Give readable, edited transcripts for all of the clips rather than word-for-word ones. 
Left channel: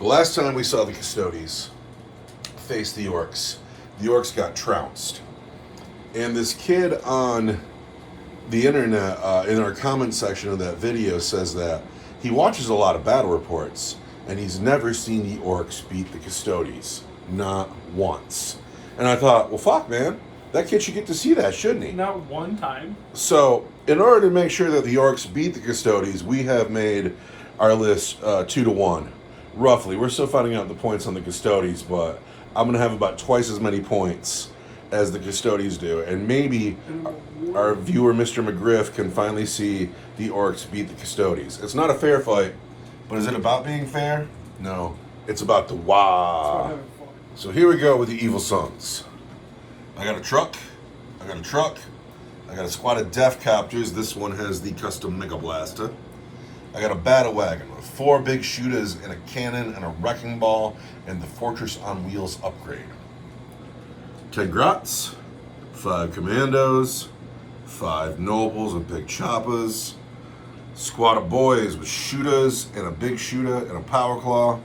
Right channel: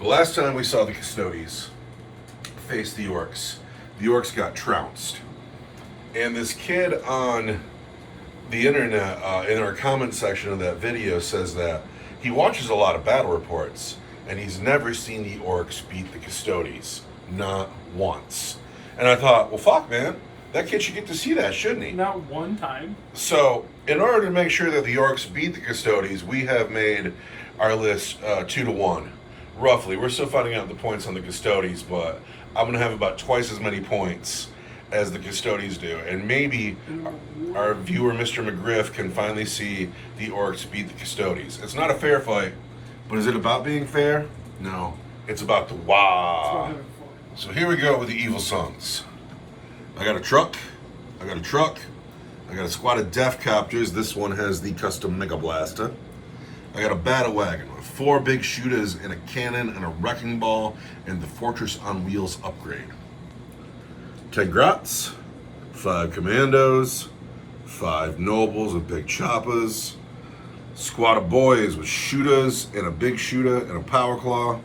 The last time we saw the Custodes face the Orks got trounced. And this kid on the internet, in our comment section of that video, says that he watches a lot of battle reports and he's never seen the Orks beat the Custodes. Not once. And I thought, well, fuck, man. That kid should get to see that, shouldn't he? Not one time. So, in order to make sure that the Orks beat the Custodes, we have made our list 2-1, roughly. We're still finding out the points on the Custodes, but I'm going to have about twice as many points as the Custodes do. And maybe our viewer, Mr. McGriff, can finally see the Orks beat the Custodes. It's not a fair fight, but is it about being fair? No. It's about the wah. So here we go with the Evil Sons. I got a truck, I got a squad of Death Copters. This one has the custom Mega Blaster. I got a Battle Wagon with 4 big shooters and a cannon and a wrecking ball and the Fortress on Wheels upgrade. 10 Grots, 5 Commandos, 5 Nobles with big choppers, squad of boys with shooters and a big shooter and a power claw,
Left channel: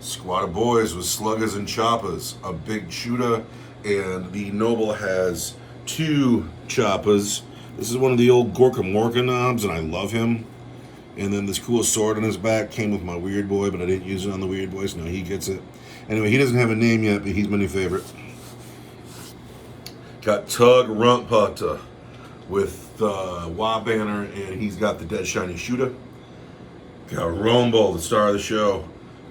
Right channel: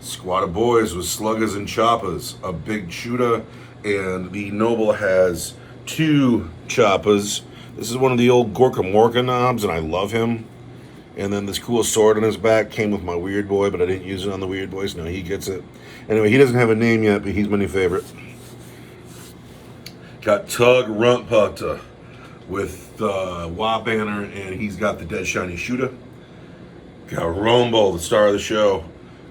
squad of boys with sluggers and choppers, a big shooter, and the Noble has 2 choppers. This is one of the old Gorka Morka knobs, and I love him. And then this cool sword on his back came with my Weird Boy, but I didn't use it on the Weird Boy, so no, he gets it. Anyway, he doesn't have a name yet, but he's my new favorite. Got Tug Rumputta with the Wah banner, and he's got the Dead Shiny Shooter. Got Rumble, the star of the show,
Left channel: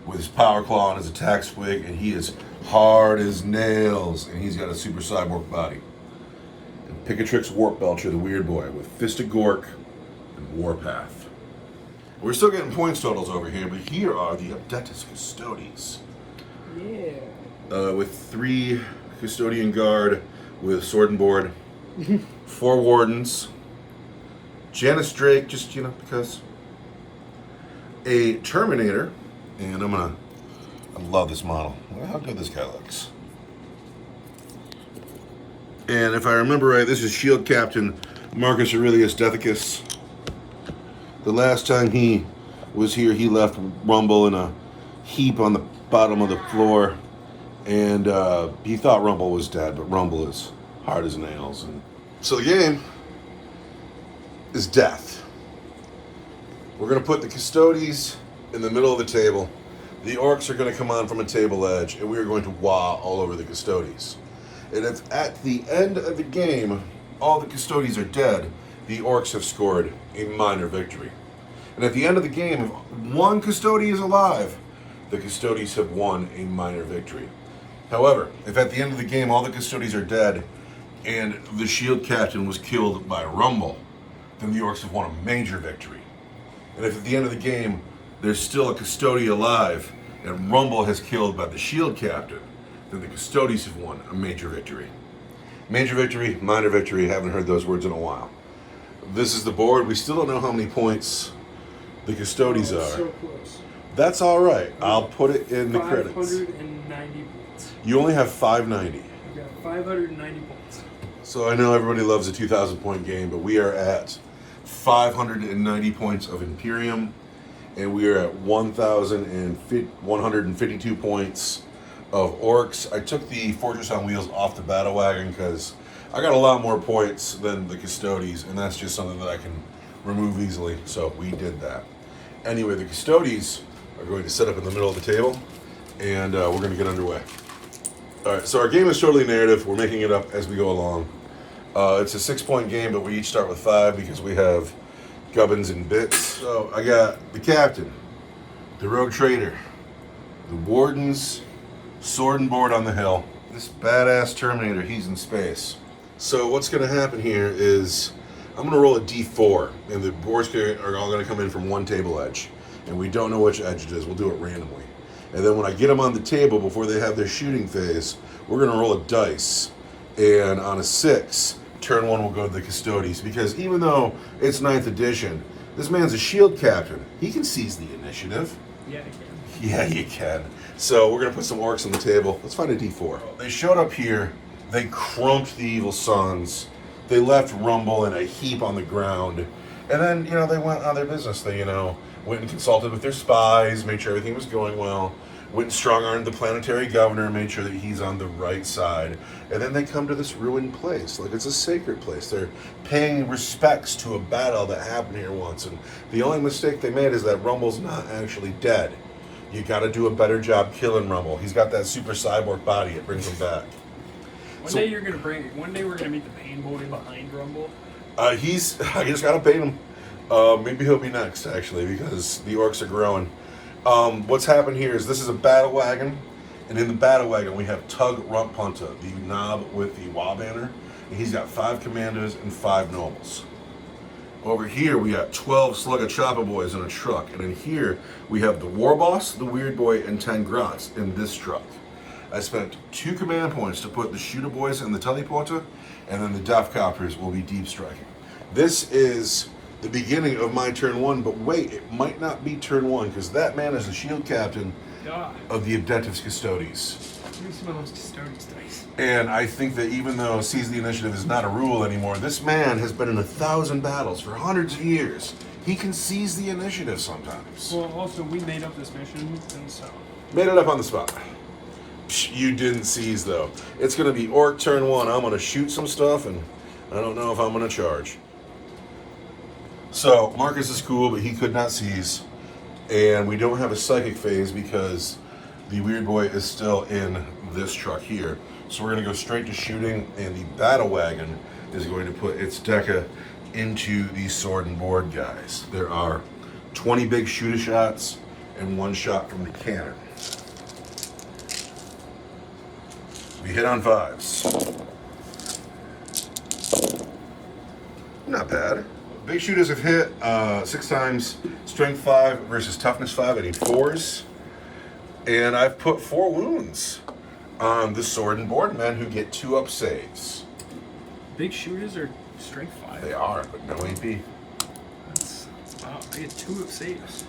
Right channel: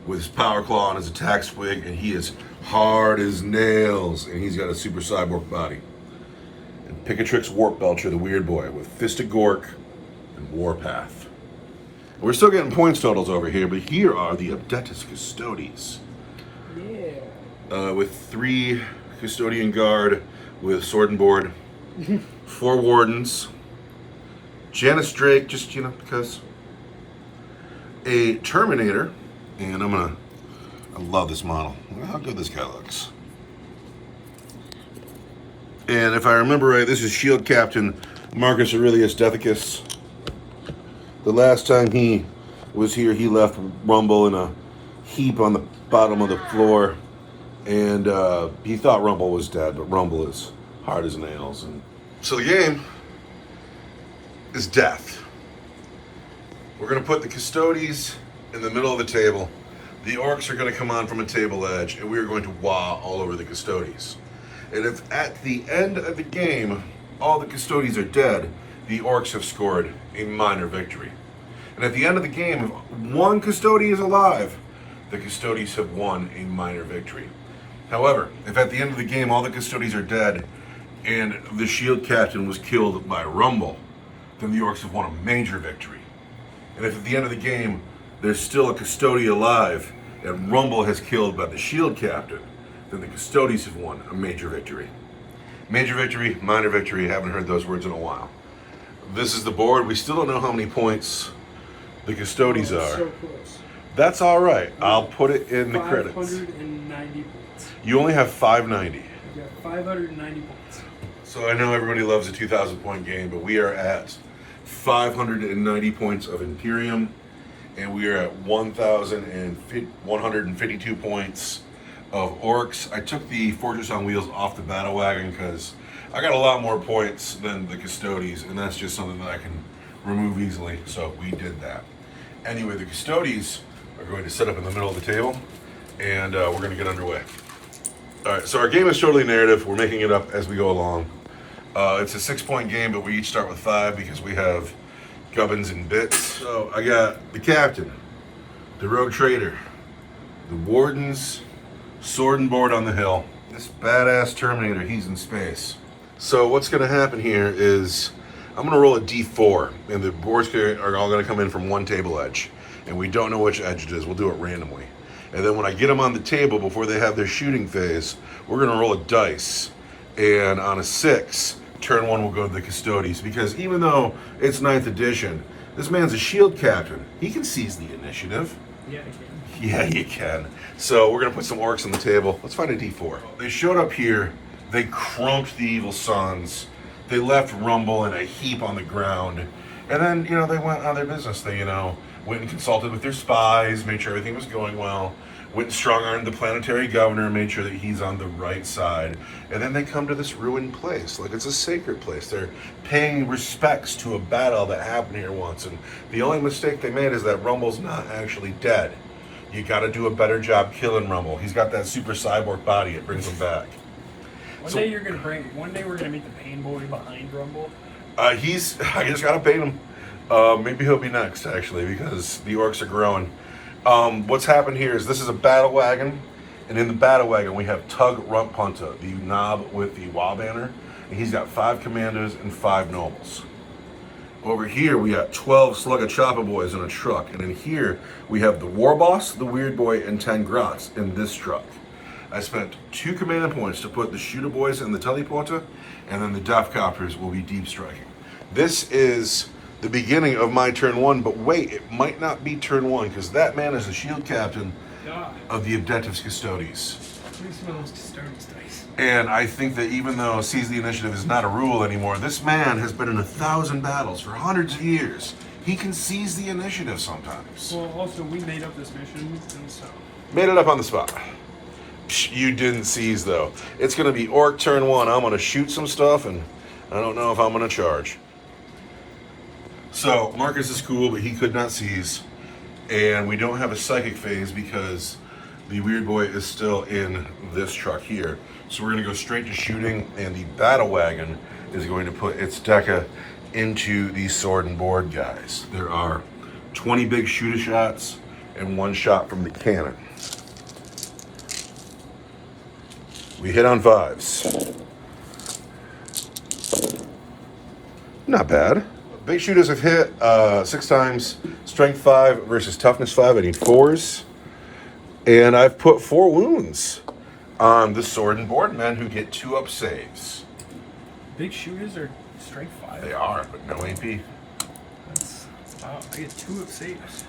with his power claw and his attack swig, and he is hard as nails, and he's got a super cyborg body. And Picatrix Warp Belcher, the Weird Boy, with Fist of Gork and Warpath. We're still getting points totals over here, but here are the Abdetus Custodes. Yeah. With 3 Custodian Guard with Sword and Board, 4 Wardens, Janice Drake, just, because, a Terminator, and I love this model. Look at how good this guy looks. And if I remember right, this is Shield Captain Marcus Aurelius Dethicus. The last time he was here, he left Rumble in a heap on the bottom of the floor. And he thought Rumble was dead, but Rumble is hard as nails. And so the game is death. We're going to put the Custodes in the middle of the table. The Orks are going to come on from a table edge, and we are going to wah all over the Custodes. And if at the end of the game, all the Custodes are dead, the Orks have scored a minor victory. And at the end of the game, if one Custode is alive, the Custodes have won a minor victory. However, if at the end of the game, all the Custodes are dead, and the Shield Captain was killed by Rumble, then the Orks have won a major victory. And if at the end of the game, there's still a Custode alive, and Rumble has killed by the Shield Captain, then the Custodes have won a major victory. Major victory, minor victory, haven't heard those words in a while. This is the board. We still don't know how many points the Custodes are. So close. That's all right. I'll put it in the credits. 590 points. You only have 590. You got 590 points. So I know everybody loves a 2,000 point game, but we are at 590 points of Imperium, and we are at 1,152 points of Orks. I took the Fortress on Wheels off the Battle Wagon because I got a lot more points than the Custodes, and that's just something that I can remove easily, so we did that. Anyway, the Custodes are going to set up in the middle of the table, and we're going to get underway. All right, so our game is totally narrative. We're making it up as we go along. It's a 6-point game, but we each start with 5 because we have gubbins and bits. So I got the Captain, the Rogue Trader, the Wardens, Sword and Board on the hill. This badass Terminator, he's in space. So what's going to happen here is I'm going to roll a d4, and the boards are all going to come in from one table edge. And we don't know which edge it is. We'll do it randomly. And then when I get them on the table before they have their shooting phase, we're going to roll a dice. And on a 6, turn 1 will go to the Custodes. Because even though it's 9th edition, this man's a Shield Captain. He can seize the initiative. Yeah, I can. Yeah, you can. So we're going to put some Orks on the table. Let's find a d4. They showed up here. They crumped the Evil Sons. They left Rumble in a heap on the ground. And then, they went on their business. They, went and consulted with their spies, made sure everything was going well, went and strong-armed the planetary governor, made sure that he's on the right side. And then they come to this ruined place, like it's a sacred place. They're paying respects to a battle that happened here once. And the only mistake they made is that Rumble's not actually dead. You got to do a better job killing Rumble. He's got that super cyborg body. It brings him back. One day we're gonna meet the pain boy behind Rumble. I just gotta bait him. Maybe he'll be next, actually, because the orcs are growing. What's happened here is this is a battle wagon, and in the battle wagon we have Tug Rumppunta, the knob with the Wa banner, and he's got 5 commandos and 5 nobles. Over here we got 12 Slugga Choppa boys in a truck, and in here we have the War Boss, the Weird Boy, and 10 Grots in this truck. I spent 2 command points to put the Shooter Boys in the Teleporter, and then the Death Copters will be deep striking. This is the beginning of my turn 1, but wait, it might not be turn 1, because that man is the shield captain of the Objectives Custodes. And I think that even though Seize the Initiative is not a rule anymore, this man has been in 1,000 battles for hundreds of years. He can seize the initiative sometimes. Well, also, we made up this mission, and so... Made it up on the spot. You didn't seize, though. It's going to be Orc turn 1. I'm going to shoot some stuff, and I don't know if I'm going to charge. So, Marcus is cool, but he could not seize. And we don't have a Psychic phase because the Weird Boy is still in this truck here. So we're going to go straight to shooting, and the Battle Wagon is going to put its Deca into the Sword and Board guys. There are 20 big shooter shots and 1 shot from the cannon. We hit on 5s. Not bad. Big shooters have hit 6 times. Strength 5 versus toughness 5. I need 4s. And I've put 4 wounds on the Sword and Board men who get 2-up saves. Big shooters are strength 5. They are, but no AP. Wow, I get 2-up saves.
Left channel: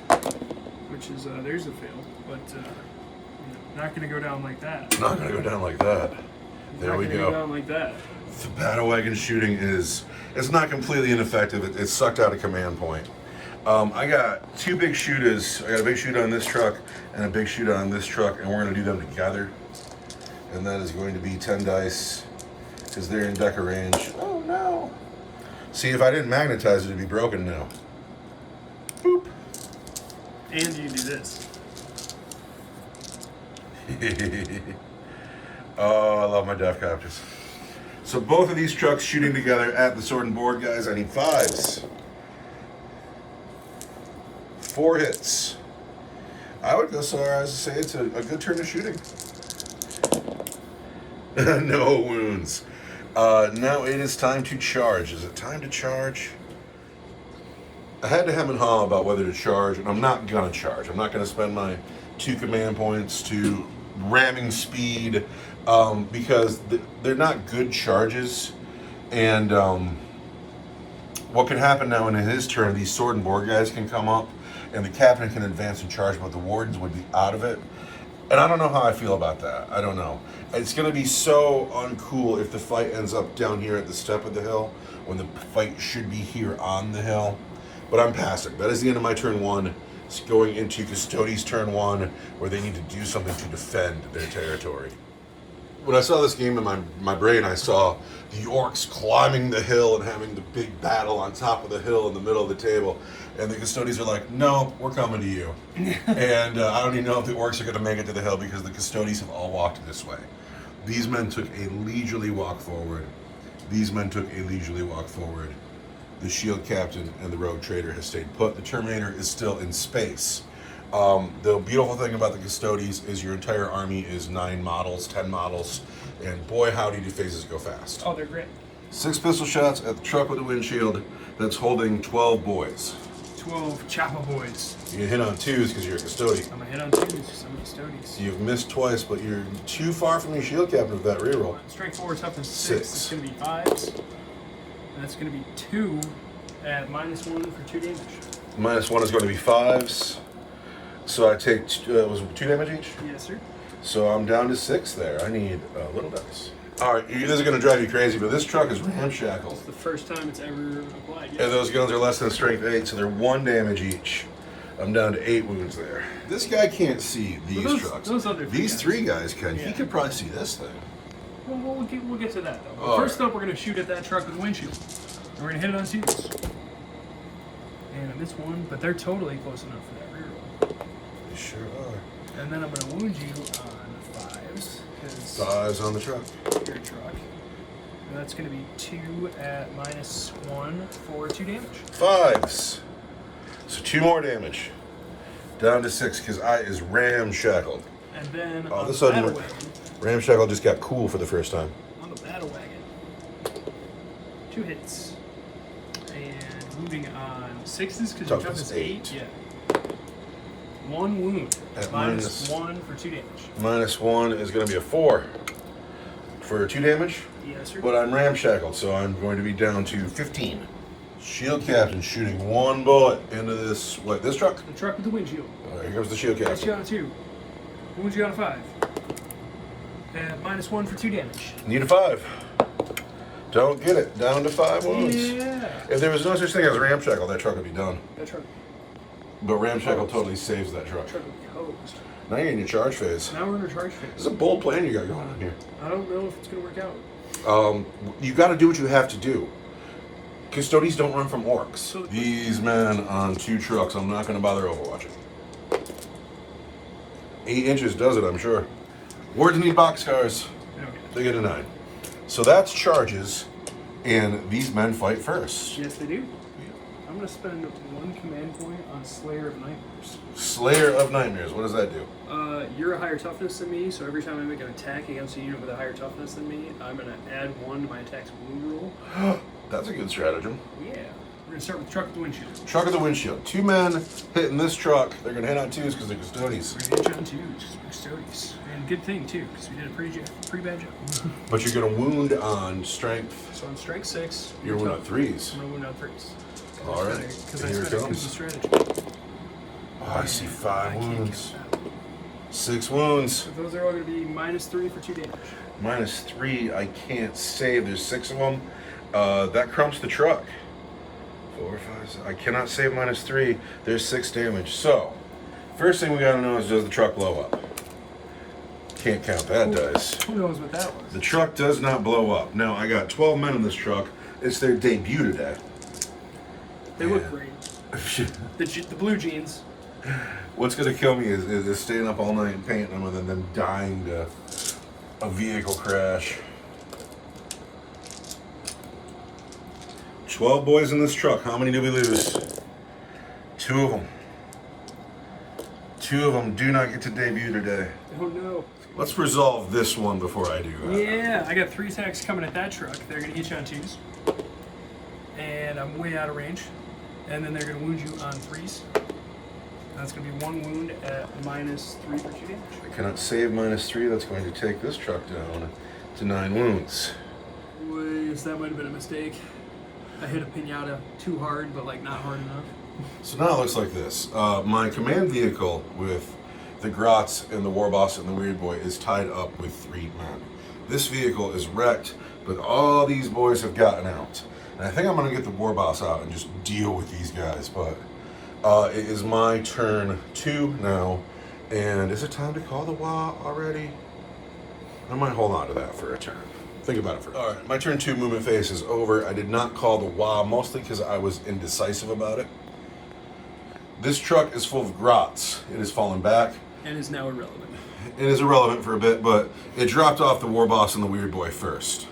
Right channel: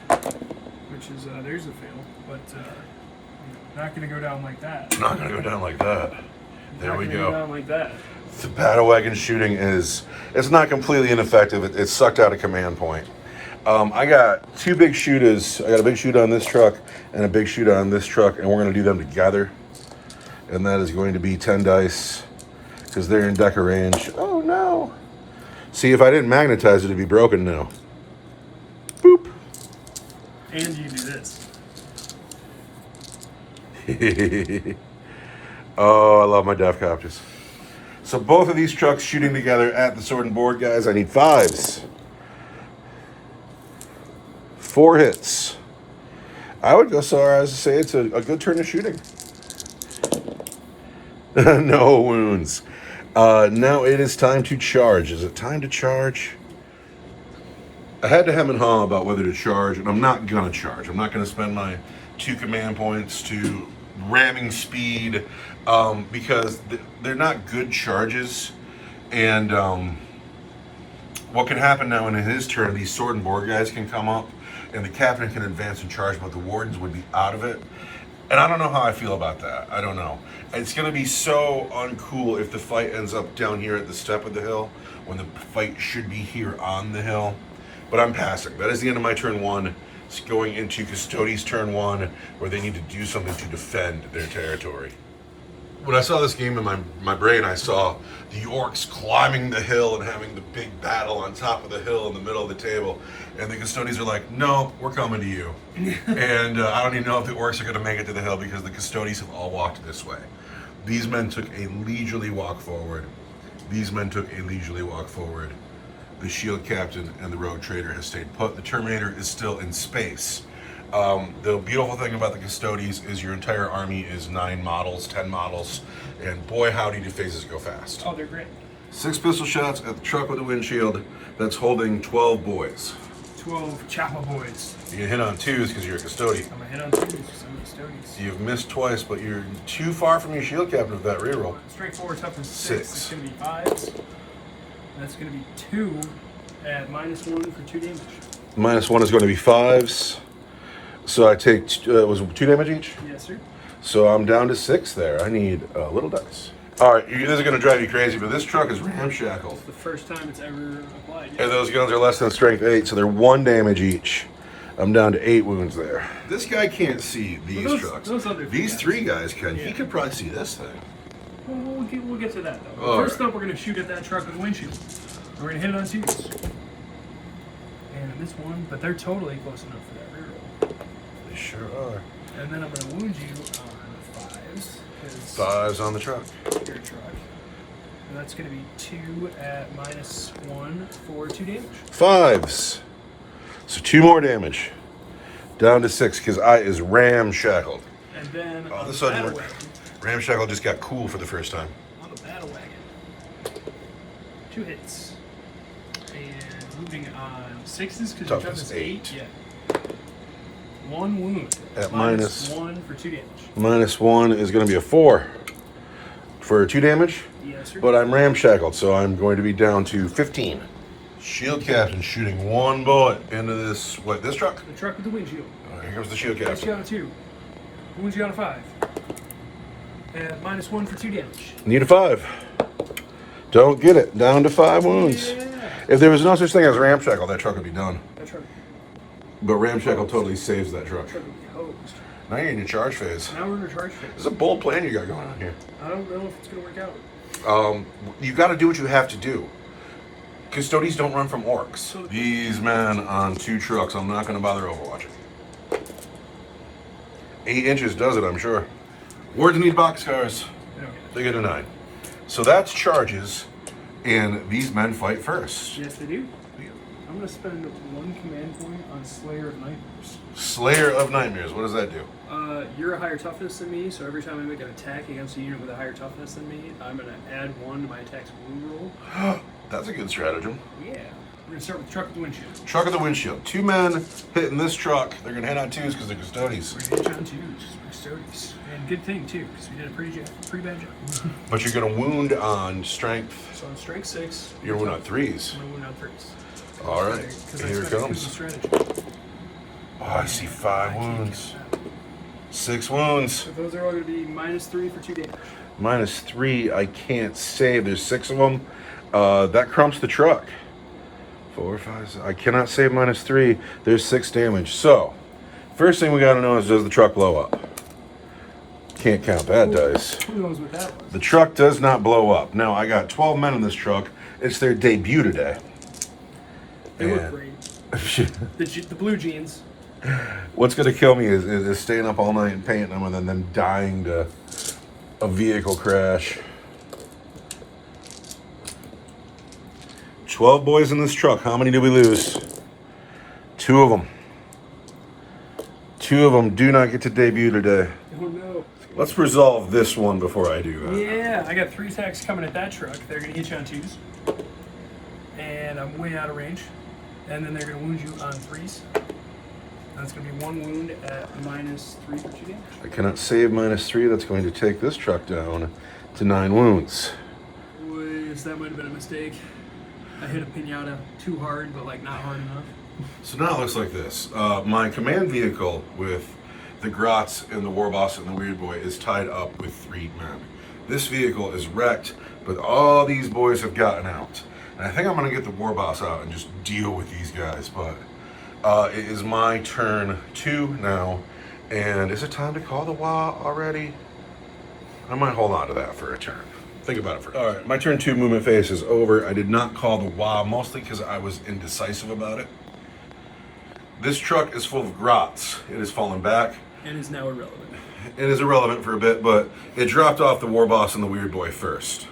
Which is, there's a fail. But, not going to go down like that. Not going to go down like that. There we go. Go down like that. The Battle Wagon shooting it's not completely ineffective. It's sucked out a command point. I got 2 big shooters. I got a big shooter on this truck and a big shooter on this truck, and we're going to do them together. And that is going to be 10 dice because they're in Deca range. Oh no. See, if I didn't magnetize it, it'd be broken now. Boop. And you do this. Oh, I love my Death Copters. So both of these trucks shooting together at the Sword and Board guys. I need 5s. 4 hits. I would go so far as to say it's a good turn of shooting. No wounds. Now it is time to charge. Is it time to charge? I had to hem and haw about whether to charge, and I'm not gonna charge. I'm not gonna spend my 2 command points to ramming speed because they're not good charges. And what can happen now in his turn, these Sword and Board guys can come up and the captain can advance and charge, but the wardens would be out of it. And I don't know how I feel about that. I don't know. It's going to be so uncool if the fight ends up down here at the step of the hill when the fight should be here on the hill. But I'm passing. That is the end of my turn 1. It's going into Custodes turn 1, where they need to do something to defend their territory. When I saw this game in my brain, I saw the Orks climbing the hill and having the big battle on top of the hill in the middle of the table. And the Custodes are like, no, we're coming to you. And I don't even know if the Orks are going to make it to the hill because the Custodes have all walked this way. These men took a leisurely walk forward. These men took a leisurely walk forward. The shield captain and the road trader has stayed put. The Terminator is still in space. The beautiful thing about the Custodes is your entire army is 9 models, 10 models, and boy howdy do phases go fast. Oh, they're great. 6 pistol shots at the truck with the windshield that's holding 12 boys. 12 Choppa boys. You can hit on 2s because you're a Custode. I'm gonna hit on 2s because I'm a Custodes. You've missed twice, but you're too far from your shield captain with that reroll. Strength 4, toughness 6. 6. It's gonna be 5s. And that's gonna be 2 at -1 for 2 damage. -1 is going to be 5s. So I take, was it 2 damage each? Yes, sir. So I'm down to 6 there. I need little dice. All right, this is going to drive you crazy, but this truck is ramshackled. It's the first time it's ever applied. And those guns are less than strength 8, so they're 1 damage each. I'm down to 8 wounds there. This guy can't see these trucks. These 3 guys can. Yeah. He could probably see this thing. Well, we'll get to that, though. First up, we're going to shoot at that truck with the windshield. We're going to hit it on twos. And I missed one, but they're totally close enough for that reroll. They sure are. And then I'm going to wound you on 5s. 5s on the truck. Your truck. And that's going to be 2 at -1 for 2 damage. 5s. So 2 more damage. Down to 6 because I is ramshackled. And then all on of a the sudden, battle wagon, ramshackle just got cool for the first time. on the battle wagon, 2 hits. And moving on 6s because your toughness is 8. Yeah. 1 wound. At -1 for 2 damage. -1 is going to be a 4 for 2 damage. Yes, sir. But I'm ramshackled, so I'm going to be down to 15. Shield captain shooting 1 bullet into this truck? The truck with the windshield. All right, here comes the shield Next captain. shot on 2. Wound you on a 5. And -1 for 2 damage. Need a 5. Don't get it. Down to 5 wounds. Yeah. If there was no such thing as ramshackle, that truck would be done. That truck. But ramshackle totally saves that truck. Truck would be hosed. Now you're in your charge phase. Now we're in a charge phase. This is a bold plan you got going on here. I don't know if it's going to work out. You got to do what you have to do. Custodes don't run from orcs. These men on 2 trucks, I'm not going to bother overwatching. 8 inches does it, I'm sure. Wards need boxcars. They get a 9. So that's charges, and these men fight first. Yes, they do. I'm going to spend 1 command point on Slayer of Nightmares. Slayer of Nightmares, what does that do? You're a higher toughness than me, so every time I make an attack against a unit with a higher toughness than me, I'm going to add 1 to my attack's wound roll. That's a good stratagem. Yeah. We're going to start with the truck with the windshield. Truck with the windshield. 2 men hitting this truck. They're going to hit on 2s because they're Custodes. We're going to hit on 2s because we're Custodes. And good thing, too, because we did a pretty bad job. But you're going to wound on strength. So on strength 6. You're going to wound on 3s. I'm going to wound on 3s. All right. Here it comes. Strategy. Oh, I see 5 wounds. 6 wounds. So those are all going to be -3 for 2 damage. -3, I can't save. There's 6 of them. That crumps the truck. 4, 5, 6. I cannot save -3. There's 6 damage. So, first thing we gotta know is, does the truck blow up? Can't count that dice. Who knows what that was? The truck does not blow up. Now, I got 12 men in this truck. It's their debut today. They look great. The blue jeans. What's gonna kill me is staying up all night and painting them and then them dying to a vehicle crash. 12 boys in this truck. How many did we lose? 2 of them. 2 of them do not get to debut today. Oh no. Let's resolve this one before I do that. Yeah, I got 3 attacks coming at that truck. They're going to hit you on 2s. And I'm way out of range. And then they're going to wound you on 3s. That's going to be 1 wound at -3 for 2 damage. I cannot save -3. That's going to take this truck down to 9 wounds. That might have been a mistake. I hit a pinata too hard, but like not hard enough. So now it looks like this. My command vehicle with the Grots and the Warboss and the Weird Boy is tied up with 3 men. This vehicle is wrecked, but all these boys have gotten out. And I think I'm going to get the Warboss out and just deal with these guys. But it is my turn 2 now. And is it time to call the WA already? I might hold on to that for a turn. Think about it for. All right, my turn 2 movement phase is over. I did not call the WA, mostly because I was indecisive about it. This truck is full of grots. It has fallen back. And is now irrelevant. It is irrelevant for a bit, but it dropped off the Warboss and the Weird Boy first.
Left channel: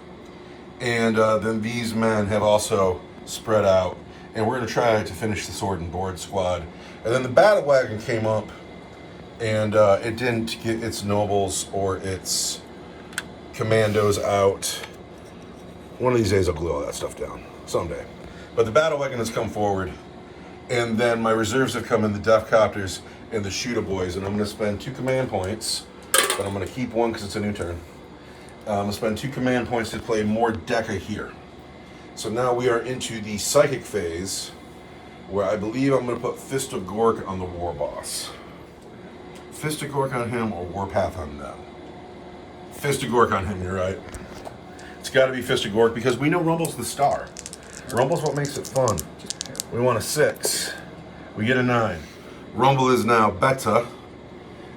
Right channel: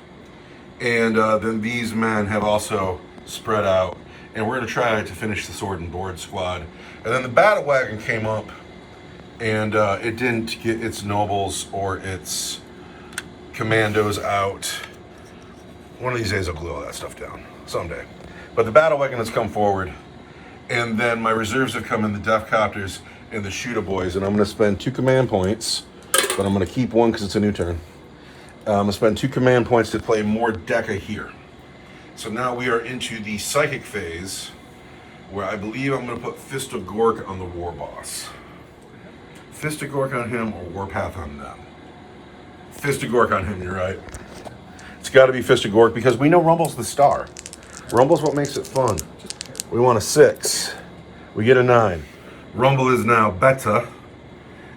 And then these men have also spread out. And we're going to try to finish the Sword and Board squad. And then the Battle Wagon came up, and it didn't get its nobles or its commandos out. One of these days I'll glue all that stuff down. Someday. But the Battle Wagon has come forward. And then my reserves have come in, the Death Copters and the Shooter Boys. And I'm going to spend 2 command points. But I'm going to keep 1 because it's a new turn. I'm going to spend 2 command points to play more Deca here. So now we are into the Psychic phase, where I believe I'm going to put Fist of Gork on the Warboss. Fist of Gork on him or Warpath on them. Fist of Gork on him, you're right. It's got to be Fisted Gork because we know Rumble's the star. Rumble's what makes it fun. We want a 6. We get a 9. Rumble is now beta,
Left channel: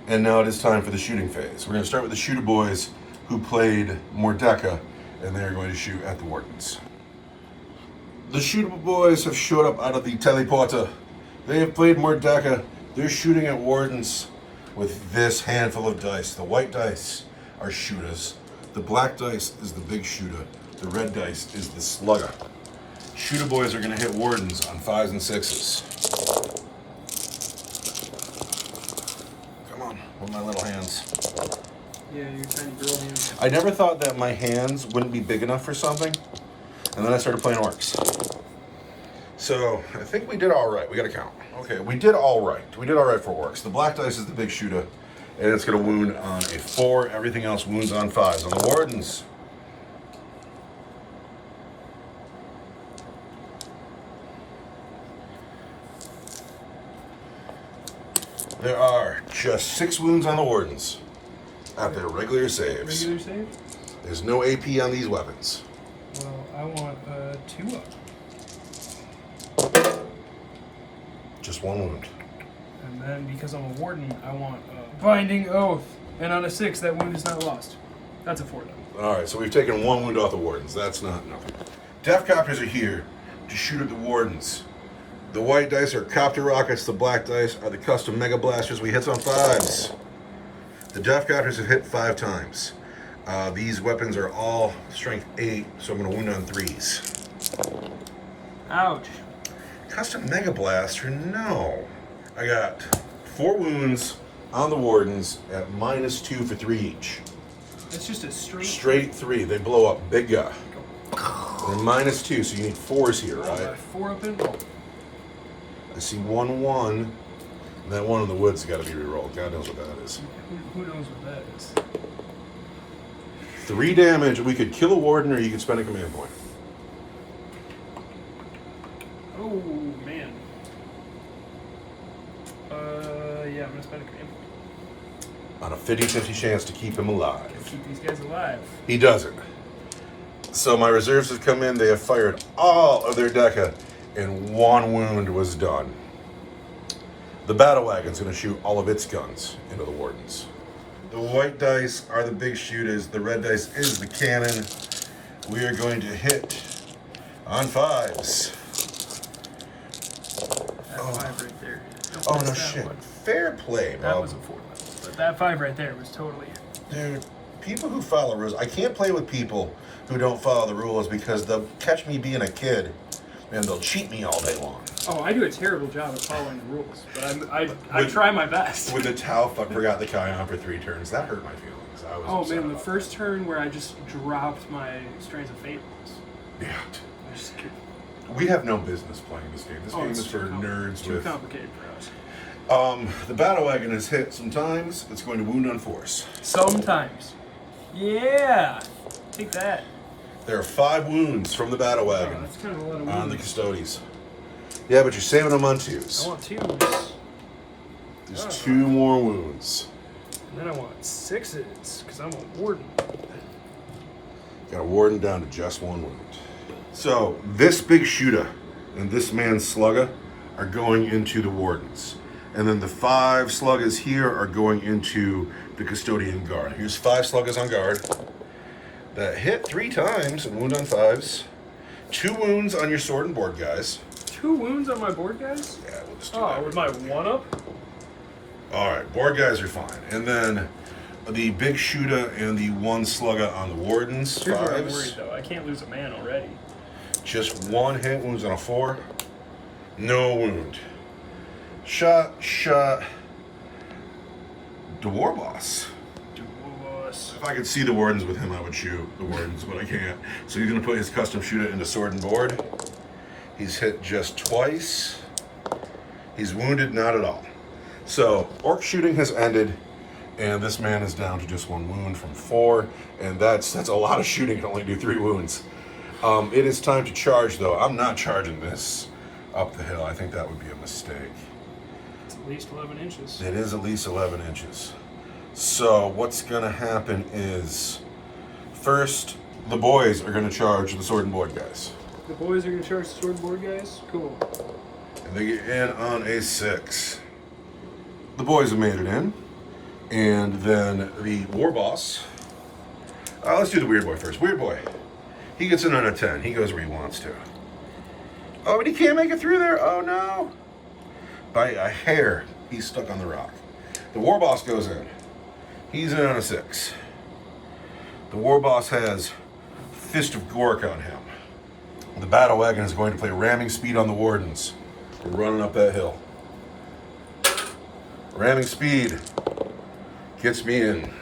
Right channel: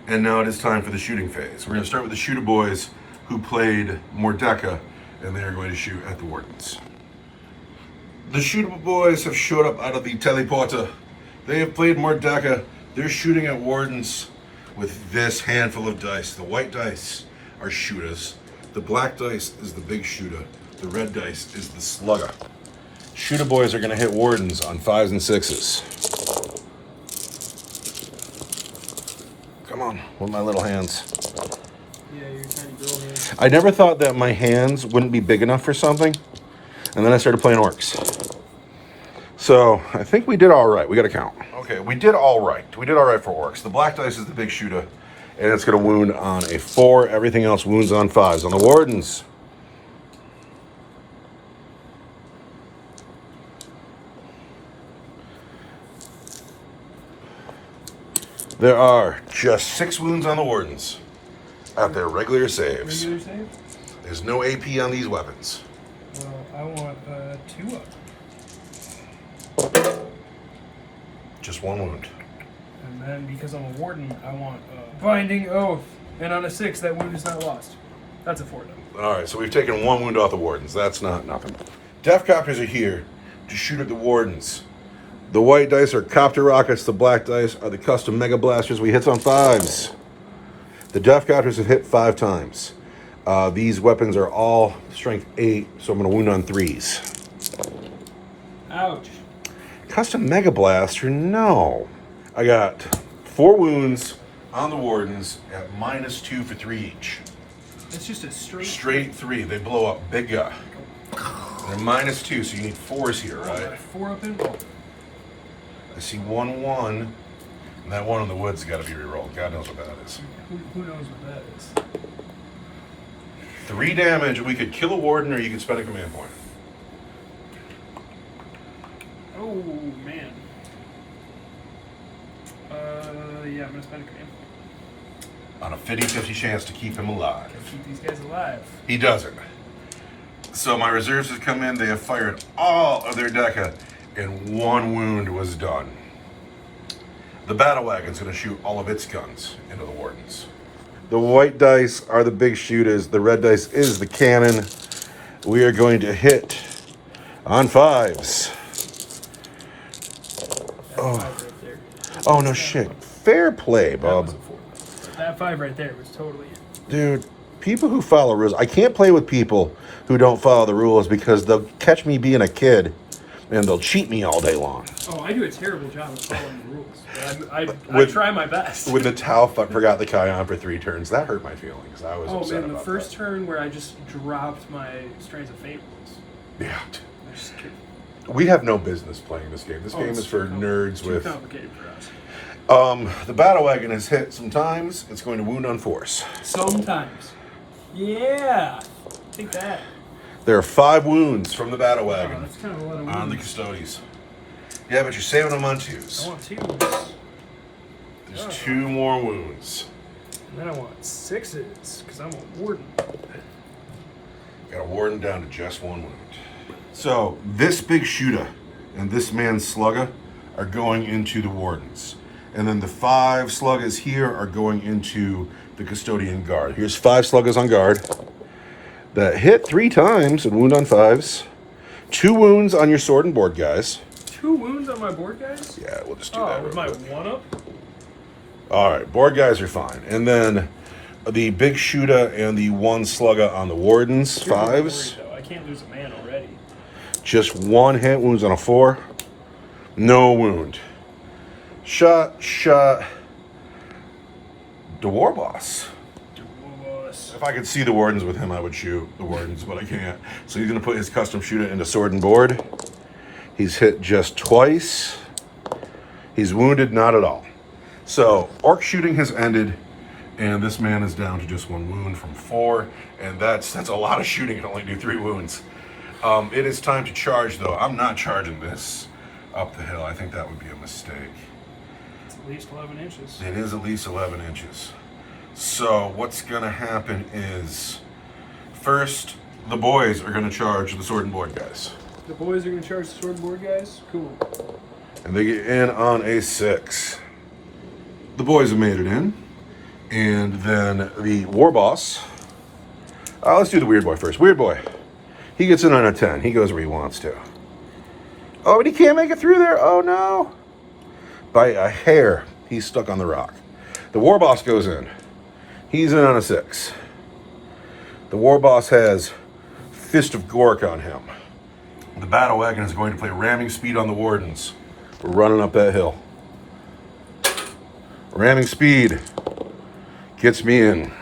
and now it is time for the shooting phase. We're going to start with the shooter boys who played Mordecai, and they are going to shoot at the Wardens. The shooter boys have showed up out of the teleporter. They have played Mordecai. They're shooting at Wardens with this handful of dice. The white dice are shooters. The black dice is the big shooter. The red dice is the slugger. Shooter boys are going to hit Wardens on 5s and 6s. Come on, with my little hands. Yeah, your tiny girl hands. I never thought that my hands wouldn't be big enough for something, and then I started playing Orks. So I think we did all right. We got to count. Okay, we did all right. We did all right for Orks. The black dice is the big shooter, and it's going to wound on a 4. Everything else wounds on 5s. On the Wardens, there are just 6 wounds on the Wardens at their regular saves. Regular save? There's no AP on these weapons. Well, I want 2 up. Just 1 wound. And then because I'm a warden, I want Binding Oath. And on a 6, that wound is not lost. That's a 4 though. All right, so we've taken 1 wound off the Wardens. That's not nothing. Death Copters are here to shoot at the Wardens. The white dice are Copter Rockets. The black dice are the custom Mega Blasters. We hit on 5s. The Death Copters have hit 5 times. These weapons are all strength 8, so I'm going to wound on 3s. Ouch. Custom Mega Blaster, no. I got 4 wounds on the Wardens at -2 for 3 each. It's just a Straight 3. They blow up. Big guy. They're -2, so you need 4s here, right? 4 up in. Oh. I see 1-1. And that one in the woods got to be rerolled. God knows what that is. Who knows what that is? 3 damage. We could kill a Warden, or you could spend a command point. Oh, man. Yeah, I'm going to spend a command point. On a 50-50 chance to keep him alive. Keep these guys alive. He doesn't. So my reserves have come in. They have fired all of their Deca, and 1 wound was done. The Battle Wagon's going to shoot all of its guns into the Wardens. The white dice are the big shooters. The red dice is the cannon. We are going to hit on 5s. That's 5 right there. Oh, no shit. Fair play, That Bob. was a 4 though. But that 5 right there was totally it. Dude, people who follow rules. I can't play with people who don't follow the rules because they'll catch me being a kid and they'll cheat me all day long. Oh, I do a terrible job of following the rules, but I try my best. With the Tau, fuck, forgot the Kion for 3 turns. That hurt my feelings. I was upset man, the about first that. turn where I just dropped my Strains of Fate rules. Yeah. I just We have no business playing this game. This game it's is for nerds too with... complicated for us. The Battle Wagon has hit sometimes. It's going to wound on force. Sometimes. Yeah. Take that. There are 5 wounds from the Battle Oh, Wagon that's kind of a lot of on the wounds. Custodes. Yeah, but you're saving them on I 2s. want 2s. There's Oh. 2 more wounds. And then I want 6s, because I'm a warden. Got a Warden down to just 1 wound. So, this big shooter and this man's slugger are going into the Wardens. And then the 5 sluggers here are going into the Custodian Guard. Here's 5 sluggers on guard that hit 3 times and wound on 5s. 2 wounds on your sword and board guys. 2 wounds on my board, guys? Yeah, we'll just do Oh, that. with my 1-up? All right, board guys are fine. And then the big shooter and the 1 slugger on the Wardens, Here's where I'm 5s. worried, though. I can't lose a man already. Just 1 hit, wounds on a 4. No wound. Shot. The War Boss. If I could see the Wardens with him, I would shoot the Wardens, but I can't. So he's going to put his custom shooter into sword and board. He's hit just twice. He's wounded, not at all. So Orc shooting has ended, and this man is down to just 1 wound from 4, and that's a lot of shooting to only do 3 wounds. It is time to charge, though. I'm not charging this up the hill. I think that would be a mistake. It's at least 11 inches. It is at least 11 inches. So what's going to happen is, first, the boys are going to charge the sword and board guys. The boys are going to charge the sword and board guys? Cool. And they get in on a 6. The boys have made it in. And then the war boss. Let's do the weird boy first. Weird boy. He gets in on a 10. He goes where he wants to. Oh, but he can't make it through there. Oh, no. By a hair, he's stuck on the rock. The war boss goes in. He's in on a 6. The war boss has Fist of Gork on him. The battle wagon is going to play ramming speed on the wardens. We're running up that hill. Ramming speed gets me in.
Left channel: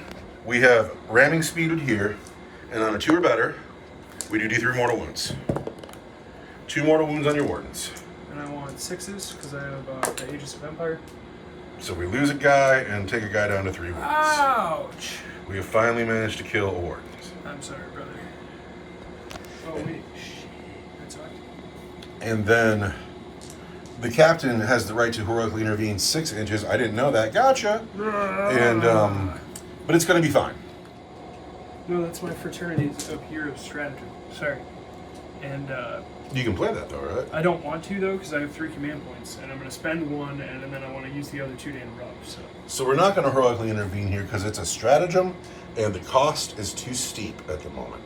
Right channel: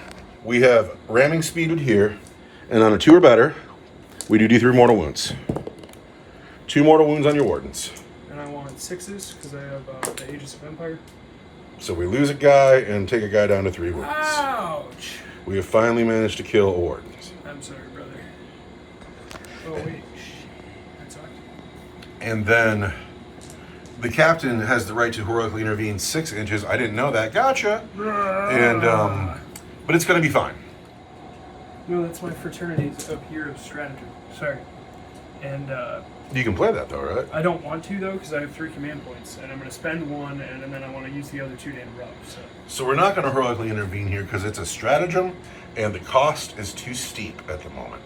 We have ramming speed here, and on a 2 or better, we do D3 mortal wounds. 2 mortal wounds on your wardens. And I want 6s because I have the Aegis of Empire. So we lose a guy and take a guy down to 3 wounds. Ouch! We have finally managed to kill a warden. I'm sorry, brother. Oh, wait. That's all right. And then the captain has the right to heroically intervene 6 inches. I didn't know that. Gotcha. And but it's going to be fine. No, that's my fraternity's up here of stratagem. Sorry. And You can play that though, right? I don't want to though because I have 3 command points, and I'm going to spend 1, and then I want to use the other 2 to interrupt. So we're not going to heroically intervene here because it's a stratagem, and the cost is too steep at the moment.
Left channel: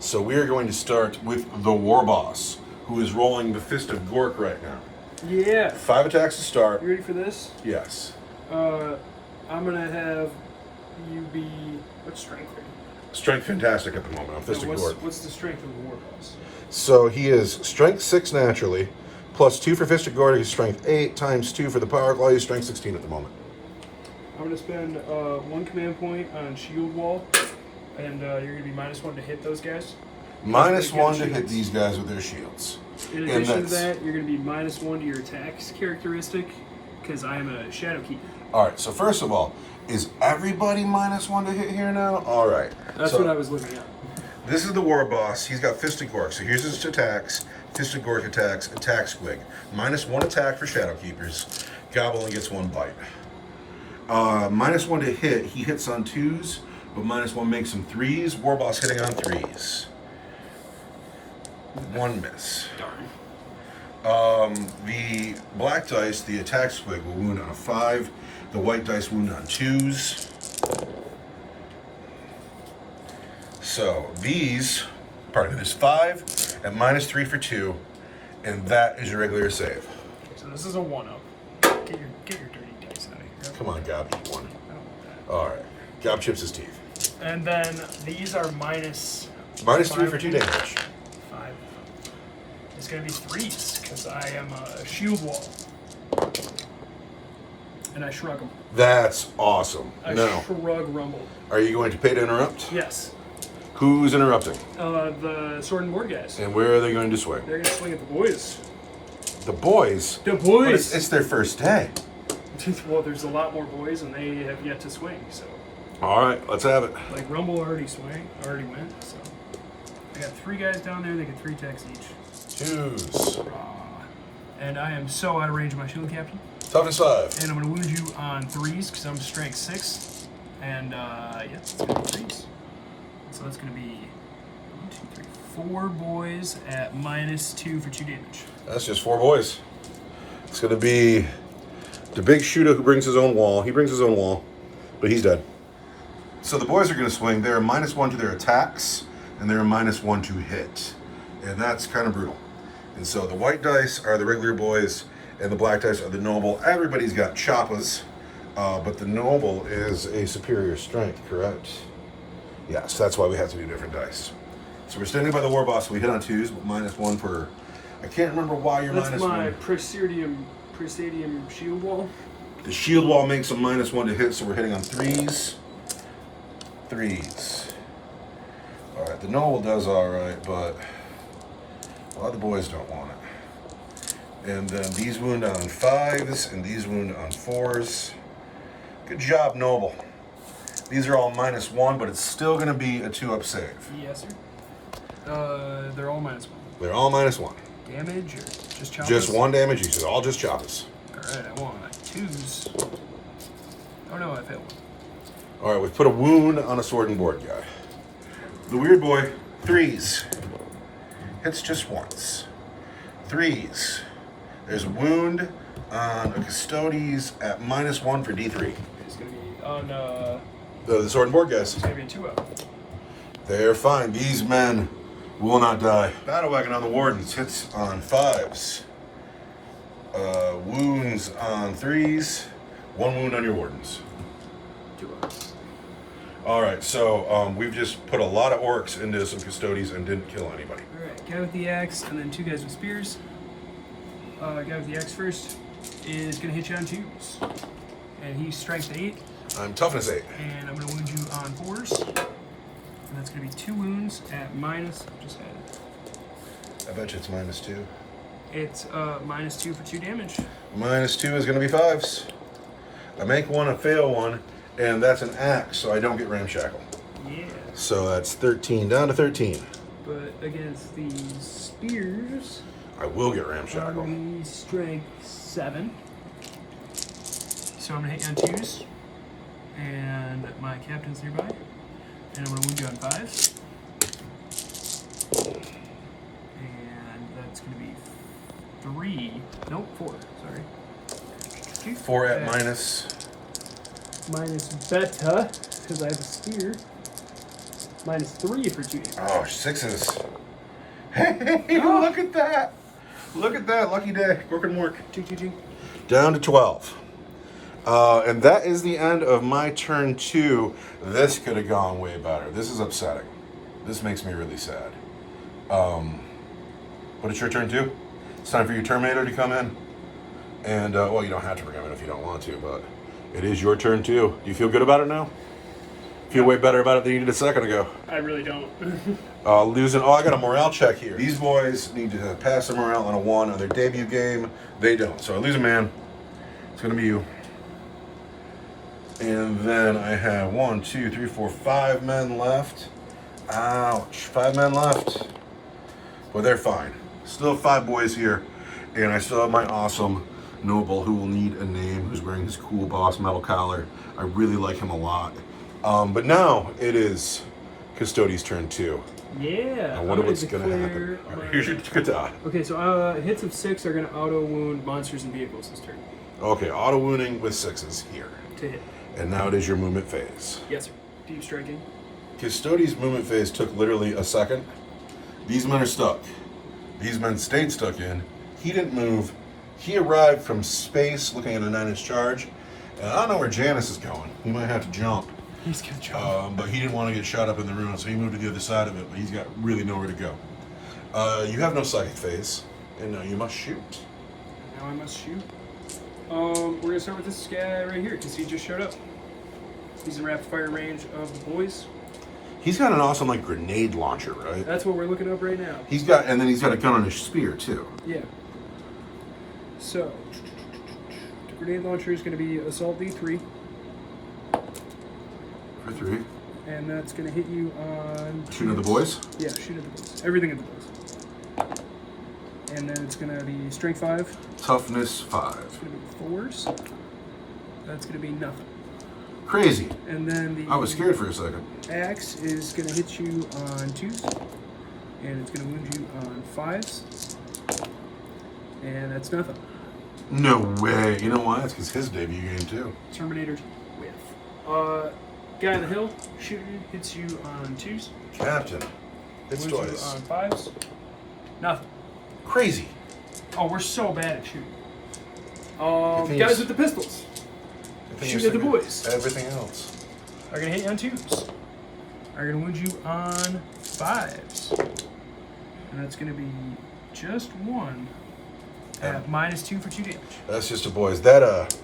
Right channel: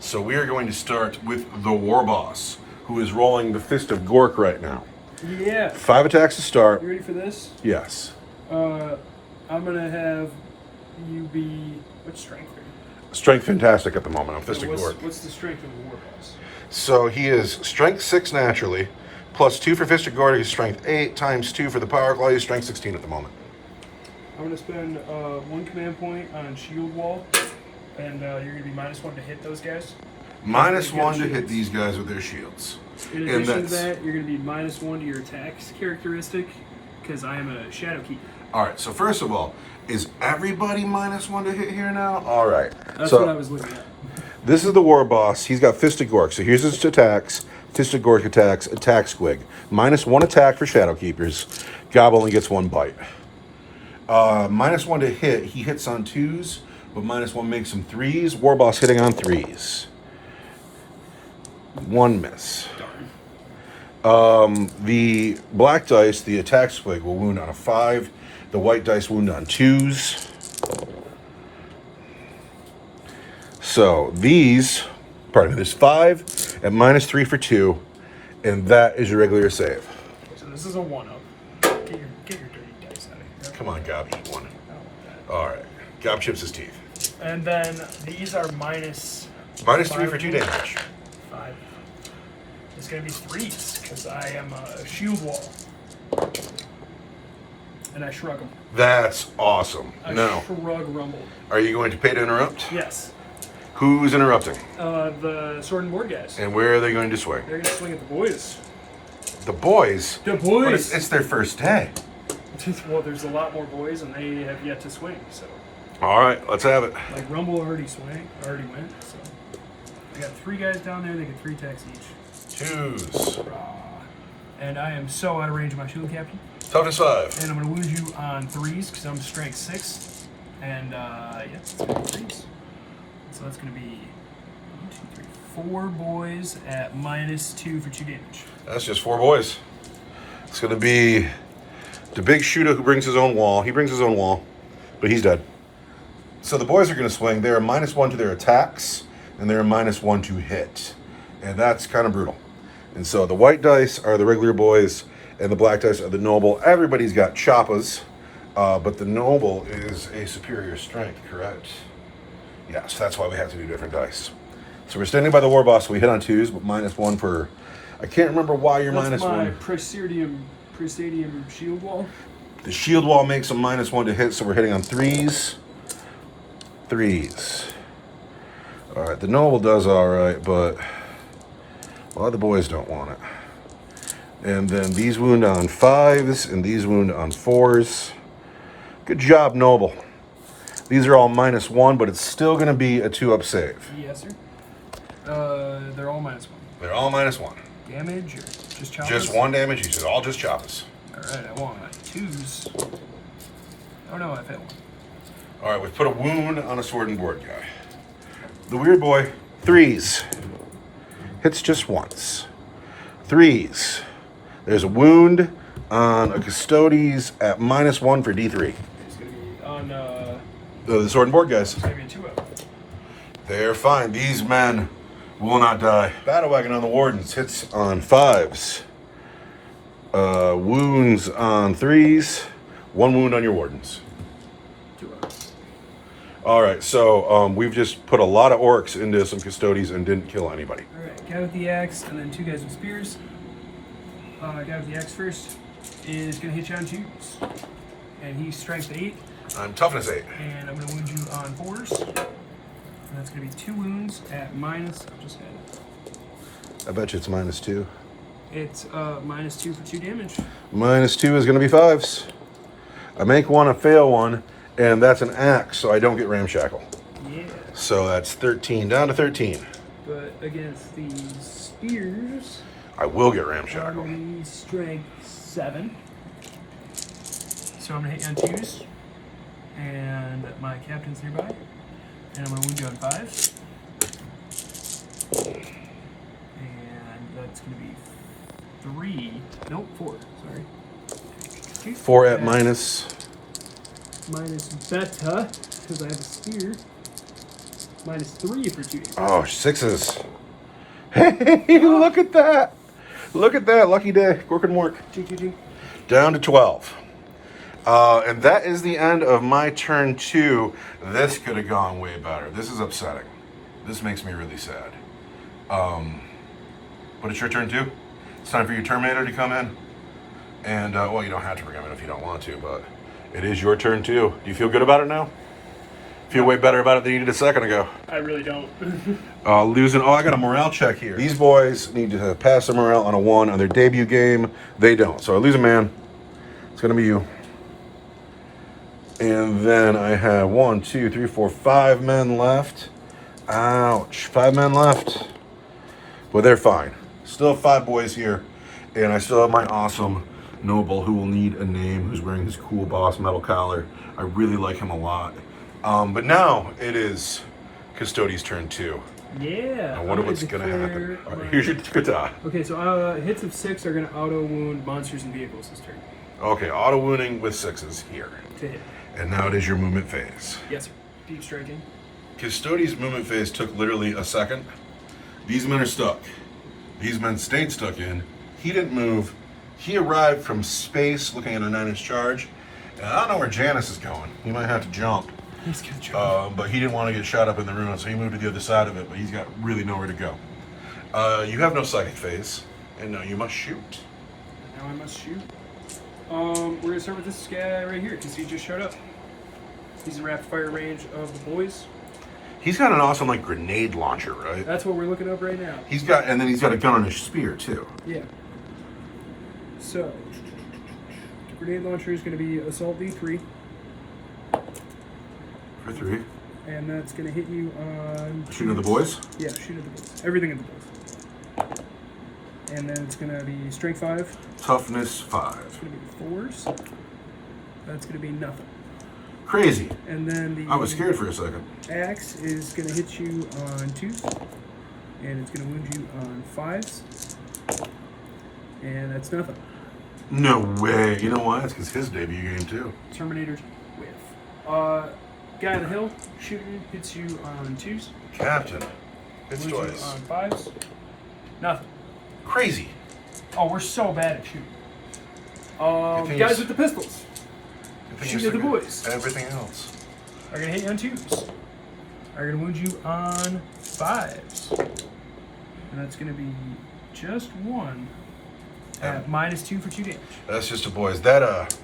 So we are going to start with the war boss, who is rolling the Fist of Gork right now. Yeah. 5 attacks to start. You ready for this? Yes. I'm going to have you be... What's strength for you? Strength fantastic at the moment on Fist of Gork. What's the strength of the war boss? So he is strength 6 naturally, plus 2 for Fist of Gork, he's strength 8, times 2 for the power claw, he's strength 16 at the moment. I'm going to spend 1 command point on shield wall, and you're going to be -1 to hit those guys. -1 to hit these guys with their shields. In addition to that, you're going to be -1 to your attacks characteristic, because I am a Shadow Keeper. Alright, so first of all, is everybody -1 to hit here now? Alright. That's what I was looking at. This is the war boss. He's got Fist of Gork. So here's his attacks. Fist of Gork attacks, attack squig. -1 attack for Shadow Keepers. Gob only gets 1 bite. -1 to hit. He hits on 2s, but -1 makes him 3s. War boss hitting on 3s. 1 miss. Darn. The black dice, the attack squig, will wound on a 5. The white dice wound on 2s. So these, pardon me, there's 5 at -3 for 2, and that is your regular save. Okay, so this is a 1-up. Get your dirty dice out of here. Come on, Gob, eat 1. I don't want that. All right. Gob chips his teeth. And then these are -... -3 for 2 damage. 5. It's going to be 3s, because I am a shield wall. And I shrug them. That's awesome. I Now, shrug rumble. are you going to pay to interrupt? Yes. Who's interrupting? The sword and board guys. And where are they going to swing? They're going to swing at the boys. The boys? The But boys! it's their first day. Well, there's a lot more boys, and they have yet to swing, so... All right, let's have it. Like, Rumble already went, so... I got 3 guys down there, they get 3 attacks each. 2s. And I am so out of range of my shield captain. Toughness 5. And I'm going to wound you on 3s, because I'm strength 6. And, yeah, it's going to be 3s. So that's going to be 1, 2, 3, 4 boys at -2 for 2 damage. That's just 4 boys. It's going to be the big shooter who brings his own wall. He brings his own wall, but he's dead. So the boys are going to swing. They're -1 to their attacks, and they're -1 to hit. And that's kind of brutal. And so the white dice are the regular boys, and the black dice are the noble. Everybody's got choppas, but the noble is a superior strength, correct? Yes, that's why we have to do different dice. So we're standing by the war boss. We hit on 2s, but -1 for... I can't remember why you're That's my -1. Presidium shield wall. The shield wall makes them -1 to hit, so we're hitting on 3s. 3s. All right, the noble does all right, but a lot of the boys don't want it. And then these wound on 5s, and these wound on 4s. Good job, noble. These are all -1, but it's still going to be a 2-up save. Yes, sir. They're all -1. They're all -1. Damage or just choppers? Just 1 damage each. They're all just choppas. Alright, I want 2s. Oh no, I failed 1. All right, we put a wound on a sword and board guy. The weird boy Threes. Hits just once. Threes. There's a wound on a Custodes at -1 for D3. It's going to be on The sword and board guys. it's going to be 2 up. They're fine. These men will not die. Battle wagon on the wardens. Hits on 5s. Wounds on 3s. 1 wound on your wardens. 2 up. All right, so we've just put a lot of orcs into some Custodes and didn't kill anybody. All right, guy with the axe, and then 2 guys with spears. Guy with the axe first is going to hit you on 2s. And he's strength 8. I'm toughness 8. And I'm going to wound you on 4s. And that's going to be 2 wounds at minus. I just had it. I bet you it's -2. It's -2 for 2 damage. -2 is going to be 5s. I make one, I fail one, and that's an axe, so I don't get ramshackle. Yeah. So that's 13, down to 13. But against the spears, I will get I'm ramshackle. going to be strength 7. So I'm going to hit you on 2s. And my captain's nearby. And I'm going to wound you on 5s. And that's going to be 3. Nope, 4. Sorry. 4 at minus. Minus beta, because I have a spear. -3 for 2 damage. Oh, 6s. Hey, look at that. Look at that. Lucky day. Working work. Ching, ching, ching. Down to 12. And that is the end of my turn 2. This could have gone way better. This is upsetting. This makes me really sad. But it's your turn 2. It's time for your Terminator to come in. And, well, you don't have to bring him in if you don't want to, but it is your turn 2. Do you feel good about it now? Feel way better about it than you did a second ago. I really don't. I got a morale check here. These boys need to pass their morale on a 1 on their debut game. They don't. So I lose a man. It's going to be you. And then I have 1, 2, 3, 4, 5 men left. Ouch. 5 men left. Well, they're fine. Still have 5 boys here. And I still have my awesome noble who will need a name, who's wearing his cool boss metal collar. I really like him a lot. But now it is Custodes' turn 2. Yeah. I wonder what's going to happen. All right, here's your kata. Okay, so hits of 6 are going to auto wound monsters and vehicles this turn. Okay, auto wounding with 6s here. To hit. And now it is your movement phase. Yes, sir. Deep striking. Custodes' movement phase took literally a second. These men are stuck. These men stayed stuck in. He didn't move. He arrived from space looking at a 9-inch charge. And I don't know where Janice is going. He might have to jump. He's going to jump. But he didn't want to get shot up in the ruin, so he moved to the other side of it, but he's got really nowhere to go. You have no psychic phase, and now you must shoot. Now I must shoot. We're going to start with this guy right here, because he just showed up. He's in rapid fire range of the boys. He's got an awesome, like, grenade launcher, right? That's what we're looking up right now. And then he's got a gun on his spear, too. Yeah. So, the grenade launcher is going to be Assault D3. For 3. And that's going to hit you on... Shooting at the boys? Yeah, shoot at the boys. Everything at the boys. And then it's going to be Strength 5. Toughness 5. It's going to be 4s. That's going to be nothing. Crazy. And then the... I was scared for a second. Axe is going to hit you on 2s. And it's going to wound you on 5s. And that's nothing. No way. You know why? It's because his debut game, too. Terminator with. Guy on the hill, shooting, hits you on 2s. Captain. Hits Wounds twice. you on 5s. Nothing. Crazy. Oh, we're so bad at shooting. thing Guys is- with the pistols Good thing shoot you're at the singing boys. Everything else. Are going to hit you on 2s. Are going to wound you on 5s. And that's going to be just 1 at -2 for 2 damage. That's just a boys. That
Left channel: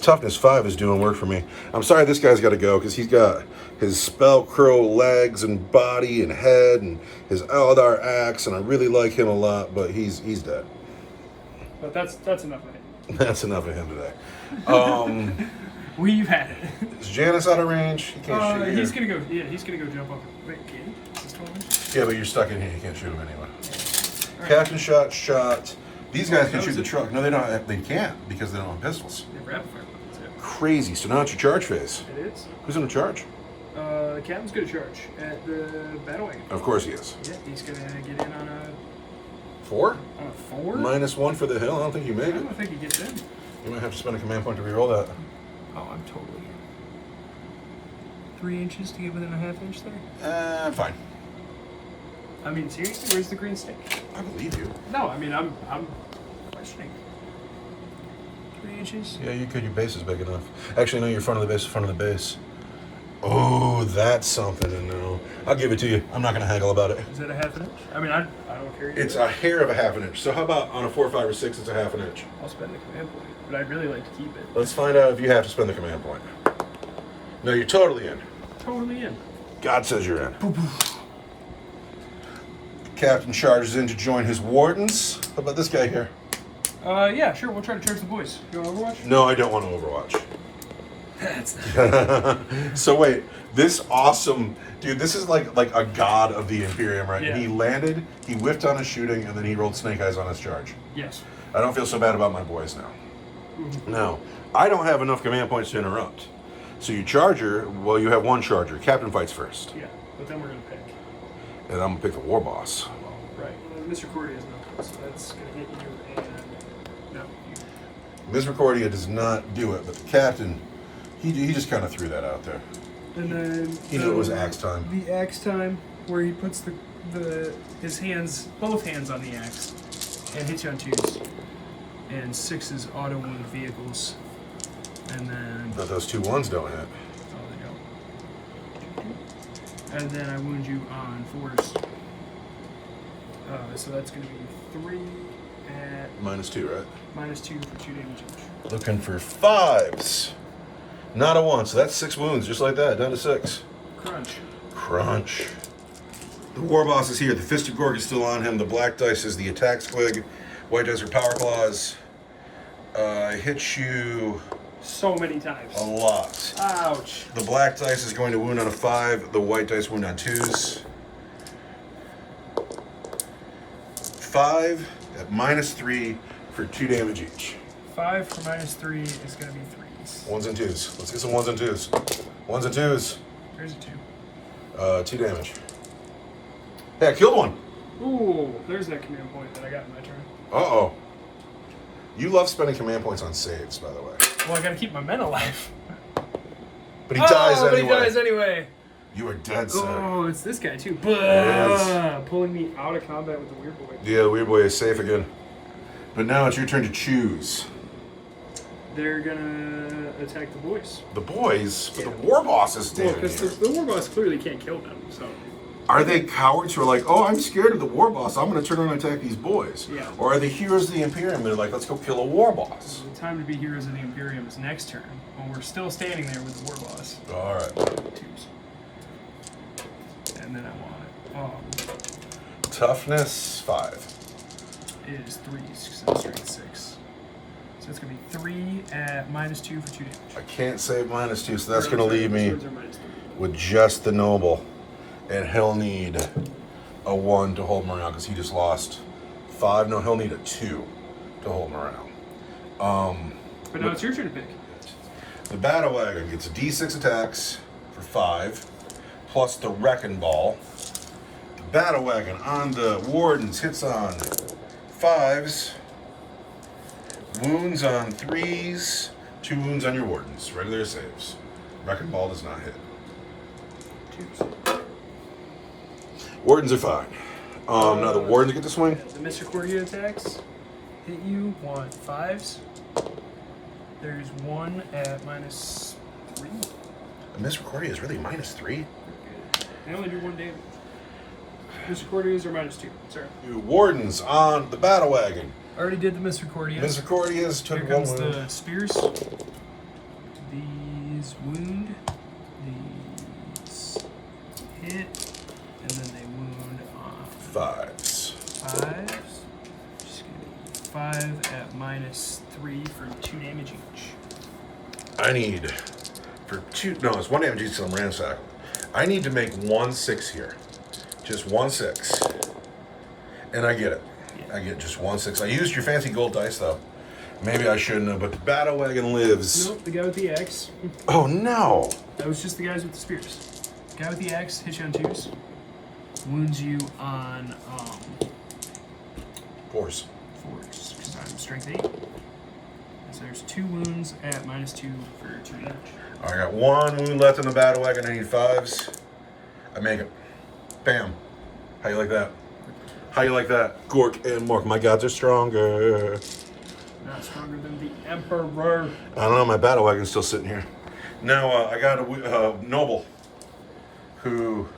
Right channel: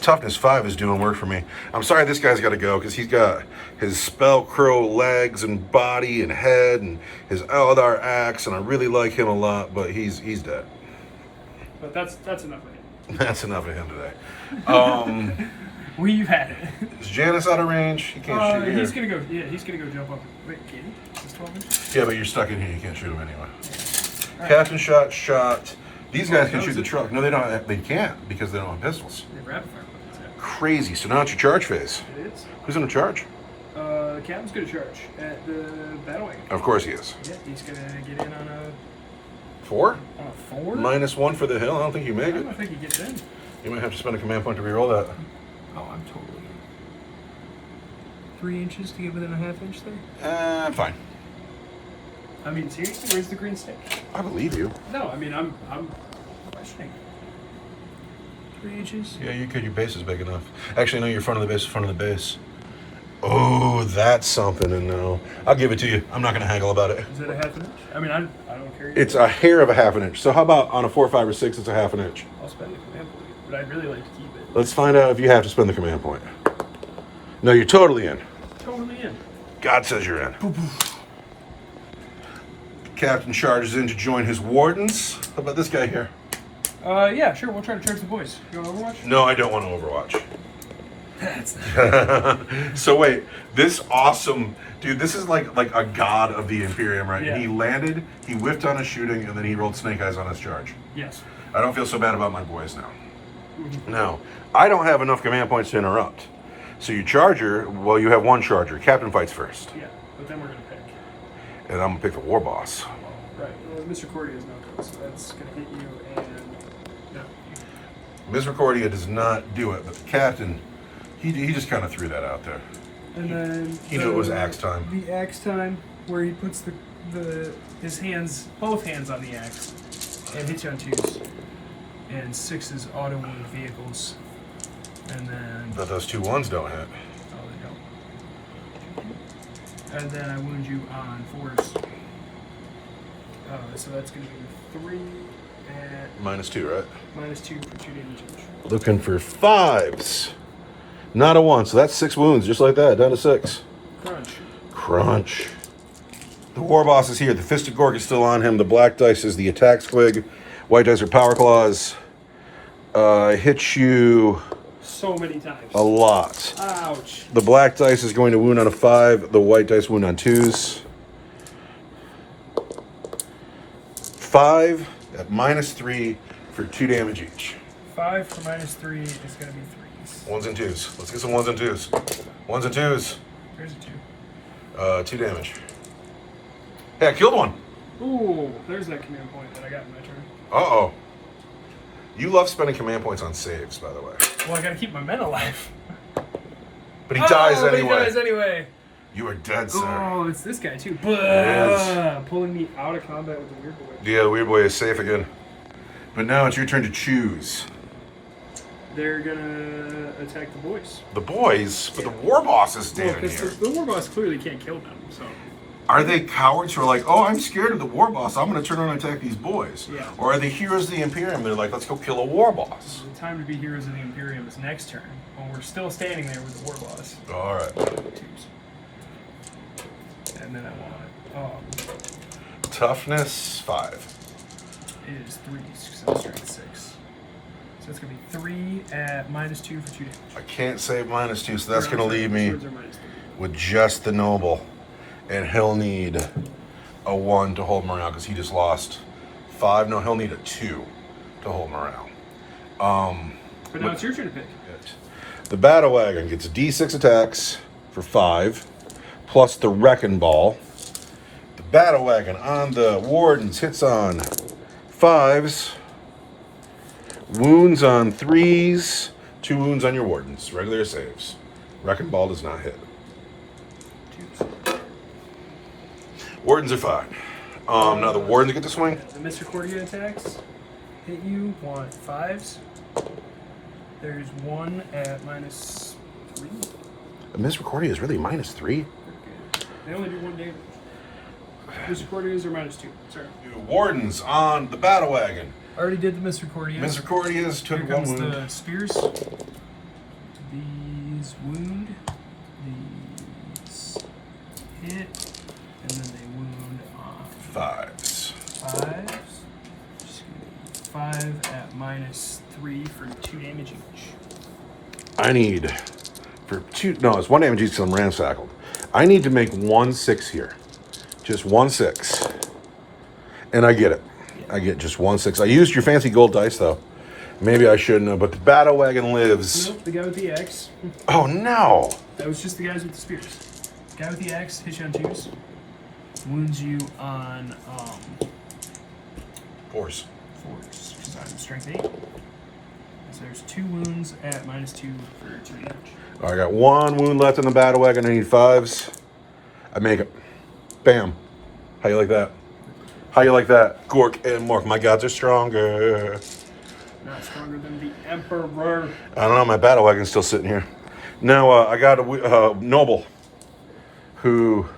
toughness 5 is doing work for me. I'm sorry this guy's got to go because he's got his spell crow legs and body and head and his Eldar axe, and I really like him a lot, but he's dead. But that's enough of it. That's enough of him today. We've had it. Is Janice out of range? He can't shoot you He's here. gonna go. Yeah, he's gonna go jump up. Wait, can he? Is 12 inches? Yeah, but you're stuck in here. You can't shoot him anyway. All right. Captain shot. These guys can that shoot was the it. truck. No, they don't. They can't because they don't have pistols. Yeah, rapid fire weapons. Crazy. So now it's your charge phase. Yeah. It is. Who's in the charge? The captain's gonna charge at the battle wagon. Of course he is. Yeah, he's gonna get in on a 4? on a 4. -1 for the hill. I don't think you make I it. don't think he gets in. You might have to spend a command point to reroll that. Oh, I'm totally in. 3 inches to get within a ½ inch there. Fine. I mean, seriously, where's the green stick? I believe you. No, I mean, I'm questioning. 3 inches. Yeah, you could. Your base is big enough. Actually, no, your front of the base is front of the base. Oh, that's something to know. I'll give it to you. I'm not going to haggle about it. Is it a ½ inch? I mean, I don't care. It's a hair of a ½ inch. So how about on a 4, 5, or 6, it's a ½ inch? I'll spend the command point, but I'd really like to keep it. Let's find out if you have to spend the command point. No, you're totally in. Totally in. God says you're in. Captain charges in to join his wardens. How about this guy here? Yeah, sure. We'll try to charge the boys. You want Overwatch? No, I don't want to Overwatch. That's So wait, this awesome dude, this is like a god of the Imperium, right? Yeah. And he landed, he whiffed on his shooting, and then he rolled snake eyes on his charge. yes. I don't feel so bad about my boys now. Now, I don't have enough command points to interrupt. So you charger, well, you have 1 charger. Captain fights first. Yeah, but then we're gonna pick. And I'm gonna pick the war boss. Well, right. Mr. Cordy is not, so that's gonna hit you and no. Misericordia does not do it, but the captain, he just kind of threw that out there. And then He knew it was axe time. The axe time, where he puts his hands, both hands on the axe, and hits you on 2s, and 6s auto wound vehicles, and then But those 2 1s don't hit. oh they don't. And then I wound you on 4s. So that's gonna be 3 at -2, right? -2 for 2 damage each. Looking for 5s. Not a 1, so that's 6 wounds, just like that, down to 6. Crunch. Crunch. The war boss is here. The Fisted Gorg is still on him. The black dice is the attack squig. White dice are power claws. Hits you So many times. a lot. Ouch. The black dice is going to wound on a 5. The white dice wound on 2s. 5 at -3 for 2 damage each. 5 for -3 is gonna be 3s. 1s and 2s. Let's get some 1s and 2s. 1s and 2s. There's a 2. 2 damage. Hey, I killed one. Ooh, there's that command point that I got in my turn. Uh-oh. You love spending command points on saves, by the way. Well, I gotta keep my men alive. But he dies But anyway. He dies anyway. You are dead, sir. Oh, it's this guy too. is. Pulling me out of combat with the weird boy. Yeah, the weird boy is safe again. But now it's your turn to choose. They're gonna attack the boys. The boys, but the war boss is Well, dead because here. the war boss clearly can't kill them, so. Are they cowards who are like, oh, I'm scared of the war boss, I'm going to turn around and attack these boys? Yeah. Or are they heroes of the Imperium? They're like, let's go kill a war boss. The time to be heroes of the Imperium is next turn, when we're still standing there with the war boss. All right. 2s. And then I want Toughness 5. is 3s, because I'm strength 6. So it's gonna be 3 at -2 for 2 damage. I can't save -2, so that's Or, going to I'm sorry, leave me swords are -3. with just the noble. And he'll need a 1 to hold morale because he just lost 5. No, he'll need a 2 to hold morale. But now it's your turn to pick. The battle wagon gets D6 attacks for 5, plus the wrecking ball. The battle wagon on the wardens hits on 5s, wounds on 3s, 2 wounds on your wardens. Regular saves. Wrecking ball does not hit. 2s. Wardens are fine. Now the wardens get to swing. The Misericordia attacks hit you, want 5s. There's 1 at -3. The Misericordia is really -3. They only do 1 damage. Misericordias are -2. Sorry. Wardens on the battle wagon. I already did the Misericordia. Misericordias took Here 1 comes wound. the spears. These wound. These hit. And then they wound on 5s. 5s. Just gonna be 5 at -3 for 2 damage each. I need for 2. No, it's 1 damage each. So I'm ransackled. I need to make 1 6 here, just 1 6, and I get it. Yeah. I get just 1 6. I used your fancy gold dice though. Maybe I shouldn't have. But the battle wagon lives. Nope, the guy with the axe. Oh no! That was just the guys with the spears. Guy with the axe hits you on 2s. Wounds you on Force. 4s, because I'm strength 8. So there's 2 wounds at -2 for 2 damage. I got 1 wound left in the battle wagon. I need 5s. I make it. Bam. How you like that? How you like that? Gork and Mork. My gods are stronger. Not stronger than the Emperor. I don't know. My battle wagon's still sitting here. Now, I got a noble who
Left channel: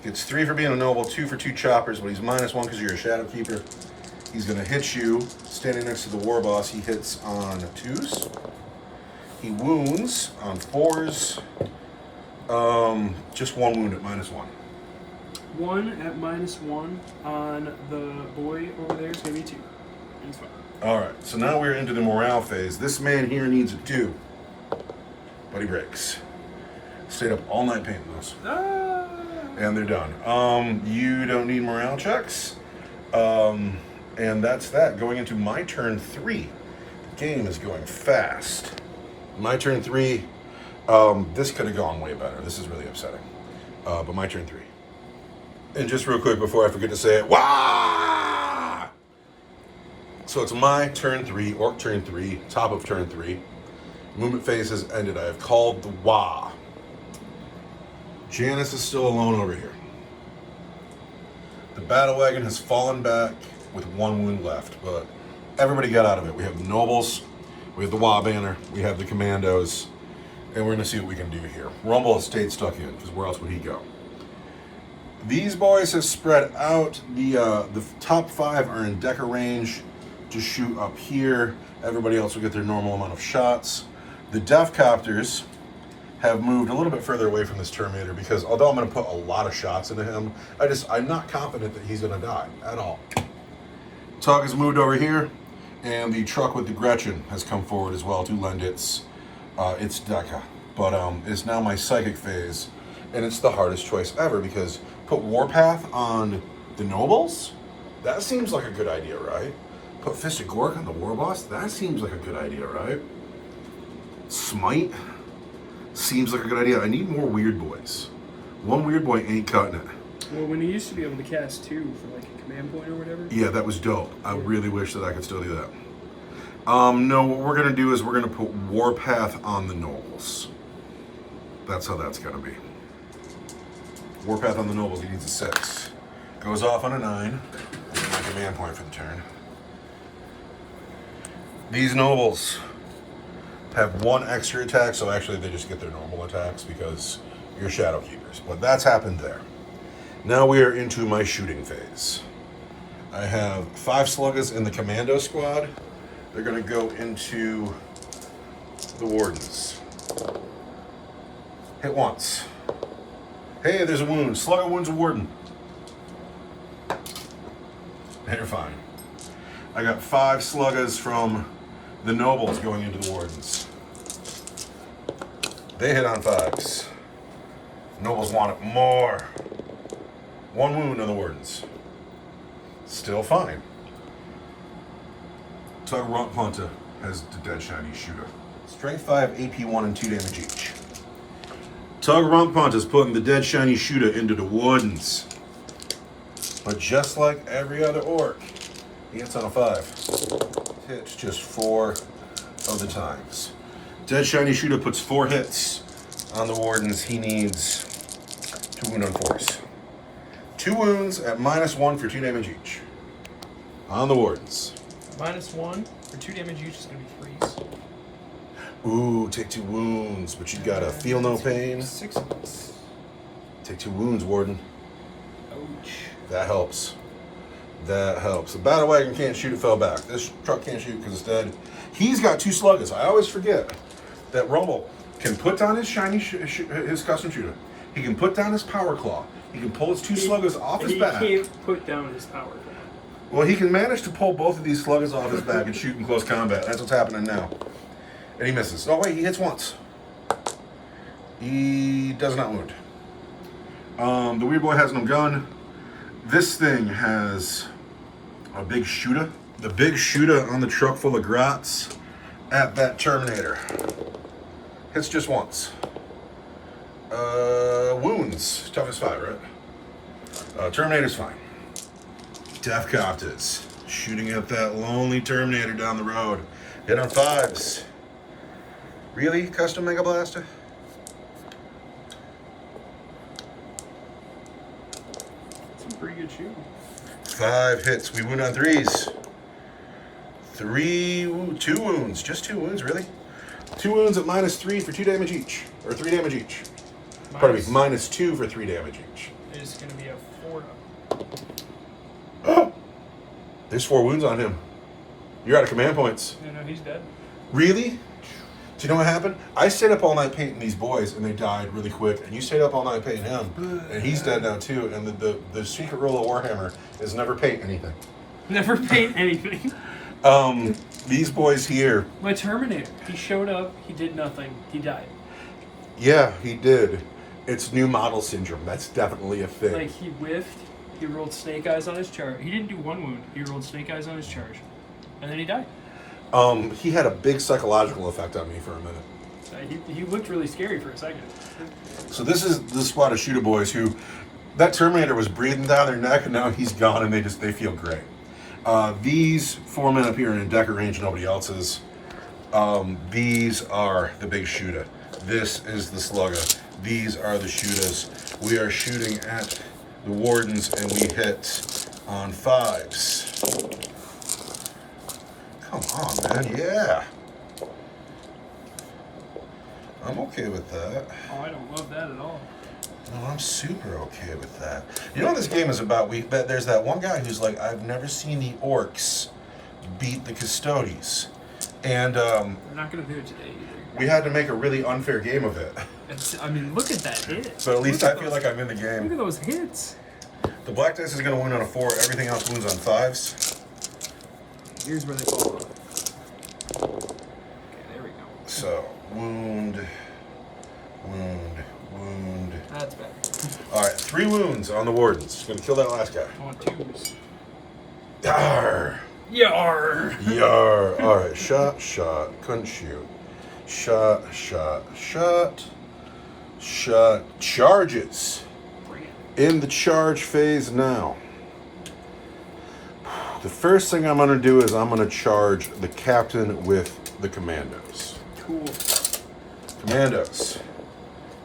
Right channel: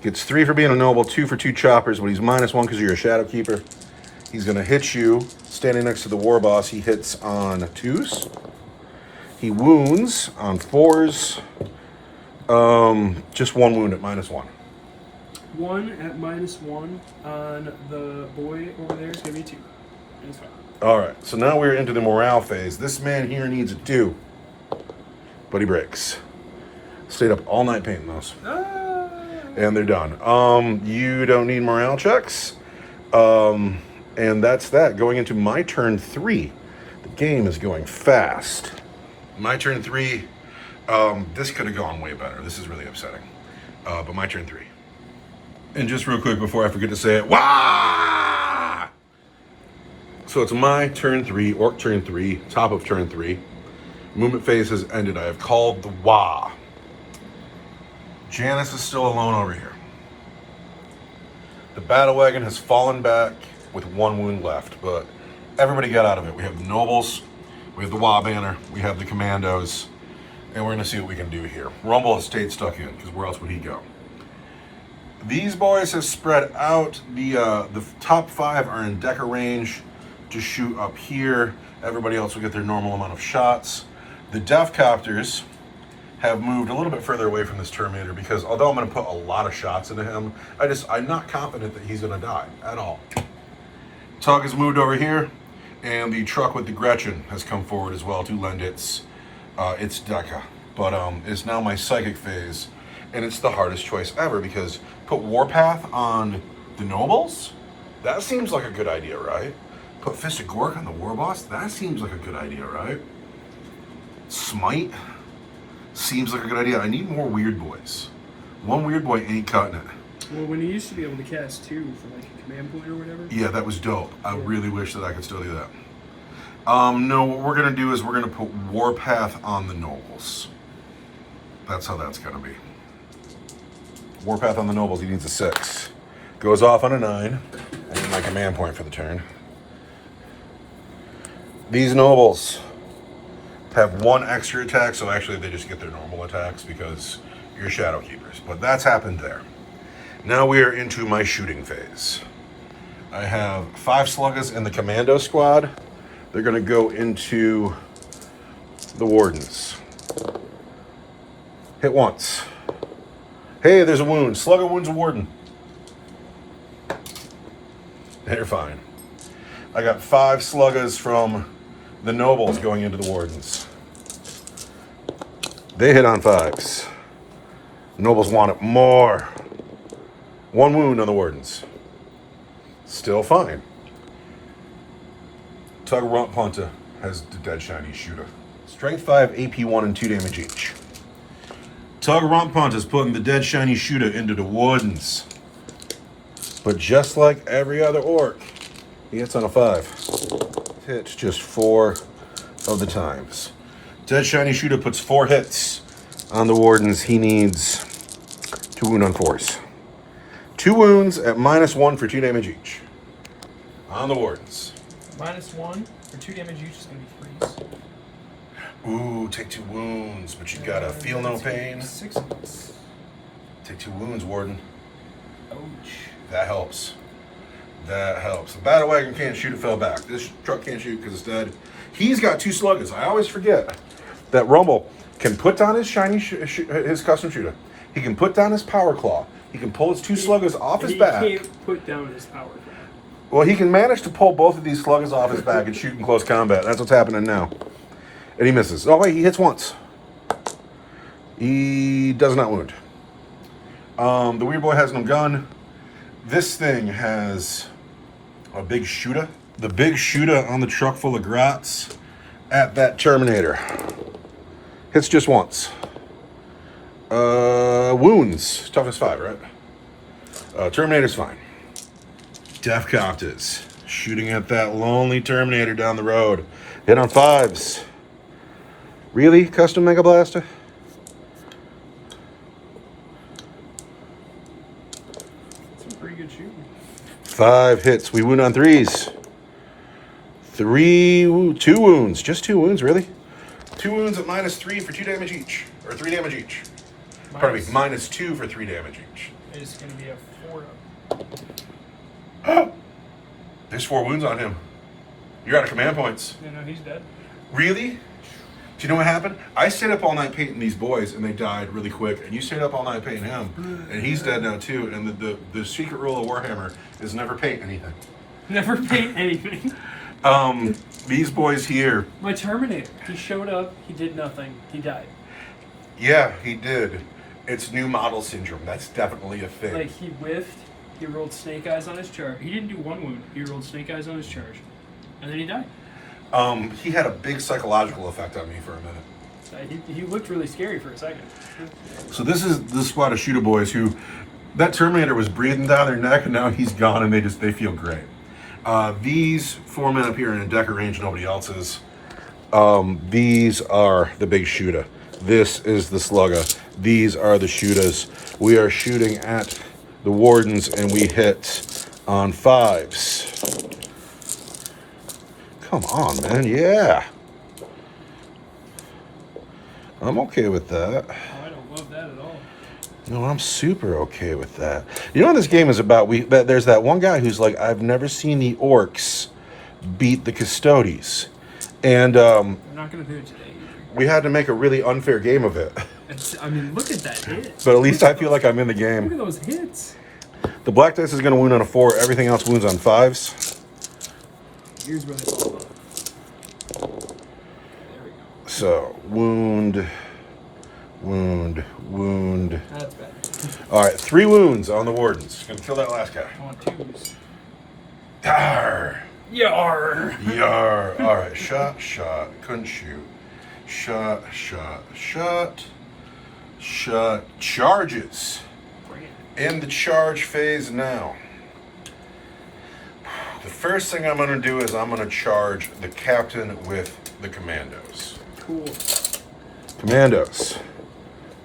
gets 3 for being a noble, 2 for 2 choppers, but he's -1 because you're a shadow keeper. He's going to hit you. Standing next to the war boss, he hits on 2s. He wounds on 4s. Just 1 wound at -1. 1 at -1 on the boy over there is going to be 2. And it's fine. All right, so now we're into the morale phase. This man here needs a 2, but he breaks. Stayed up all night painting those. And they're done. You don't need morale checks. And that's that. Going into my turn 3. The game is going fast. My turn 3. This could have gone way better. This is really upsetting. But my turn 3. And just real quick before I forget to say it, wah! So it's my turn 3, Orc turn 3, top of turn 3. Movement phase has ended. I have called the wah. Janice is still alone over here. The battle wagon has fallen back with 1 wound left, but everybody got out of it. We have the nobles, we have the wah banner, we have the commandos, and we're gonna see what we can do here. Rumble has stayed stuck in, because where else would he go? These boys have spread out. The top 5 are in Decker range to shoot up here. Everybody else will get their normal amount of shots. The Death Copters have moved a little bit further away from this Terminator because although I'm going to put a lot of shots into him, I'm not confident that he's going to die at all. Tug has moved over here, and the truck with the Gretchen has come forward as well to lend its Deca. But it's now my psychic phase, and it's the hardest choice ever because put Warpath on the nobles? That seems like a good idea, right? Put Fist of Gork on the war boss? That seems like a good idea, right? Smite? Seems like a good idea. I need more weird boys. 1 weird boy ain't cutting it. Well, when you used to be able to cast 2 for like a command point or whatever. Yeah, that was dope. I really wish that I could still do that. No, what we're gonna do is we're gonna put Warpath on the nobles. That's how that's gonna be. Warpath on the nobles, he needs a 6. Goes off on a 9. That's my command point for the turn. These nobles have 1 extra attack, so actually they just get their normal attacks because you're shadow keepers. But that's happened there. Now we are into my shooting phase. I have 5 sluggers in the commando squad. They're gonna go into the wardens. Hit once. Hey, there's a wound. Slugger wounds a warden. They're fine. I got 5 sluggers from the nobles going into the wardens. They hit on 5s. Nobles want it more. 1 wound on the wardens. Still fine. Tug Rump Punta has the dead shiny shooter. Strength 5, AP 1, and 2 damage each. Tug Rump Punta is putting the dead shiny shooter into the wardens. But just like every other orc, he hits on a 5. Hits just 4 of the times. Dead shiny shooter puts 4 hits on the wardens. He needs 2 wound on 4s. 2 wounds at -1 for 2 damage each. On the wardens. -1 for 2 damage each is going to be 3s. Ooh, take 2 wounds, but you gotta feel no pain. 6 of us. Take 2 wounds, warden. Ouch. That helps. That helps. The battle wagon can't shoot, it fell back. This truck can't shoot because it's dead. He's got 2 sluggers. I always forget that Rumble can put down his shiny, his custom shooter. He can put down his power claw. He can pull his 2 sluggers off his back. He can't put down his power claw. Well, he can manage to pull both of these sluggers off his back and shoot in close combat. That's what's happening now. And he misses. Oh, wait, he hits once. He does not wound. The weird boy has no gun. This thing has a big shooter. The big shooter on the truck full of grots at that Terminator. Hits just once. Wounds. Toughness 5, right? Terminator's fine. Death Custodes. Shooting at that lonely Terminator down the road. Hit on 5s. Really? Custom Mega Blaster? Some pretty good shooting. 5 hits. We wound on 3s. 2 wounds. Just 2 wounds, really? 2 wounds at -3 for 2 damage each. Or 3 damage each. Pardon me, -2 for 3 damage each. It's going to be a 4 Oh! There's 4 wounds on him. You're out of command points. No, he's dead. Really? Do you know what happened? I stayed up all night painting these boys, and they died really quick. And you stayed up all night painting him, and he's dead now too. And the secret rule of Warhammer is never paint anything. Never paint anything. These boys here. My Terminator. He showed up. He did nothing. He died. Yeah, he did. It's new model syndrome. That's definitely a thing. Like, he whiffed. He rolled snake eyes on his charge. He didn't do 1 wound. He rolled snake eyes on his charge. And then he died. He had a big psychological effect on me for a minute. He looked really scary for a second. So this is the squad of shooter boys who, that Terminator was breathing down their neck, and now he's gone, and they feel great. These 4 men up here in a decker range, nobody else's. These are the big shooter. This is the slugger. These are the shooters. We are shooting at the wardens, and we hit on 5s. Come on, man. Yeah. I'm okay with that. Oh, I don't love that at all. No, I'm super okay with that. You know what this game is about? There's that one guy who's like, I've never seen the Orks beat the Custodes. And I'm not going to do it today either. we had to make a really unfair game of it. I mean, look at that hit. But at least I feel like I'm in the Look at game. those hits. The black dice is going to wound on a 4. Everything else wounds on 5s. Here's where they fall off. Okay, there we go. So, wound, wound, wound. That's better. All right, 3 wounds on the wardens. Going to kill that last guy. I want 2s. Yarr. Yar! Yarr. All right, shot, couldn't shoot. Shot, charges. Bring it. In the charge phase now. The first thing I'm going to do is I'm going to charge the captain with the commandos. Cool. Commandos.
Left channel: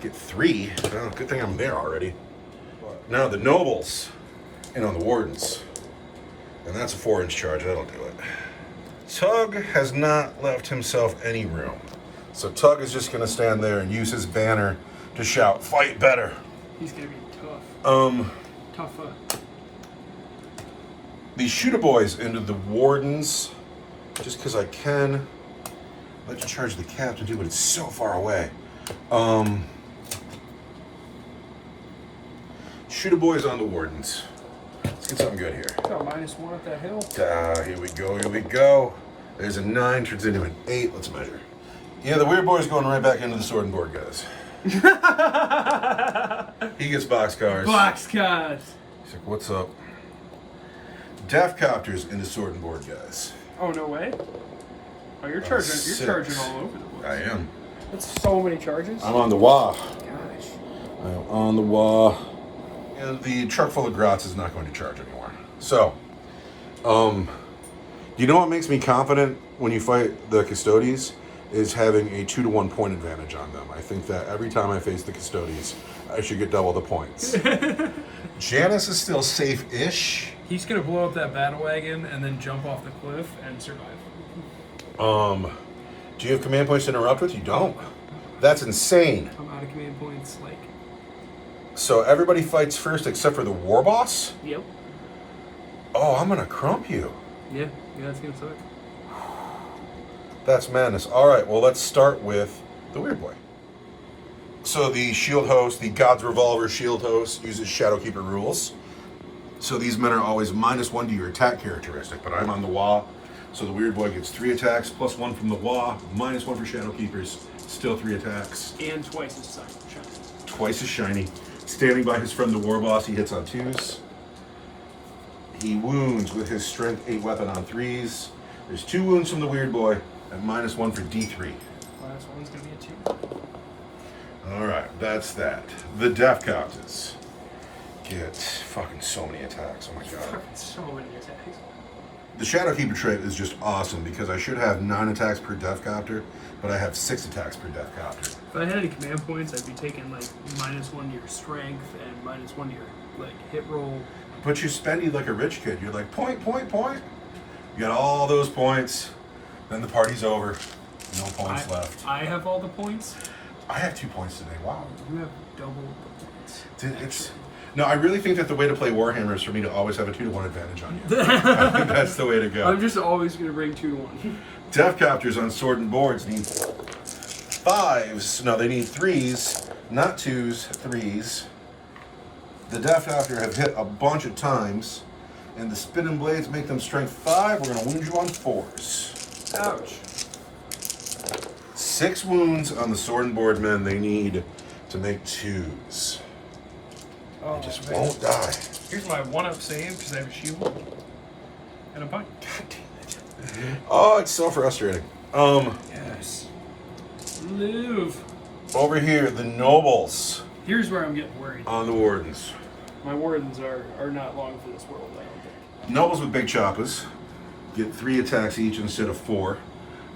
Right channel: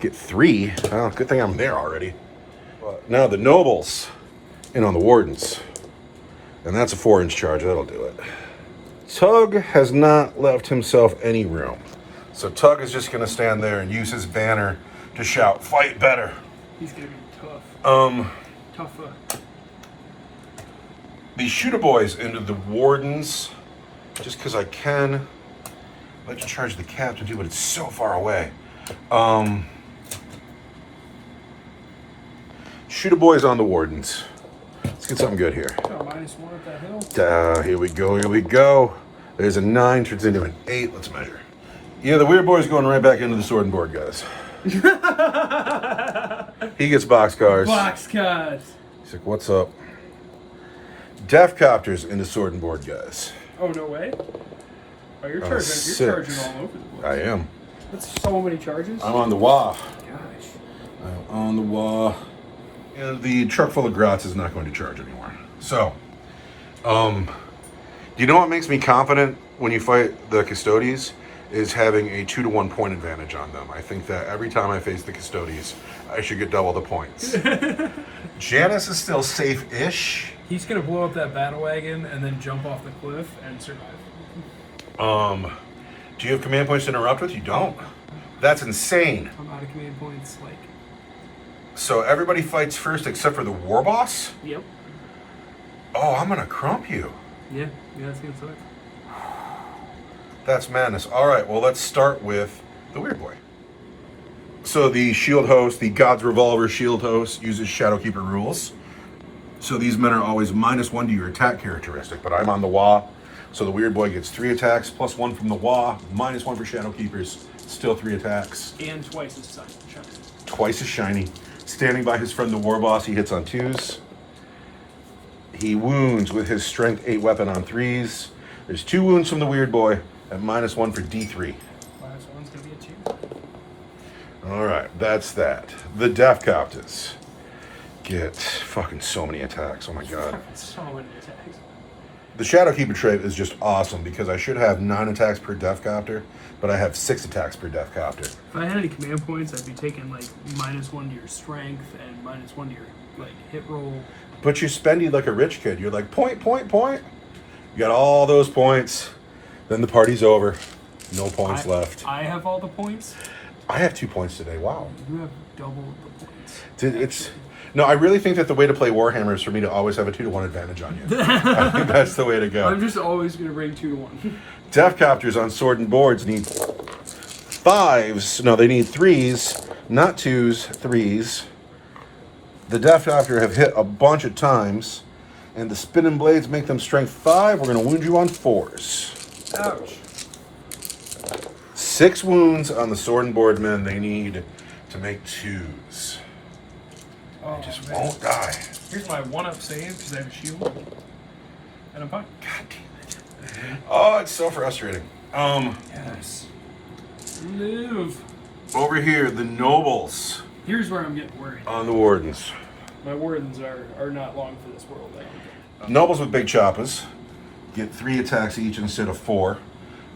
Get 3. Oh, good thing I'm there already. But now the nobles in on the wardens. And that's a 4-inch charge. That'll do it. Tug has not left himself any room. So Tug is just going to stand there and use his banner to shout, "Fight better." He's going to be tough. Tougher. These shooter boys into the wardens, just because I can. I'd like to charge the captain too, but it's so far away. Shooter boys on the wardens. Let's get something good here. Oh, -1 at that hill. Here we go. There's a 9, turns into an 8. Let's measure. Yeah, the weird boy's going right back into the sword and board, guys. He gets boxcars. Boxcars. He's like, "What's up?" Death Copters into sword and board, guys. Oh, no way. Oh, you're charging. 6. You're charging all over the place. I am. That's so many charges. I'm on the wah. Gosh. I'm on the wah. You know, the truck full of grots is not going to charge anymore. So, you know what makes me confident when you fight the Custodes is having a 2-to-1 point advantage on them. I think that every time I face the Custodes, I should get double the points. Janice is still safe-ish. He's gonna blow up that battle wagon and then jump off the cliff and survive. Do you have command points to interrupt with? You don't. That's insane. I'm out of command points. Like, So everybody fights first except for the war boss? yep. Oh, I'm gonna crump you. Yeah, that's gonna suck. That's madness. All right, well, let's start with the weird boy. So the shield host, the God's Revolver shield host, uses Shadowkeeper rules. So these men are always -1 to your attack characteristic, but I'm on the wah. So the weird boy gets 3 attacks, +1 from the wah, -1 for Shadowkeepers, still 3 attacks. And twice as suck. Twice as shiny. Standing by his friend the war boss, he hits on 2s. He wounds with his strength 8 weapon on 3s. There's 2 wounds from the weird boy at -1 for D3. Last one's gonna be a 2. All right, that's that. The Death Custodes get fucking so many attacks. Oh my god. So many attacks. The Shadowkeeper trait is just awesome because I should have 9 attacks per Death Copter, but I have 6 attacks per Death Copter. If I had any command points, I'd be taking like -1 to your strength and -1 to your like hit roll. But you spendy like a rich kid. You're like, point. You got all those points. Then the party's over. No points left. I have all the points. I have 2 points today. Wow. You have double the points. No, I really think that the way to play Warhammer is for me to always have a 2-to-1 advantage on you. I think that's the way to go. I'm just always going to bring 2 to 1. Death Copters on sword and boards need 5s. No, they need 3s, not 2s, 3s. The Death Copter have hit a bunch of times, and the spinning blades make them strength 5. We're going to wound you on 4s. Ouch. 6 wounds on the sword and board men. They need to make 2s. Oh, They just man. won't die. Here's my 1-up save because I have a shield. And I'm fine. God damn it. Oh, it's so frustrating. Yes. Live. Over here, the nobles Here's where I'm getting worried. on the wardens. My wardens are not long for this world, I don't think. Nobles with big choppas get 3 attacks each instead of 4.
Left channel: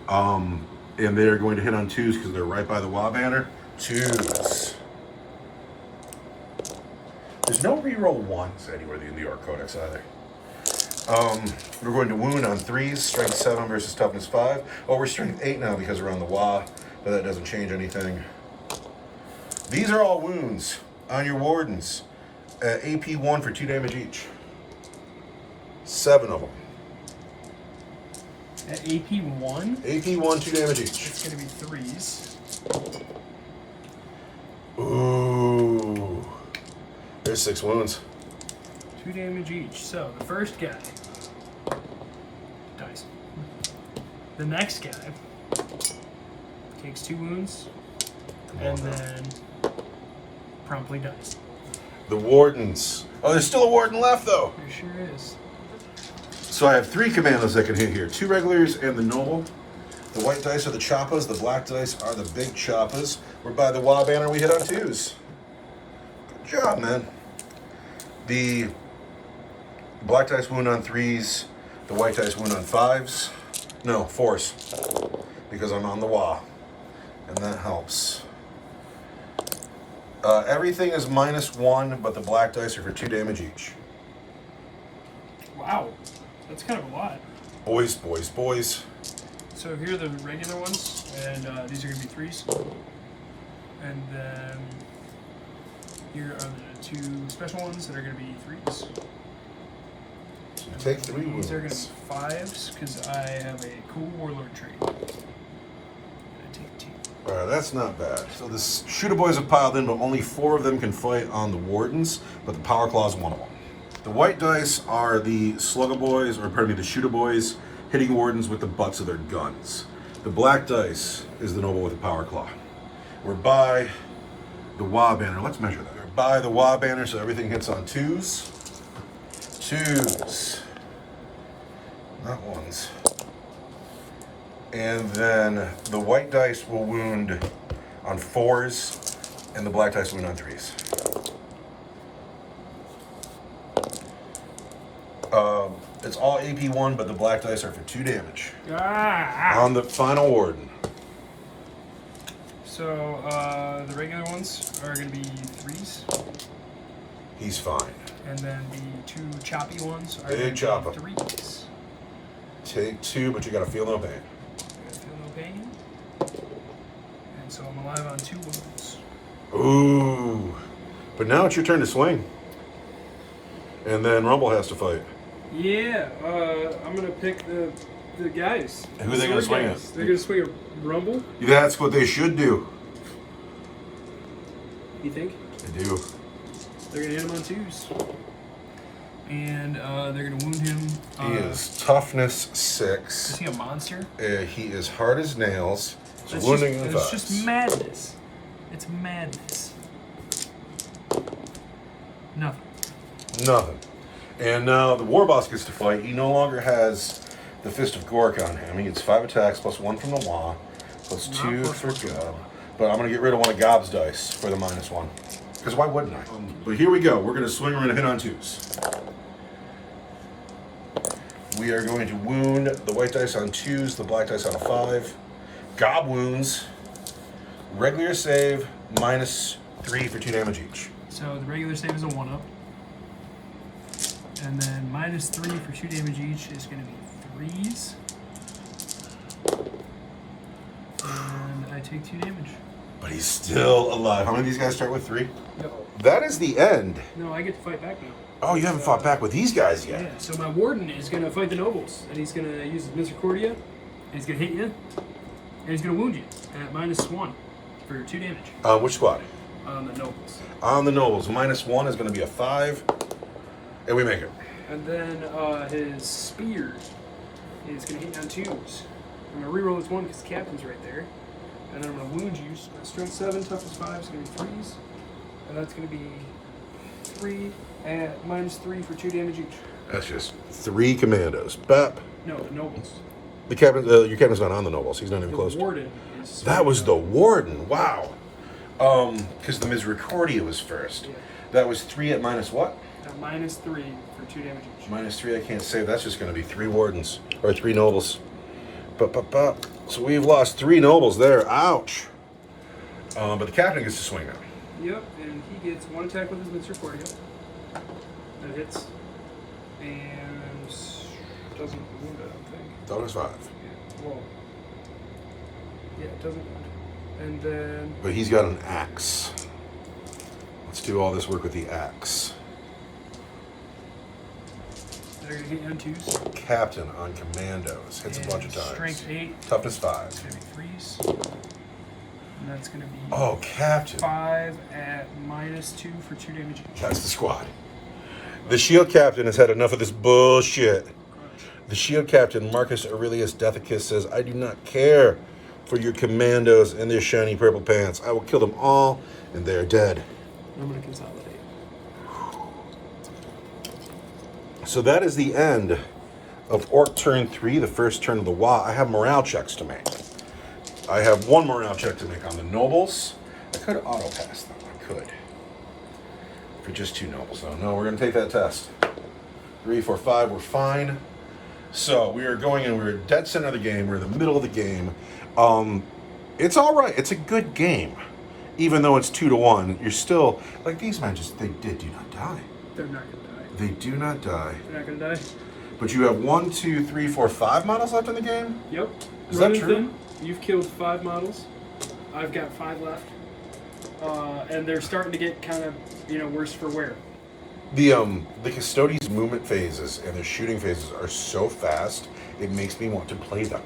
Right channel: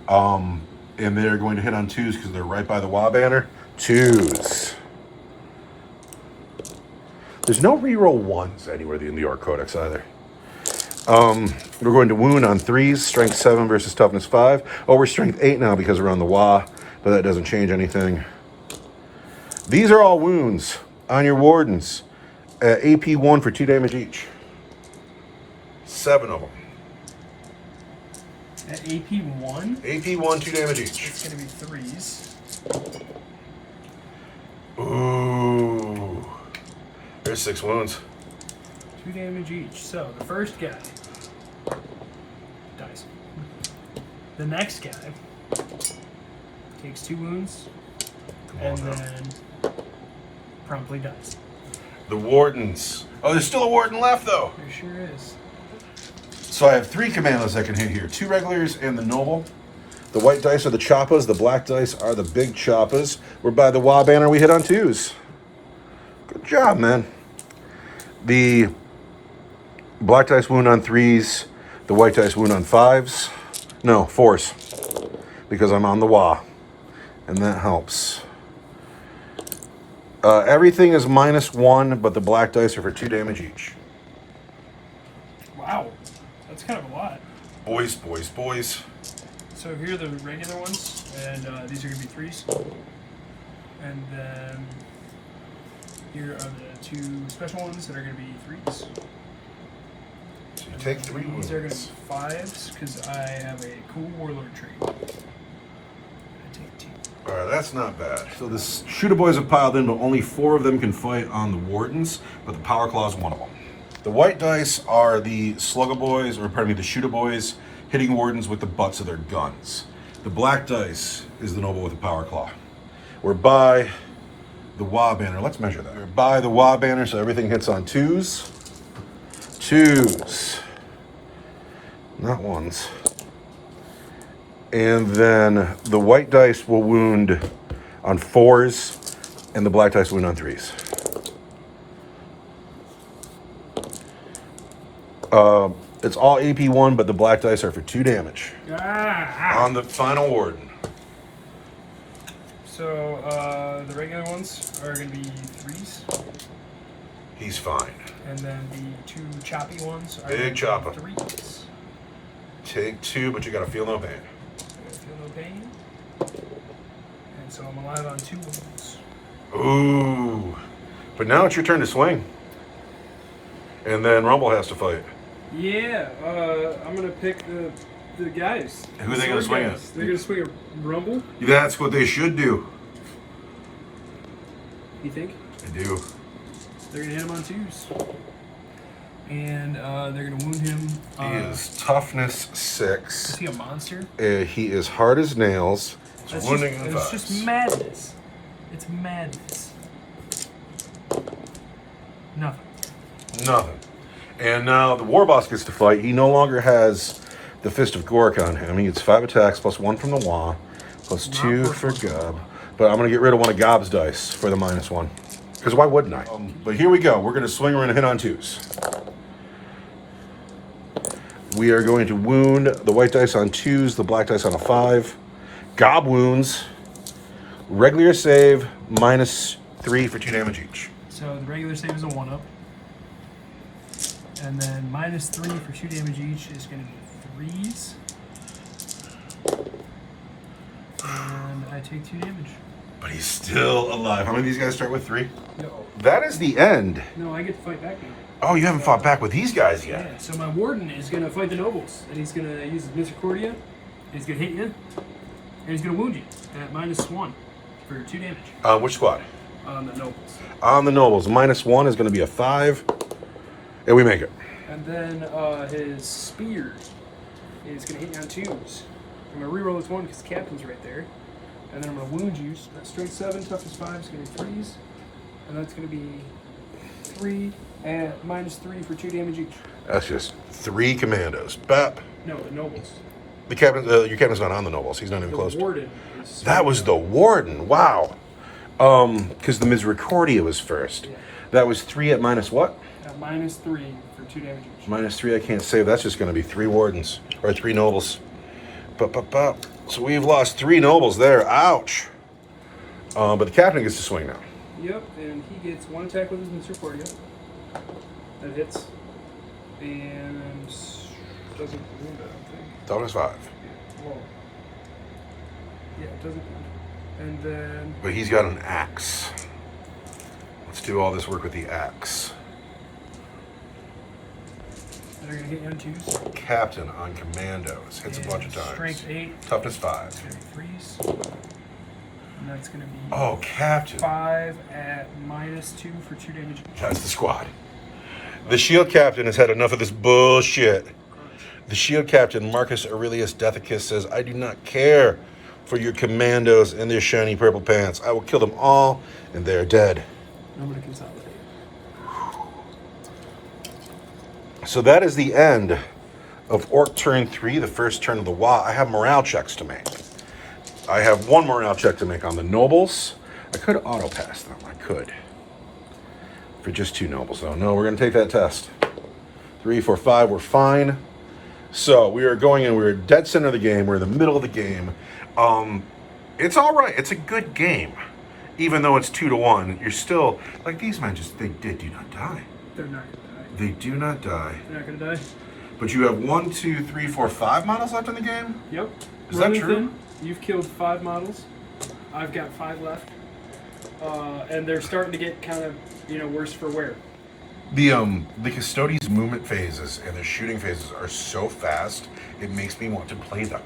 And they're going to hit on 2s because they're right by the Wa banner. 2s. There's no reroll 1s anywhere in the Orc Codex either. We're going to wound on 3s, strength 7 versus toughness 5. Oh, we're strength 8 now because we're on the Wa, but that doesn't change anything. These are all wounds on your wardens. AP 1 for 2 damage each. 7 of them. At AP 1, AP 1, 2 damage each. it's going to be 3s. Ooh. There's 6 wounds. 2 damage each. So the first guy dies. The next guy takes 2 wounds and then promptly dies. The wardens. Oh, there's still a warden left though. There sure is. So I have 3 commandos that can hit here. 2 regulars and the noble. The white dice are the choppas. The black dice are the big choppas. We're by the Wa banner. We hit on 2s. Good job, man. The black dice wound on 3s. The white dice wound on 5s. No, 4s. Because I'm on the Wa. And that helps. Everything is -1, but the black dice are for 2 damage each. Wow. That's kind of a lot. Boys, boys, boys. So here are the regular ones, and these are going to be 3s. And then here are the 2 special ones that are going to be 3s. So you take 3 wounds. These are going to be 5s because I have a cool warlord trait. I'm going to take 2. All right, that's not bad. So the shooter boys have piled in, but only 4 of them can fight on the wardens, but the power claw is one of them. The white dice are the slugger boys, or pardon me, the shooter boys, hitting wardens with the butts of their guns. The black dice is the noble with the power claw. We're by the Wa banner. Let's measure that. We're by the Wa banner, so everything hits on 2s. 2s. Not 1s. And then the white dice will wound on 4s, and the black dice will wound on 3s. It's all AP 1, but the black dice are for 2 damage. On the final warden. So the regular ones are going to be 3s. He's fine. And then the 2 choppy ones are Big chopper. 3s. Take 2, but you gotta feel no pain. I feel no pain. And so I'm alive on 2 wounds. Ooh. But now it's your turn to swing. And then Rumble has to fight. Yeah, I'm gonna pick the guys. Who are they gonna swing at? They're gonna swing a Rumble. That's what they should do. You think? They do. They're gonna hit him on 2s. And they're gonna wound him. He is toughness Is 6. he a monster? He is hard as nails. It's wounding in it's 5s. just madness. It's madness. Nothing. Nothing. And now the war boss gets to fight. He no longer has the Fist of Gork on him. He gets 5 attacks plus 1 from the Wa, plus Not 2 plus for 1 from the God, Wa. But I'm going to get rid of one of Gob's dice for the -1. Because why wouldn't I? But here we go. We're going to swing. We're going to hit on 2s. We are going to wound the white dice on 2s, the black dice on a 5. Gob wounds. Regular save, -3 for 2 damage each. So the regular save is a 1-up. And then -3 for 2 damage each is going to be 3s. And I take 2 damage. But he's still alive. How many of these guys start with 3? No. That is the end. No, I get to fight back now. Oh, you haven't fought back with these guys yet. Yeah, so my warden is going to fight the nobles. And he's going to use his Misericordia. And he's going to hit you. And he's going to wound you at -1 for 2 damage. Which squad? On the nobles. On the nobles. -1 is going to be a 5. And we make it. And then his spear is going to hit you on 2s. I'm going to reroll this 1 because the captain's right there. And then I'm going to wound you. Strength 7, toughness 5 is going to be 3s. And that's going to be 3 at -3 for 2 damage each. That's just 3 commandos. Bap. No, the nobles. The captain, your captain's not on the nobles. He's not even close. The warden is... That was the warden. Wow. Because the Misericordia was first. Yeah. That was 3 at minus what? -3 for 2 damage each. -3, I can't save. That's just going to be 3 wardens. Or 3 nobles. So we've lost 3 nobles there. Ouch. But the captain gets to swing now. Yep, and he gets 1 attack with his Misericordia. That hits. And doesn't wound, I don't think. Toughness 5. Yeah, well, yeah, it doesn't wound. And then... But he's got an axe. Let's do all this work with the axe. They're going to hit you on 2s. Captain on commandos. Hits a bunch of times. Strength 8. Toughness It's 5. going to be 3s. And that's going to be... Oh, Captain. 5 at -2 for 2 damage each. That's the squad. The shield captain has had enough of this bullshit. The shield captain, Marcus Aurelius Dethicus, says, I do not care for your commandos and their shiny purple pants. I will kill them all, and they are dead. I'm going to consolidate. So that is the end of Orc turn 3, the first turn of the WA. I have morale checks to make. I have 1 morale check to make on the nobles. I could auto-pass them. I could. For just 2 nobles, though. No, we're going to take that test. 3, 4, 5, we're fine. So we are going in. We're dead center of the game. We're in the middle of the game. It's all right. It's a good game. Even though it's 2-1, you're still... Like, these men just... They do not die. They're not going to die. They do not die. They're not going to die. But you have 1, 2, 3, 4, 5 models left in the game? Yep. Is that true? Them, you've killed 5 models. I've got 5 left. And they're starting to get kind of, worse for wear. The Custodes movement phases and their shooting phases are so fast, it makes me want to play them.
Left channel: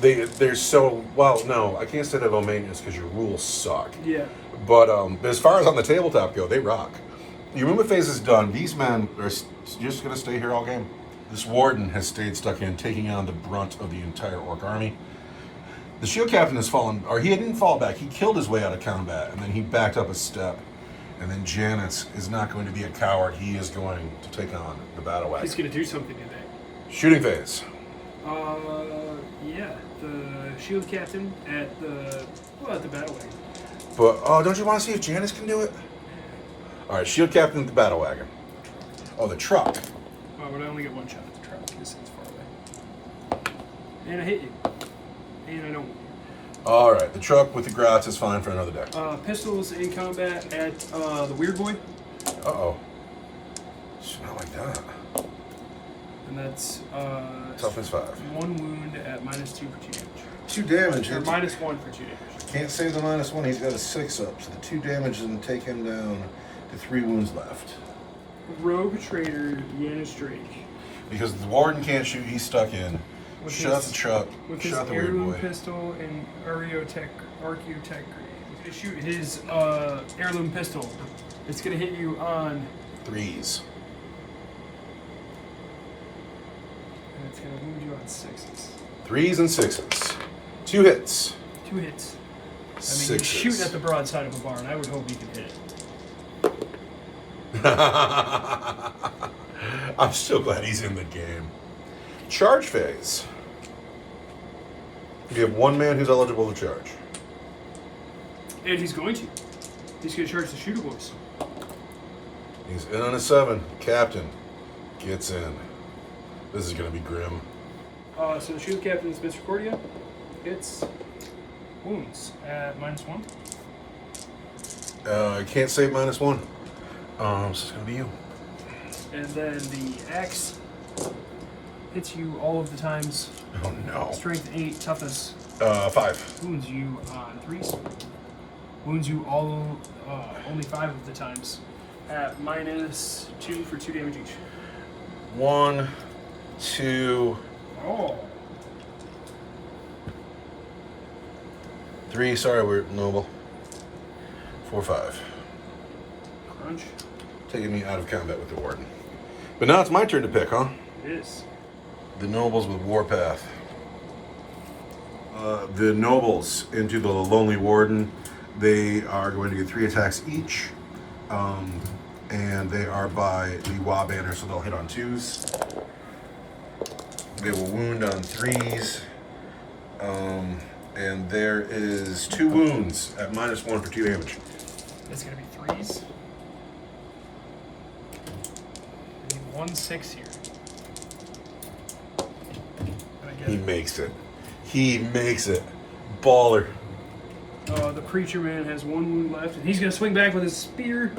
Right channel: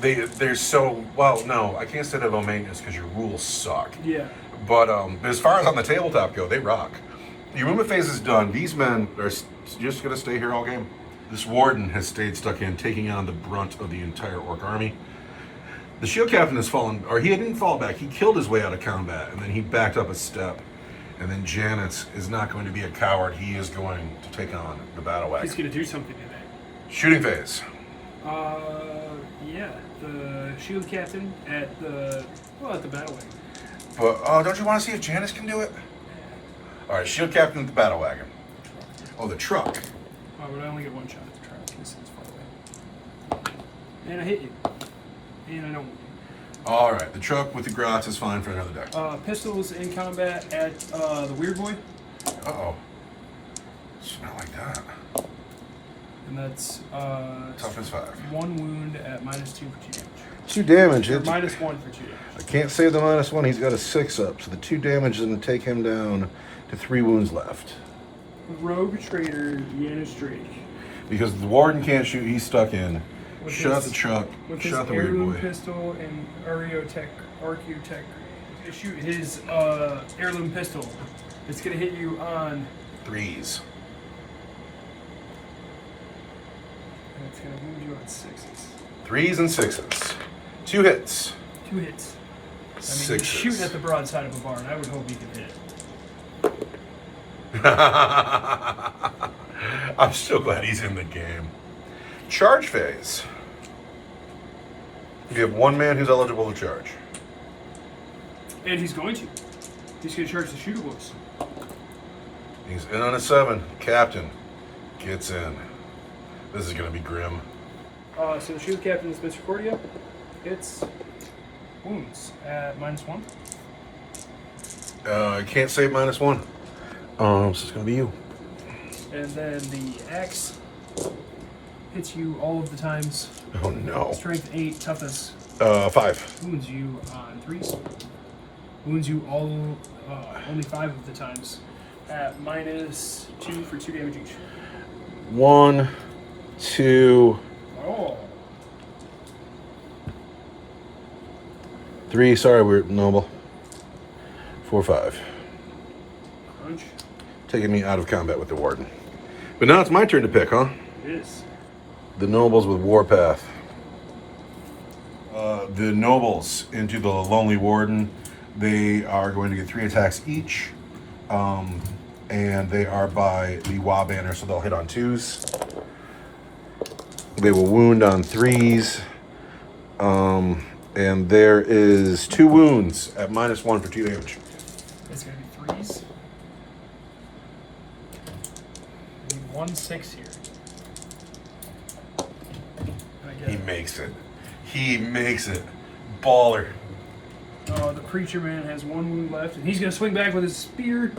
They're so, well, no, I can't say they're low maintenance because your rules suck. Yeah. But as far as on the tabletop go, they rock. Your movement phase is done. These men are just going to stay here all game. This warden has stayed stuck in, taking on the brunt of the entire Orc army. The shield captain has fallen, or he didn't fall back. He killed his way out of combat, and then he backed up a step. And then Janus is not going to be a coward. He is going to take on the battle wagon. He's going to do something today. Shooting phase. Yeah. The shield captain at the battle wagon. But, don't you want to see if Janus can do it? All right, shield captain at the battle wagon. Oh, the truck. Oh, but I only get 1 shot at the truck because it's far away. And I hit you. And I don't. All right, the truck with the grots is fine for another deck. Pistols in combat at the Weird Boy. Uh-oh. It's not like that. And that's Toughness 5. 1 wound at -2 for 2 damage. 2 damage. Or -1 for 2 damage. I can't save the -1. He's got a 6 up, so the 2 damage is going to take him down to 3 wounds left. Rogue Trader, Janus Drake. Because the warden can't shoot, he's stuck in. With Shot his- the truck. With Shot his the weird heirloom boy. pistol and Archeotech. He's gonna shoot his heirloom pistol. It's gonna hit you on, 3s. and it's gonna wound you on 6s. 3s and 6s. 2 hits. 2 hits. I mean, 6s. he's shooting at the broadside of a barn. I would hope he could hit it. I'm still glad he's in the game. Charge phase. You have one man who's eligible to charge. And he's going to. He's going to charge the shooter boys. He's in on a 7. Captain gets in. This is going to be grim. So the shooter captain is Mr. Cordia. It's wounds at -1. I can't save -1. So it's going to be you. And then the axe hits you all of the times. Oh no. Strength 8, toughness 5. wounds you on 3s. Wounds you all only 5 of the times at -2 for 2 damage each. 1, 2, Oh. 3. Sorry, we're noble. 4, 5. Crunch. Taking me out of combat with the warden. But now it's my turn to pick, huh? It is. The nobles with warpath. The nobles into the lonely warden. They are going to get 3 attacks each. And they are by the Wa banner, so they'll hit on 2s. They will wound on 3s. And there is 2 wounds at -1 for 2 damage. It's going to be 3s. I need 1 6 here. And I get He it. makes it. He makes it. Baller. The preacher man has 1 wound left, and he's going to swing back with his spear.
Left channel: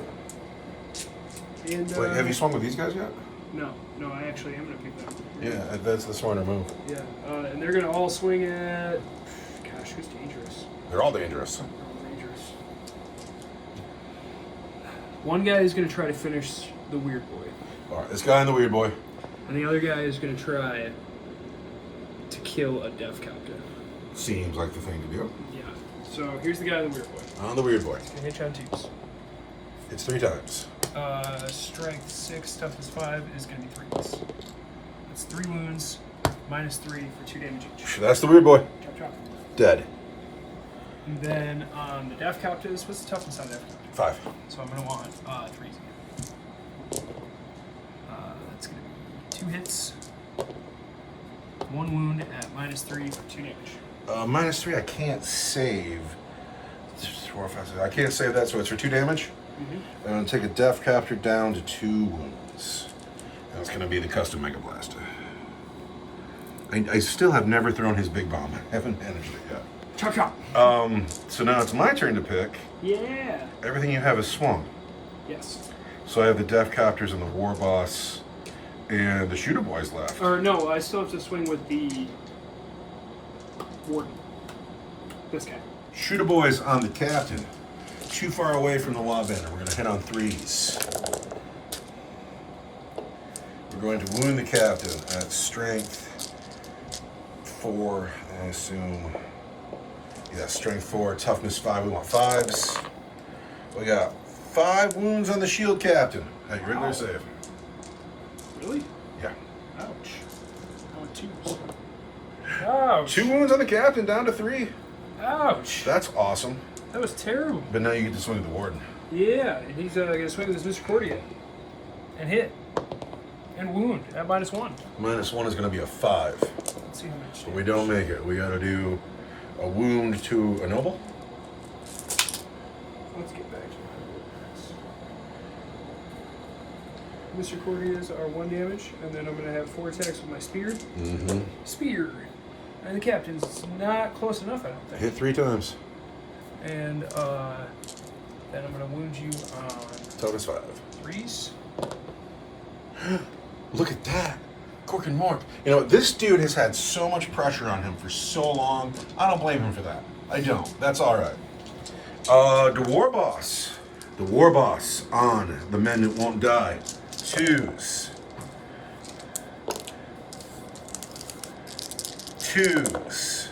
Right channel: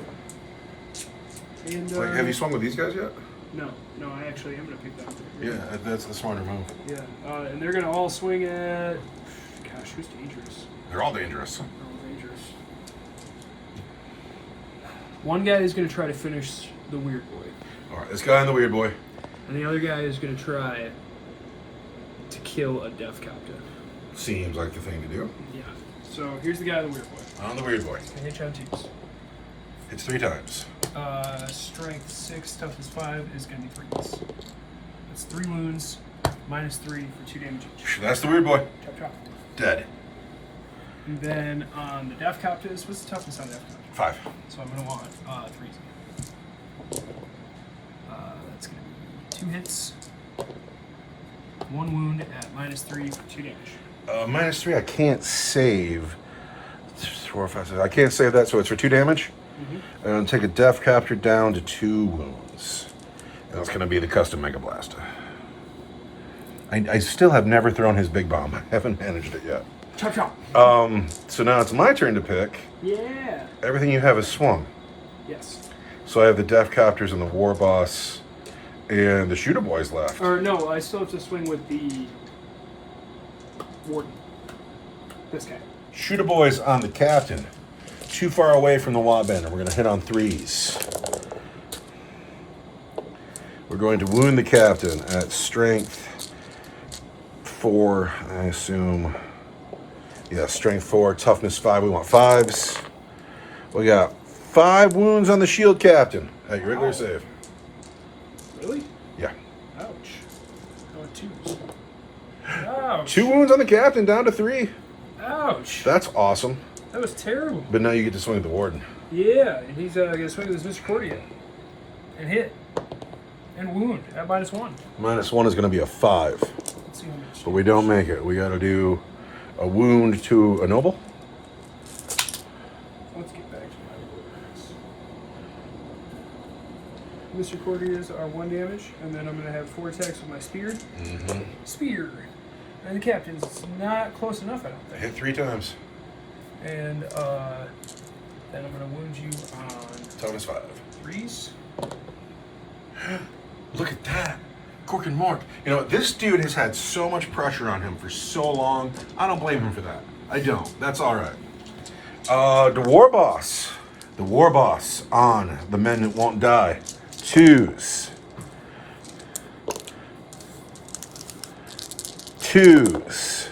And, Wait, have you swung with these guys yet? No, I actually am going to pick them. Yeah, that's the smarter move. Yeah, and they're going to all swing at... Gosh, who's dangerous? They're all dangerous. They're all dangerous. One guy is going to try to finish the weird boy. All right, this guy and the weird boy. And the other guy is going to try to kill a death captain. Seems like the thing to do. Yeah. So here's the guy, the weird boy. On the weird boy. He's going to hit you on 2s. It's 3 times. Strength 6, toughness 5 is going to be 3s. That's 3 wounds, -3 for 2 damage each. That's the weird boy. Chop, chop. Dead. And then on the death captives, what's the toughness on death captive? 5. So I'm going to want 3s. That's going to be 2 hits, 1 wound at -3 for 2 damage. -3, I can't save. 4, 5, 6. I can't save that, so it's for 2 damage. Mm-hmm. And take a death capture down to 2 wounds. And it's going to be the custom Mega Blast. I still have never thrown his big bomb. I haven't managed it yet. Chop, chop. So now it's my turn to pick. Yeah. Everything you have is swung. Yes. So I have the Death Captors and the War Boss and the Shooter Boys left. Or no, I still have to swing with the warden. This guy. Shooter Boys on the Captain. Too far away from the Wa banner. We're going to hit on 3s. We're going to wound the Captain at strength 4, I assume. Yeah, strength 4, toughness 5. We want 5s. We got 5 wounds on the Shield Captain at your regular Wow. save. Really? Yeah. Ouch. I want 2s. Ouch. 2 wounds on the Captain, down to 3. Ouch. That's awesome. That was terrible. But now you get to swing at the Warden. Yeah, and he's going to swing with his Mr. Cordia. And hit. And wound at -1. -1 is going to be a 5. Let's see how much. But we don't make it. We got to do a wound to a noble. Let's get back to my wounds. Mr. Cordias are 1 damage, and then I'm going to have 4 attacks with my spear. Mm-hmm. Spear. And the captain's not close enough, I don't think. Hit 3 times. And then I'm going to wound you on Toughness 5. 3s. Look at that. Cork and Mork. You know, this dude has had so much pressure on him for so long. I don't blame him for that. I don't. That's all right. The War Boss. The War Boss on the Men That Won't Die. 2s. 2s.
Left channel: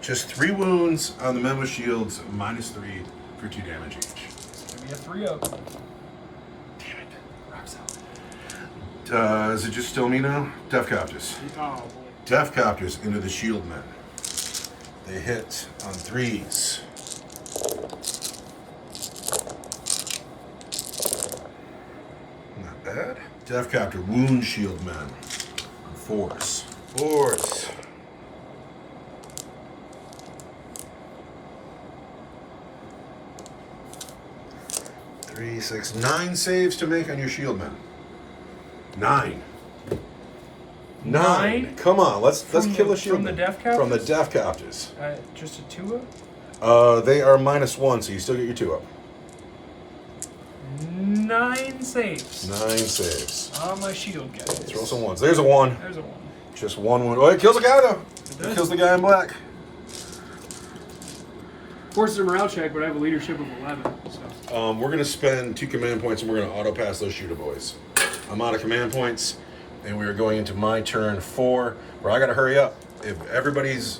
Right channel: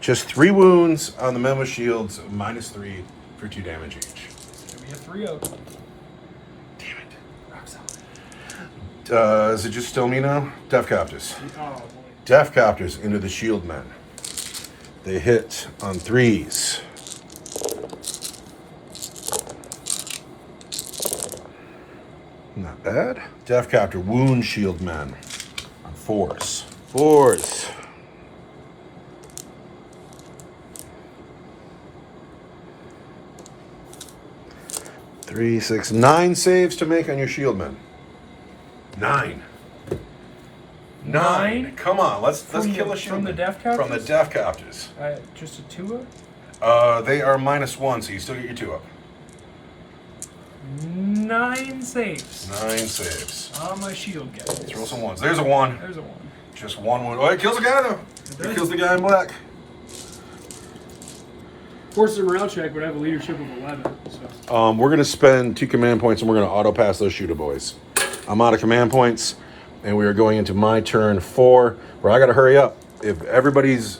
Just 3 wounds on the Men with Shields, -3 for 2 damage each. It's going to be a 3-0. Damn it. Rock solid. Is it just still me now? Death Captors. Oh, boy. Death Captors into the Shield Men. They hit on 3s. Not bad. Death Captor wound Shield Men on 4s. 4s. 3, 6, 9 saves to make on your shield men. 9. 9. Come on, let's kill a shield. From the Death Captors? From the Death Captors. Just a 2 up? They are -1, so you still get your 2 up. 9 saves. 9 saves. On my shield guy. Throw some 1s. There's a 1. There's a 1. Just 1 wound. Oh, it kills a guy though. It kills the guy in black. Forces a morale check, but I have a leadership of 11. So. We're gonna spend 2 command points and we're gonna auto pass those shooter boys. I'm out of command points, and we are going into my turn 4, where I gotta hurry up. If anybody's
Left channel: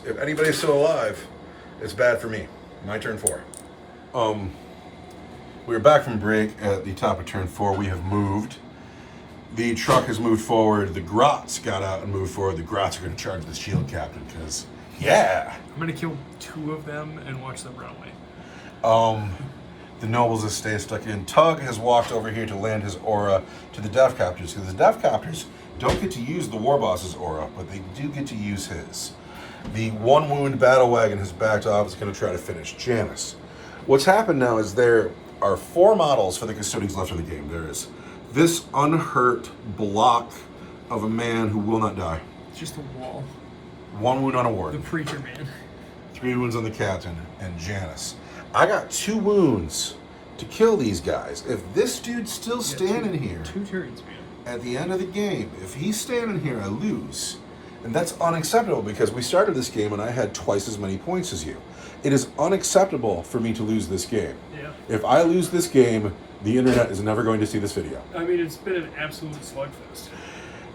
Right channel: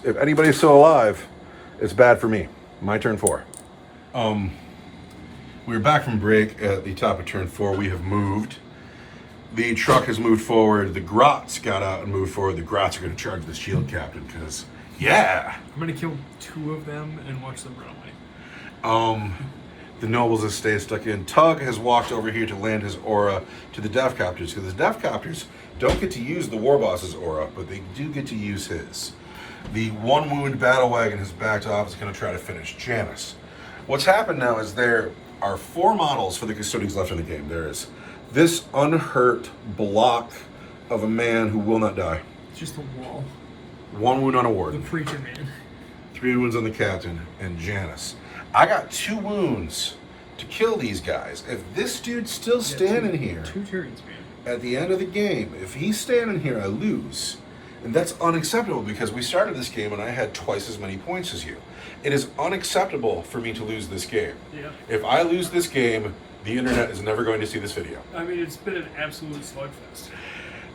still alive, it's bad for me. My turn 4. We're back from break at the top of turn 4. We have moved. The truck has moved forward. The Grots got out and moved forward. The Grots are going to charge the shield captain because, yeah. I'm going to kill 2 of them and watch them run away. The nobles are staying stuck in. Tug has walked over here to land his aura to the Death Captors, because the Death Captors don't get to use the War Boss's aura, but they do get to use his. The 1 wound battle wagon has backed off. Is going to try to finish Janice. What's happened now is there are 4 models for the Custodes left in the game. There is this unhurt block of a man who will not die. It's just a wall. 1 wound on a ward. The Preacher Man. 3 wounds on the captain and Janice. I got 2 wounds to kill these guys. If this dude's still standing here 2 turns, man. at the end of the game, if he's standing here, I lose. And that's unacceptable, because we started this game and I had twice as many points as you. It is unacceptable for me to lose this game. Yeah. If I lose this game, the internet is never going to see this video. I mean, it's been an absolute slugfest.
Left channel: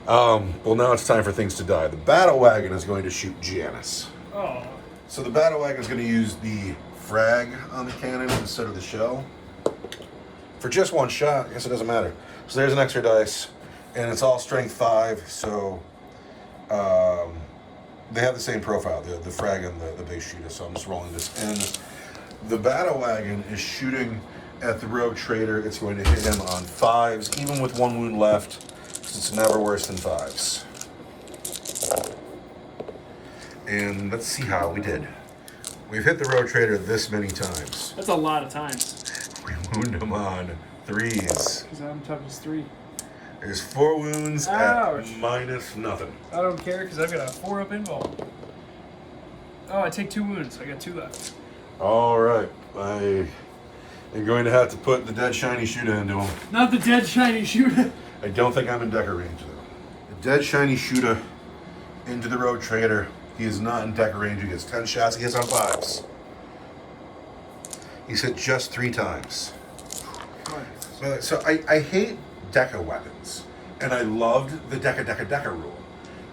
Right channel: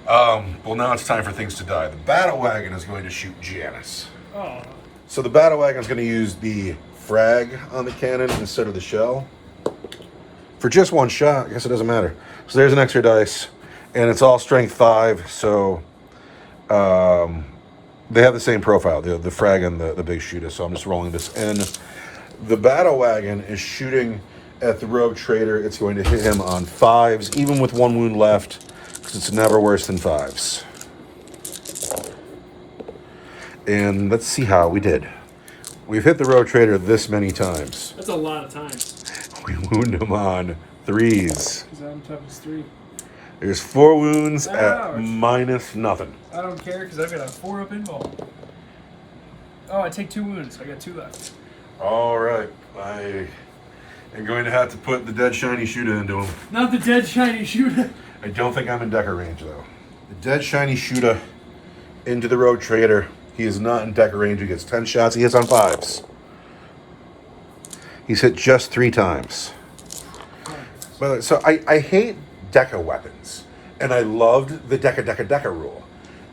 Well, now it's time for things to die. The battle wagon is going to shoot Janice. Oh. So the battle wagon is going to use the frag on the cannon instead of the shell. For just 1 shot, I guess it doesn't matter. So there's an extra dice, and it's all strength 5, so they have the same profile, the frag and the big shooter, so I'm just rolling this in. The battle wagon is shooting at the rogue trader. It's going to hit him on 5s, even with 1 wound left, because it's never worse than 5s. And let's see how we did. We've hit the rogue trader this many times. That's a lot of times. We wound him on 3s. Because I'm tough as 3. There's 4 wounds Ouch. at -0. I don't care, because I've got a 4 up involved. Oh, I take 2 wounds. I got 2 left. All right. You're going to have to put the dead shiny shooter into him. Not the dead shiny shooter. I don't think I'm in Decker range, though. The dead shiny shooter into the rogue trader. He is not in Decker range. He gets 10 shots. He hits on 5s. He's hit just 3 times. By the way, so I hate Deca weapons, and I loved the Deca rule.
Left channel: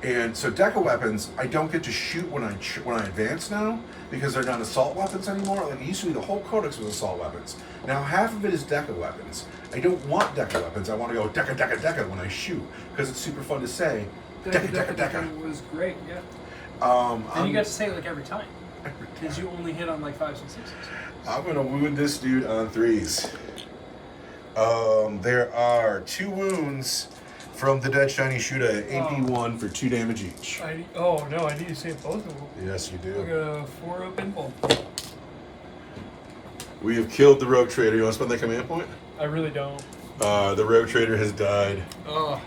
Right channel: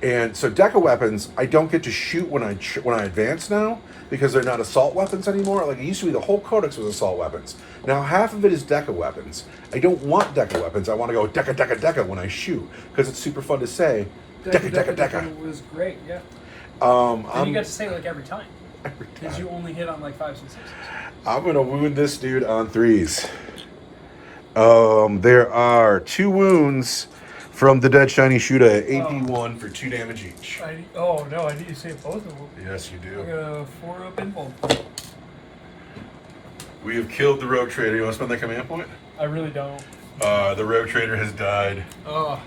And so Deca weapons, I don't get to shoot when I advance now, because they're not assault weapons anymore. Like, it used to be the whole codex was assault weapons. Now half of it is Deca weapons. I don't want Deca weapons. I want to go Deca when I shoot, because it's super fun to say Deca. Was great, yeah. And you got to say it like every time. Because you only hit on like 5s and 6s. I'm going to wound this dude on 3s. There are 2 wounds from the dead shiny shooter at AP1 for 2 damage each. Oh no, I need to save both of them. Yes, you I do. got a 4 up involved. We have killed the rogue trader. You want to spend that command point? I really don't. The rogue trader has died. Oh,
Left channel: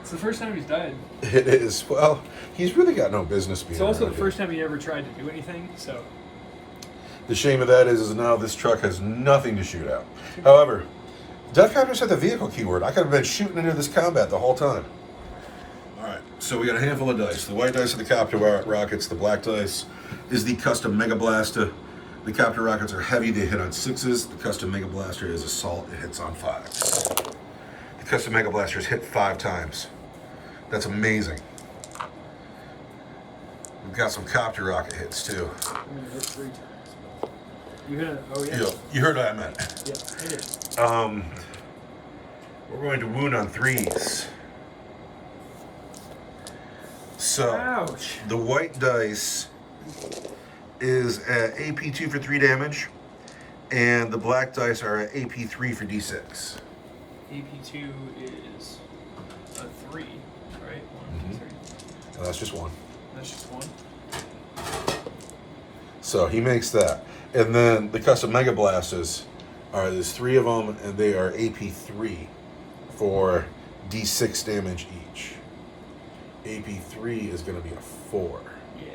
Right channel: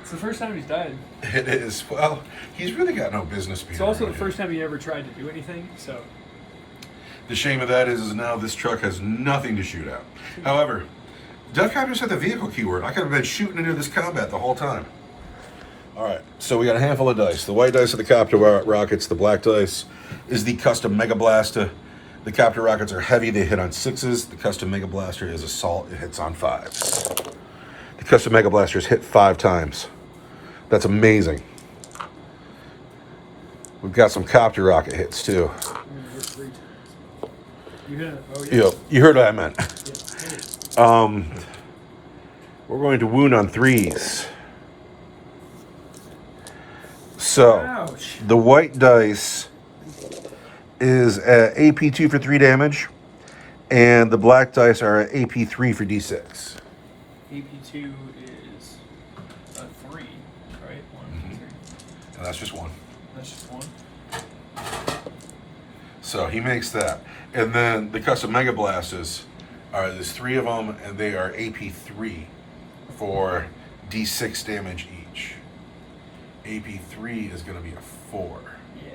it's the first time he's died. It is. Well, he's really got no business being. It's also around the first time he ever tried to do anything, so. The shame of that is now this truck has nothing to shoot at. However, Death Captors had the vehicle keyword. I could have been shooting into this combat the whole time. All right, so we got a handful of dice. The white dice are the Copter rockets. The black dice is the custom Mega Blaster. The Copter rockets are heavy. They hit on 6s. The custom Mega Blaster is assault. It hits on 5s. The custom Mega Blaster is hit 5 times. That's amazing. We've got some Copter rocket hits too. I'm gonna hit 3 times. You hit it. Oh yeah. Yep. You heard what I meant. Yeah, hit it. We're going to wound on 3s. So, Ouch. the white dice is at AP2 for 3 damage, and the black dice are at AP3 for D6. AP2 is a 3, right? 1, 2, 3. And that's just 1. That's just 1. So he makes that. And then the custom Mega Blasters All right, there's 3 of them, and they are AP3 for D6 damage each. AP3 is going to be a 4. Yeah.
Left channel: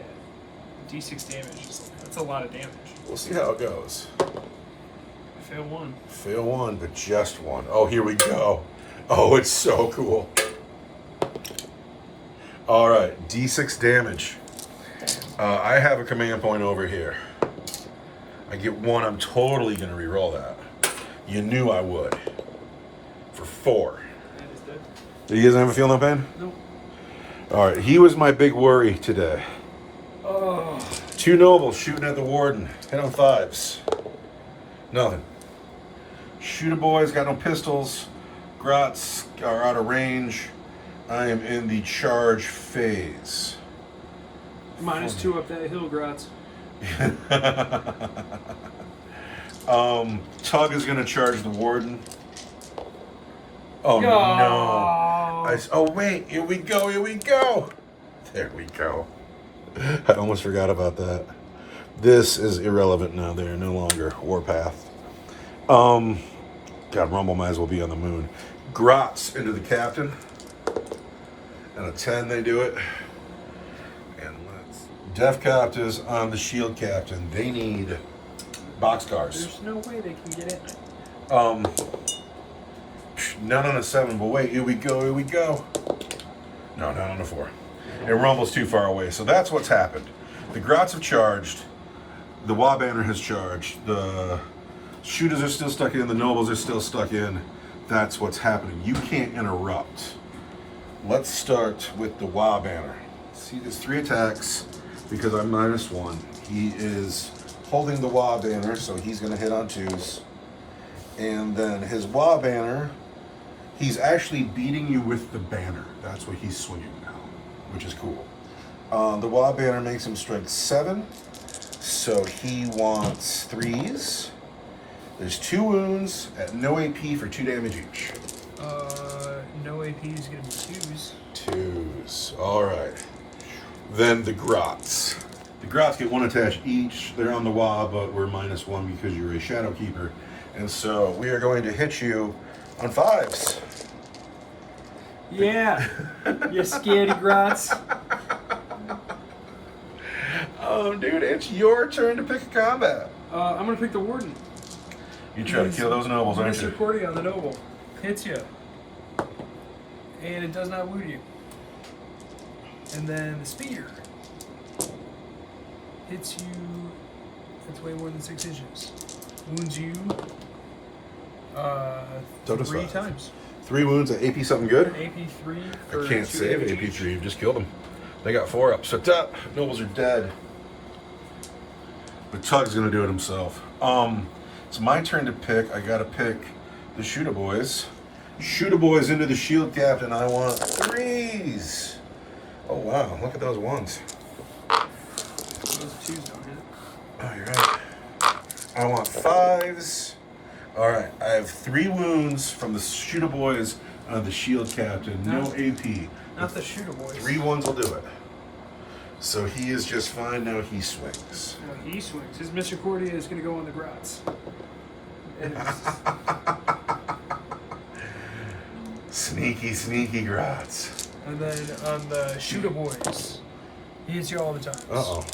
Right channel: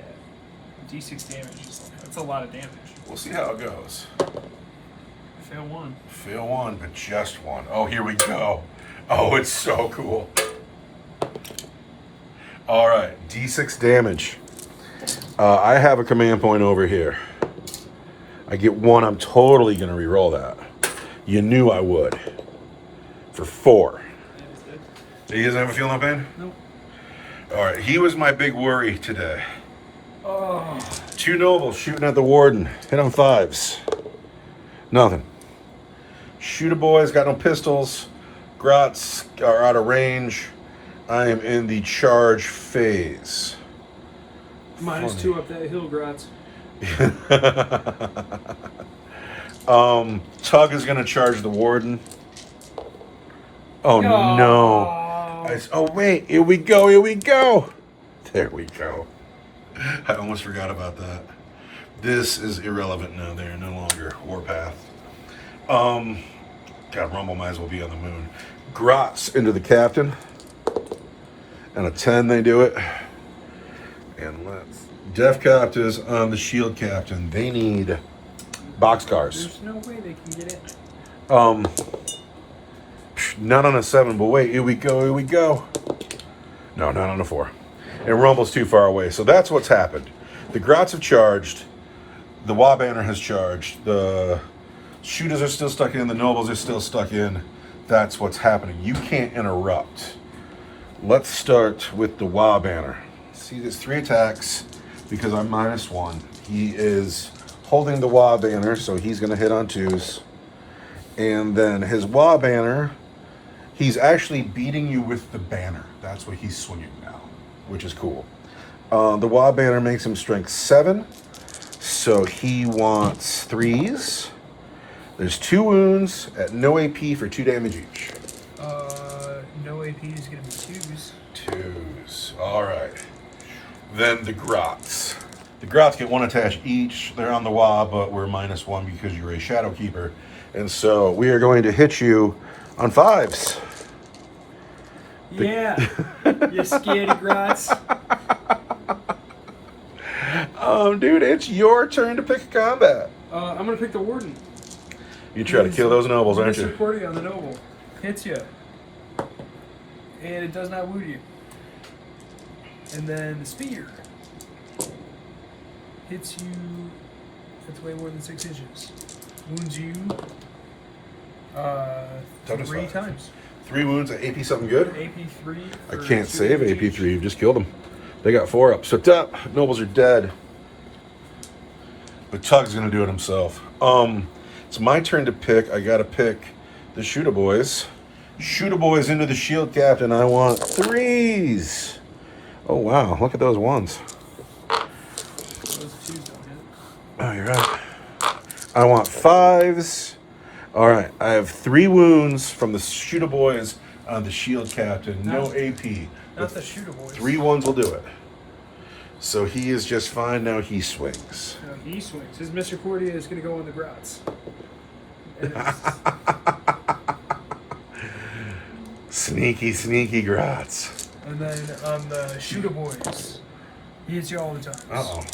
D6 damage is that's a lot of damage. We'll see how it goes. Fail 1. Fail 1, but just 1. Oh, here we go. Oh, it's so cool. All right, D6 damage. I have a command point over here. I get 1. I'm totally going to re-roll that. You knew I would. For 4. And he's dead. He doesn't ever feel no pain? Nope. All right, he was my big worry today. Oh. 2 nobles shooting at the warden. Hit on 5s. Nothing. Shooter boys got no pistols. Grots are out of range. I am in the charge phase. -2 up that hill, Grots. Tug is going to charge the warden. Oh, no. Oh, wait. Here we go. Here we go. There we go. I almost forgot about that. This is irrelevant now. They're no longer Warpath. God, Rumble might as well be on the moon. Grots into the captain. And a 10, they do it. And let's... Death Copters on the shield captain. They need boxcars. There's no way they can get it. Not on a 7, but wait, here we go, here we go. No, not on a 4. And Rumble's too far away, so that's what's happened. The Grots have charged. The Wa Banner has charged. The shooters are still stuck in. The nobles are still stuck in. That's what's happening. You can't interrupt. Let's start with the Wa Banner. See, there's 3 attacks because I'm -1. He is holding the Wa Banner, so he's going to hit on 2s. And then his Wa Banner, he's actually beating you with the banner. That's what he's swinging now, which is cool. The Wa Banner makes him strength 7, so he wants 3s. There's 2 wounds at no AP for 2 damage each. No AP is going to be 2s. 2s. All right. Then the Grots. The Grots get 1 attach each. They're on the Wa, but we're -1 because you're a Shadow Keeper. And so we are going to hit you on 5s. Yeah. You scaredy Grots. Dude, it's your turn to pick a combat. I'm going to pick the warden. You try to kill those nobles, aren't you? Recording on the noble. Hits you. And it does not wound you. And then the spear hits you. It's way more than 6 inches. Wounds you 3 times. 3 wounds at AP something good? AP3. I can't save AP3. You just killed them. They got 4 up. So up. Nobles are dead. But Tug's going to do it himself. It's my turn to pick. I got to pick the Shooter Boys. Shooter Boys into the shield captain. I want 3s. Oh, wow. Look at those 1s. Those 2s don't hit. Oh, you're right. I want 5s. All right. I have 3 wounds from the Shooter Boys on the shield captain. No AP. Not the Shooter Boys. 3 1s will do it. So he is just fine. Now he swings. No, he swings. His Misericordia is going to go on the Grots. And Sneaky, sneaky Grots. And then on the Shooter Boys, he hits you all the time. Uh-oh.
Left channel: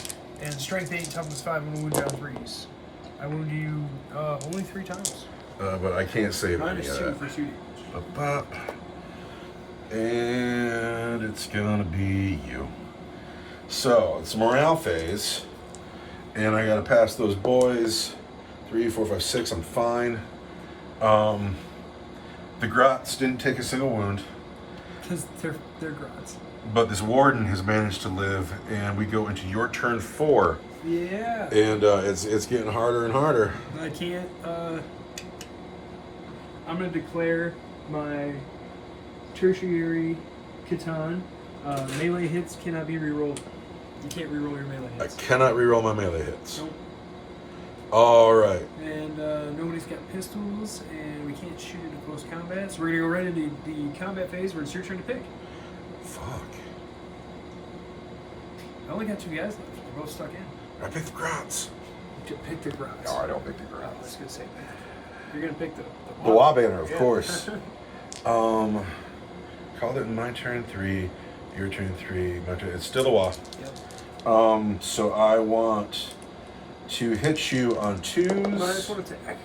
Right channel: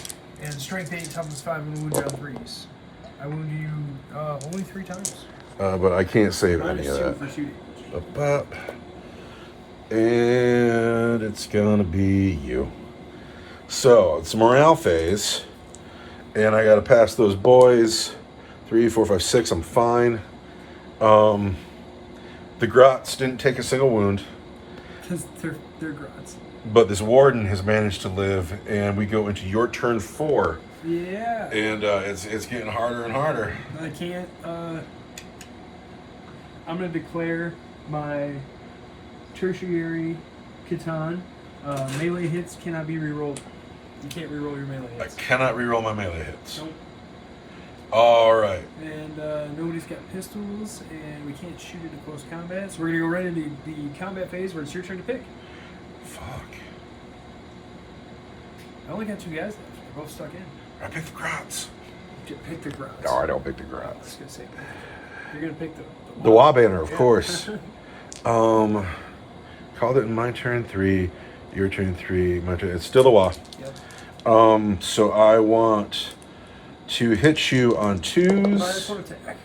And strength 8, toughness 5, and wound you on 3s. I wound you only 3 times. But I can't save any of -2 that. for shooting. Up. And it's gonna be you. So it's a morale phase, and I gotta pass those boys. 3, 4, 5, 6. I'm fine. The Grots didn't take a single wound. Because they're Grots. But this warden has managed to live, and we go into your turn 4. Yeah. And it's getting harder and harder. I can't. I'm going to declare my tertiary Catan. Melee hits cannot be rerolled. You can't reroll your melee I hits. cannot reroll my melee hits. Nope. All right. And nobody's got pistols, and we can't shoot into close combat. So we're going to go right into the combat phase where it's your turn to pick. Fuck. I only got 2 guys left. They're both stuck in. I picked the Grots. Pick the Grots. No, I don't pick the Oh, I Grots. was going to say that. You're gonna pick the Warbanner, of Yeah. course. Called it in my turn 3, your turn 3, my turn. It's still the Wa. Yep. So I want to hit you on 2s. -1 attack.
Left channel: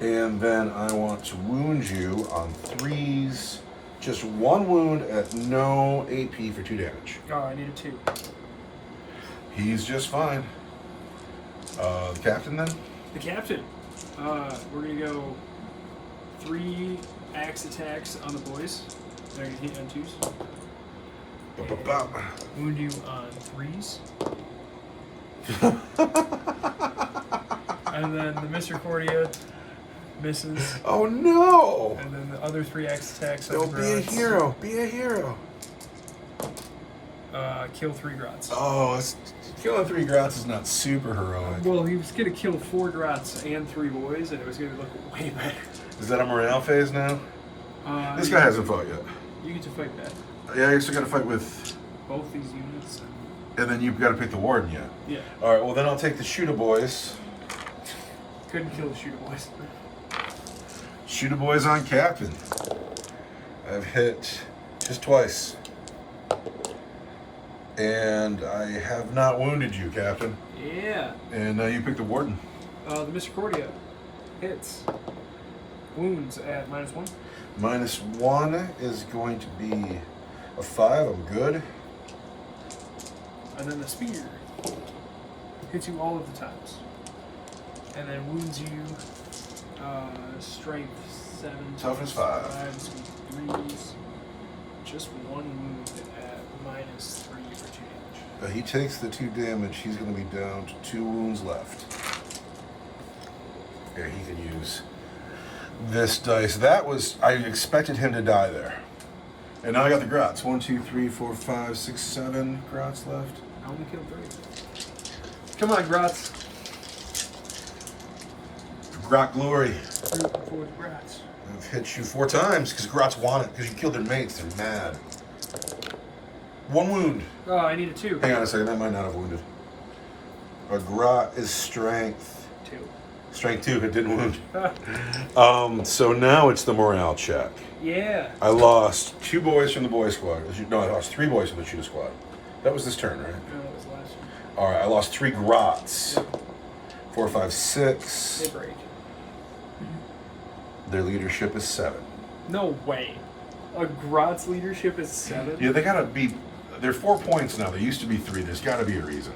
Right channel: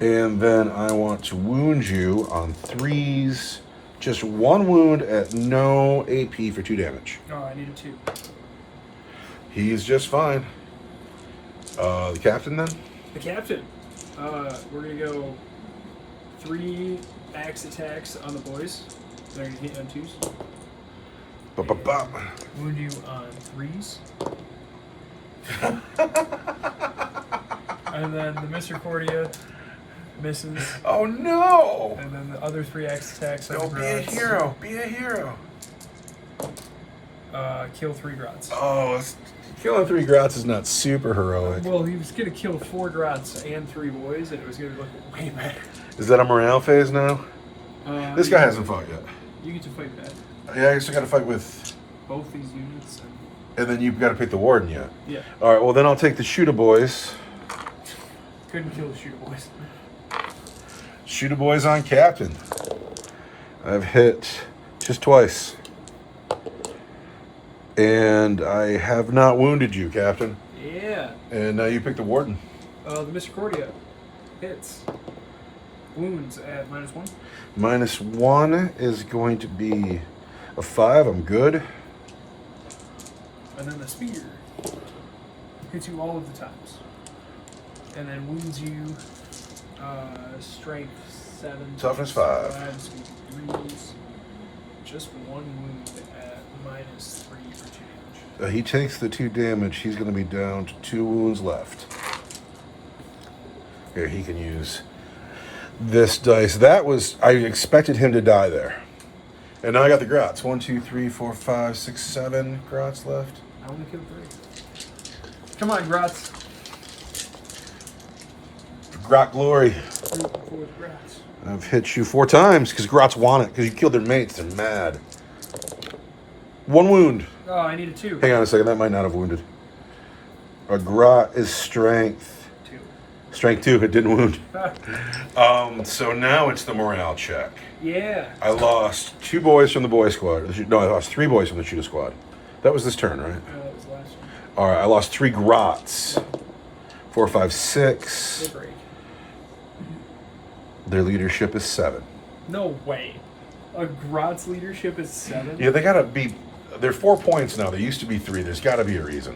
And then I want to wound you on 3s. Just 1 wound at no AP for 2 damage. Oh, I need a 2. He's just fine. The captain then? The captain. We're gonna go 3 axe attacks on the boys. They're gonna hit on 2s. Ba-ba-ba. Wound you on 3s. And then the Misericordia misses. Oh no! And then the other 3 axe attacks on Don't the be a grots. hero. Be a hero. Kill 3 grots. Oh, killing 3 grots is not super heroic. Well, he was gonna kill 4 grots and 3 boys, and it was gonna look way better. Is that a morale phase now? This guy hasn't fought yet. You get to fight that. Yeah, I still got to fight with... Both these units. And then you've got to pick the warden yet. Yeah. All right, well then I'll take the shooter boys. Couldn't kill the shooter boys. Shooter boys on captain. I've hit just twice. And I have not wounded you, captain. Yeah. And now you pick the warden. The Misericordia hits. Wounds at -1. -1 is going to be a 5. I'm good. And then the spear hits you all of the times. And then wounds you strength 7. Toughness 5. 3s. Just 1 wound at -3 for 2 damage. He takes the 2 damage. He's going to be down to 2 wounds left. Here, he can use this dice. That was... I expected him to die there. And now I got the grots. 1, 2, 3, 4, 5, 6, 7 grots left. I only killed 3. Come on, grots. Grot glory. 3 for the grots. I've hit you 4 times because grots want it because you killed their mates. They're mad. 1 wound. Oh, I need a 2. Hang on a second. That might not have wounded. A grot is strength. 2. Strength 2 if it didn't wound. So now it's the morale check. Yeah. I lost 2 boys from the boy squad. No, I lost 3 boys from the shooter squad. That was this turn, right? That was last one. All right, I lost 3 grots. Yep. 4, 5, 6. They break. Their leadership is 7. No way. A grot's leadership is 7? Yeah, they gotta be. They're 4 points now. They used to be 3. There's gotta be a reason.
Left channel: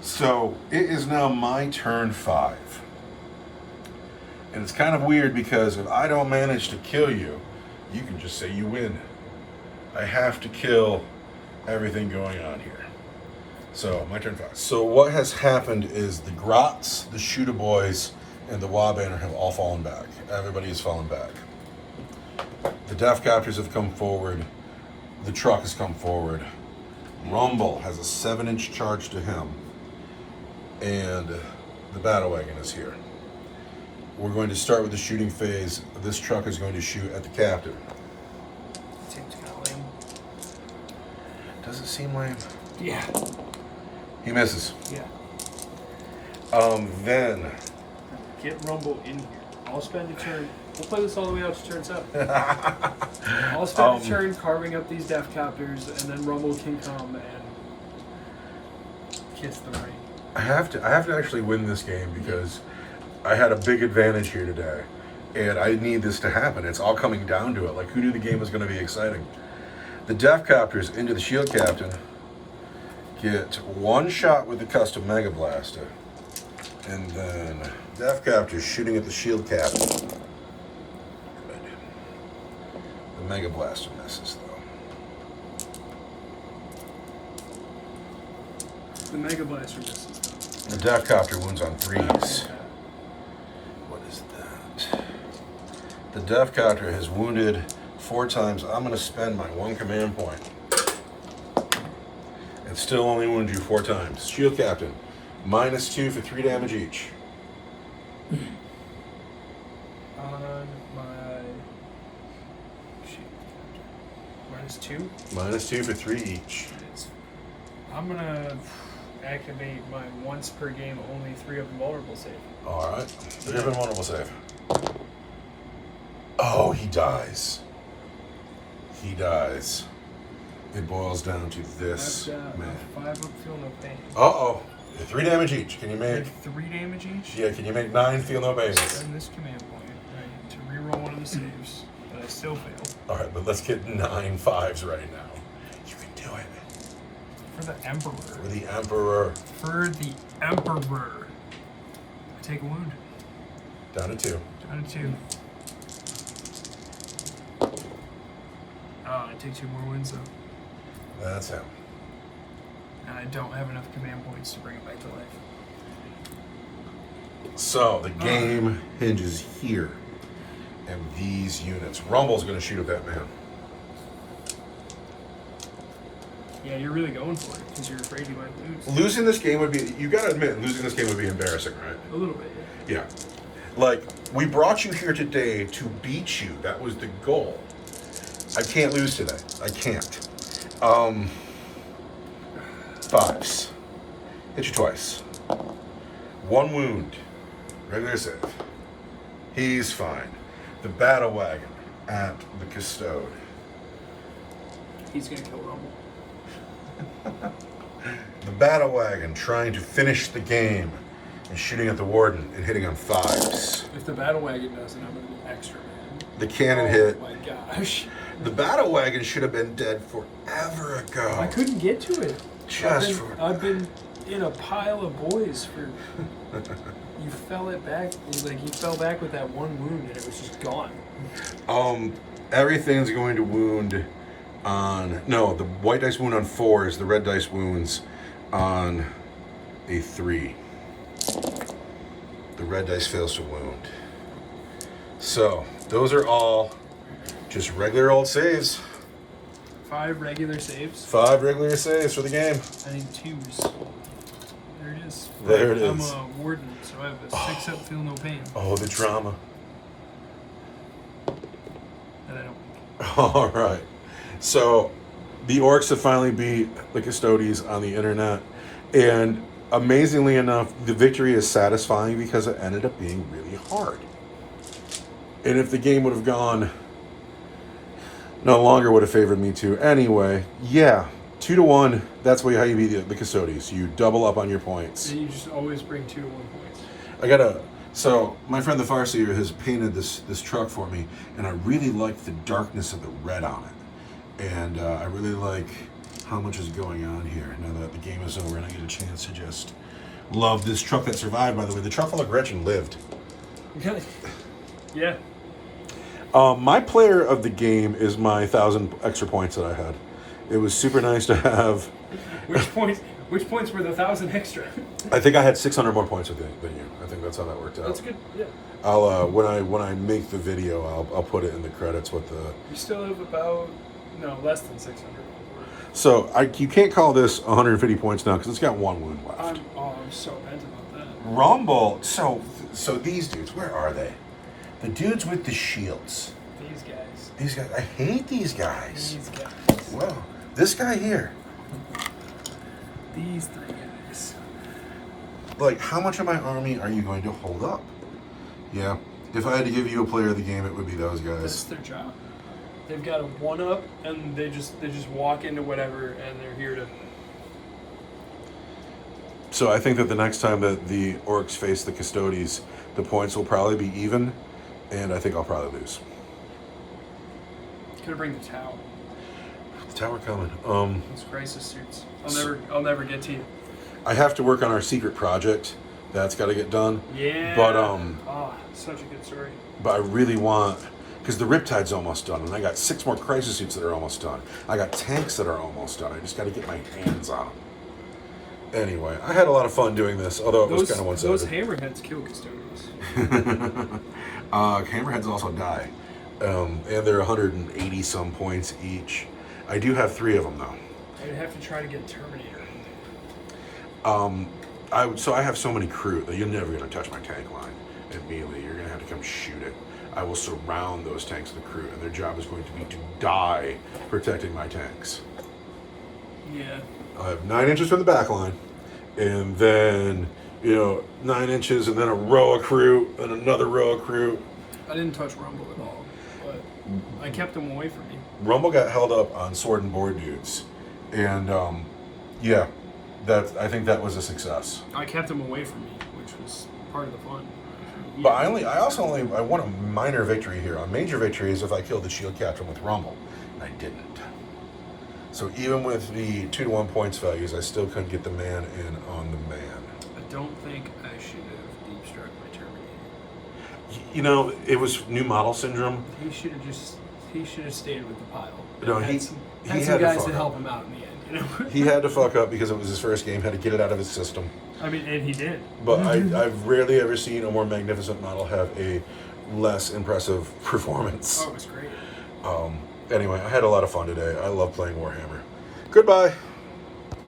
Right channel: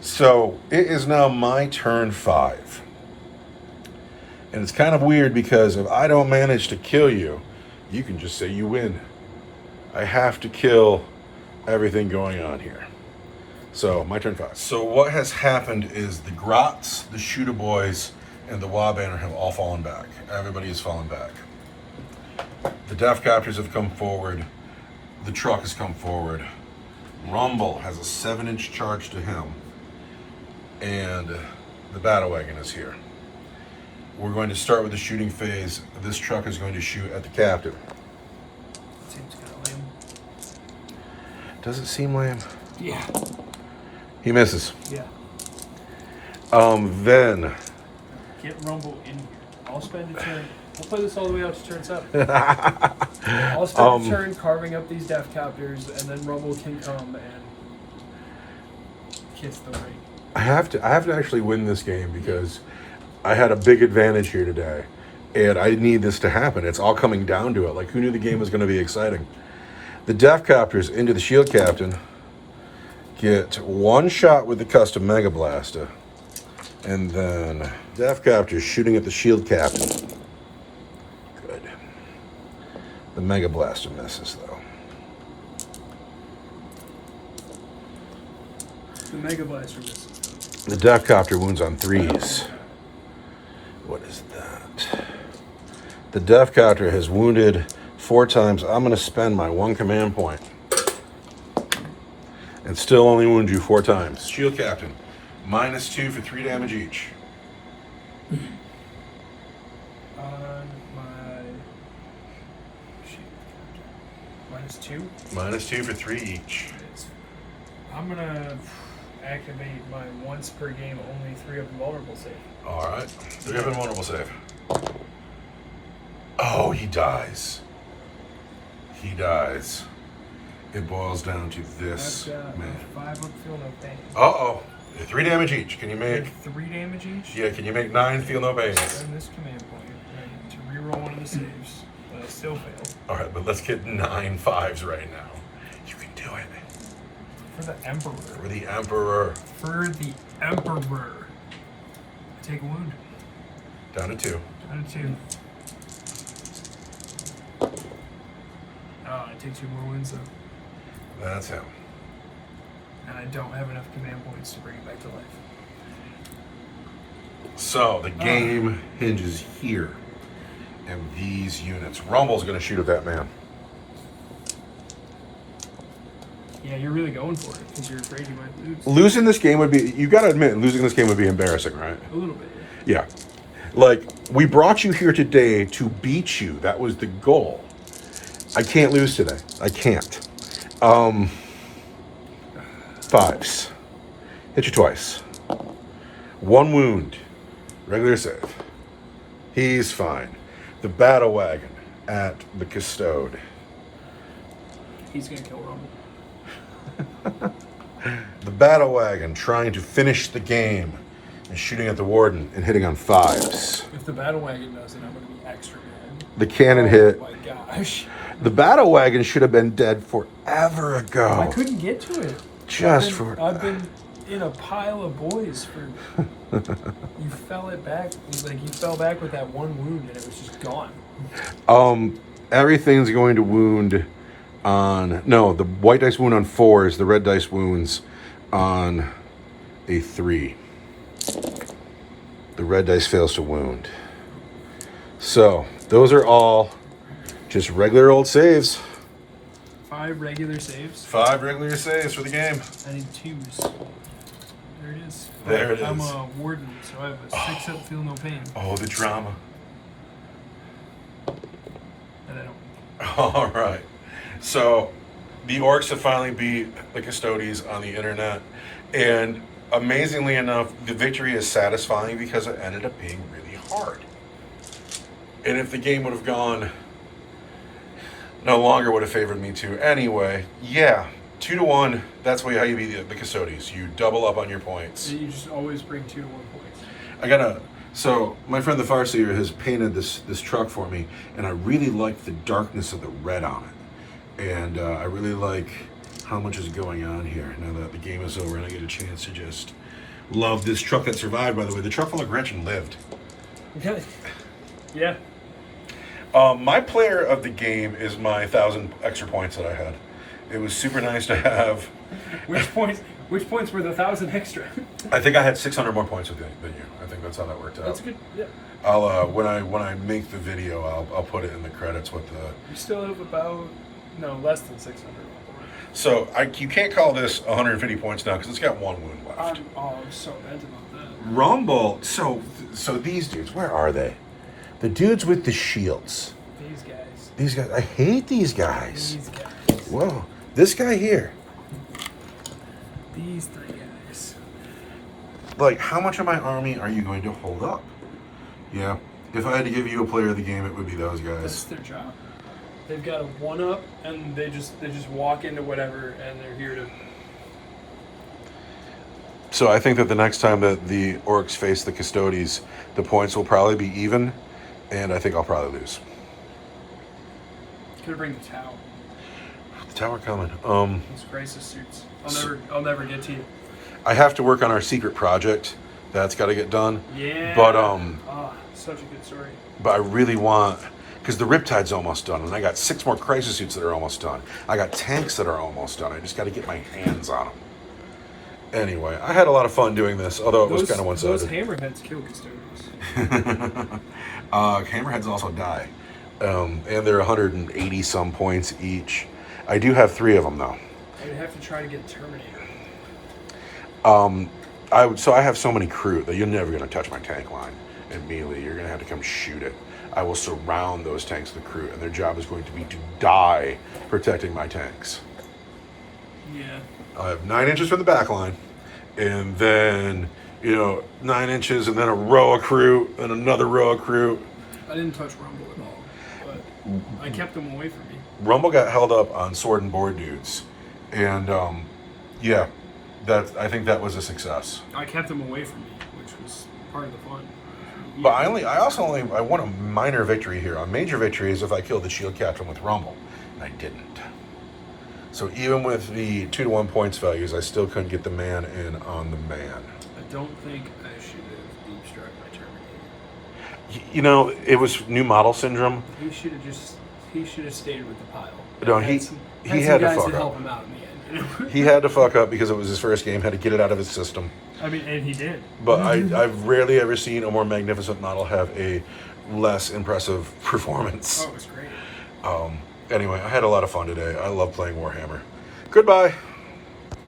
So it is now my turn 5. And it's kind of weird because if I don't manage to kill you, you can just say you win. I have to kill everything going on here. So my turn 5. So what has happened is the grots, the shooter boys, and the Warbanner have all fallen back. Everybody has fallen back. The Death Copters have come forward. The truck has come forward. Rumble has a 7-inch charge to him. And the battle wagon is here. We're going to start with the shooting phase. This truck is going to shoot at the captain. Seems kind of lame. Does it seem lame? Yeah. He misses. Yeah. Then Get Rumble in here. I'll spend a turn. We'll play this all the way out to turn 7. I'll spend a turn carving up these Death Copters, and then Rumble can come and kiss the ring. I have to actually win this game because I had a big advantage here today, and I need this to happen. It's all coming down to it. Like, who knew the game was going to be exciting? The Death Copters into the Shield Captain get 1 shot with the custom Mega Blaster, and then Death Copters shooting at the Shield Captain. Good. The Mega Blaster misses though. The Mega Blaster misses. The Death Copter wounds on 3s. What is that? The Death Copter has wounded 4 times. I'm going to spend my 1 command point. And still only wound you 4 times. Shield Captain, -2 for 3 damage each. On my... -2? -2 for 3 each. I'm gonna activate my once per game only 3 up invulnerable save. All right. 3 up invulnerable save. Oh, he dies. He dies. It boils down to this man. 5 up, feel no pain. Uh-oh. 3 damage each. Can you make... 3 damage each? Yeah, can you make 9 feel no pain? Spend this command point to reroll one of the saves. Still fail. All right, but let's get 9 5s right now. You can do it. For the Emperor. For the Emperor. For the Emperor. Take a wound. Down to 2. Down to 2. I take 2 more wounds though. That's him. And I don't have enough command points to bring it back to life. So the game hinges here. And these units. Rumble's going to shoot at that man. Yeah, you're really going for it because you're afraid you might lose. Losing this game would be, you got to admit, losing this game would be embarrassing, right? A little bit, yeah. Like, we brought you here today to beat you. That was the goal. I can't lose today. I can't. 5s. Hit you twice. 1 wound. Regular save. He's fine. The battle wagon at the Custode. He's gonna kill Rumble. The battle wagon trying to finish the game and shooting at the warden and hitting on 5s. If the battle wagon doesn't, I'm gonna be extra mad. The cannon hit. Oh my gosh. The battle wagon should have been dead forever ago. I couldn't get to it. I've been in a pile of boys for. You fell it back. Like you fell back with that 1 wound, and it was just gone. Everything's going to wound on. No, the white dice wound on 4s. The red dice wounds on a 3. The red dice fails to wound. So those are all just regular old saves. 5 regular saves. 5 regular saves for the game. I need 2s. There it is. There it is. I'm a warden, so I have a 6 up, feel no pain. Oh, the drama. And I don't. All right. So the Orks have finally beat the Custodes on the internet. And amazingly enough, the victory is satisfying because it ended up being really hard. And if the game would have gone no longer would have favored me to. Anyway, yeah, 2 to 1. That's how you beat the Custodes. You double up on your points. And you just always bring 2 to 1 points. So my friend the Farseer has painted this truck for me, and I really like the darkness of the red on it, and I really like how much is going on here now that the game is over and I get a chance to just love this truck that survived. By the way, the truck full of Gretchen lived. Yeah. My player of the game is my 1,000 extra points that I had. It was super nice to have. Which points were the 1,000 extra? I think I had 600 more points than you. I think that's how that worked out. That's good. Yeah. I'll when I make the video, I'll put it in the credits with the. You still have less than 600 on board. So you can't call this 150 points now because it's got 1 wound left. I'm so bent about that. Rumble. So these dudes, where are they? The dudes with the shields. These guys. I hate these guys. These guys. Whoa. This guy here. These 3 guys. Like, how much of my army are you going to hold up? Yeah. If I had to give you a player of the game, it would be those guys. That's their job. They've got a 1-up, and they just walk into whatever, and they're here to. So I think that the next time that the Orks face the Custodes, the points will probably be even, and I think I'll probably lose. Could bring the tower. The tower coming. Those crisis suits. I'll never get to you. I have to work on our secret project. That's got to get done. Yeah. But such a good story. But I really want, because the Riptide's almost done, and I got 6 more crisis suits that are almost done. I got tanks that are almost done. I just got to get my hands on them. Anyway, I had a lot of fun doing this, although it was kind of one-sided. Those hammerheads kill Custodes. Hammerheads also die. And they're 180 some points each. I do have 3 of them though. I'd have to try to get Terminator. So I have so many crew that you're never gonna touch my tank line immediately. You're gonna have to come shoot it. I will surround those tanks with crew, and their job is going to be to die protecting my tanks. Yeah. I have 9 inches from the back line, and then 9 inches, and then a row of crew, and another row of crew. I didn't touch Rumble at all. I kept them away from me. Rumble got held up on sword and board dudes, and yeah, I think that was a success. I kept them away from me, which was part of the fun. But I won a minor victory here. A major victory is if I killed the shield captain with Rumble, and I didn't. So even with the 2-to-1 points values, I still couldn't get the man in on the man. I don't think I should have deep struck my Terminator. You know, it was new model syndrome. He should have stayed with the pile. No, he had to guys fuck to help up. him out in the end. You know? He had to fuck up because it was his first game. Had to get it out of his system. I mean, and he did. But I've rarely ever seen a more magnificent model have a less impressive performance. Oh, it was great. Anyway, I had a lot of fun today. I love playing Warhammer. Goodbye.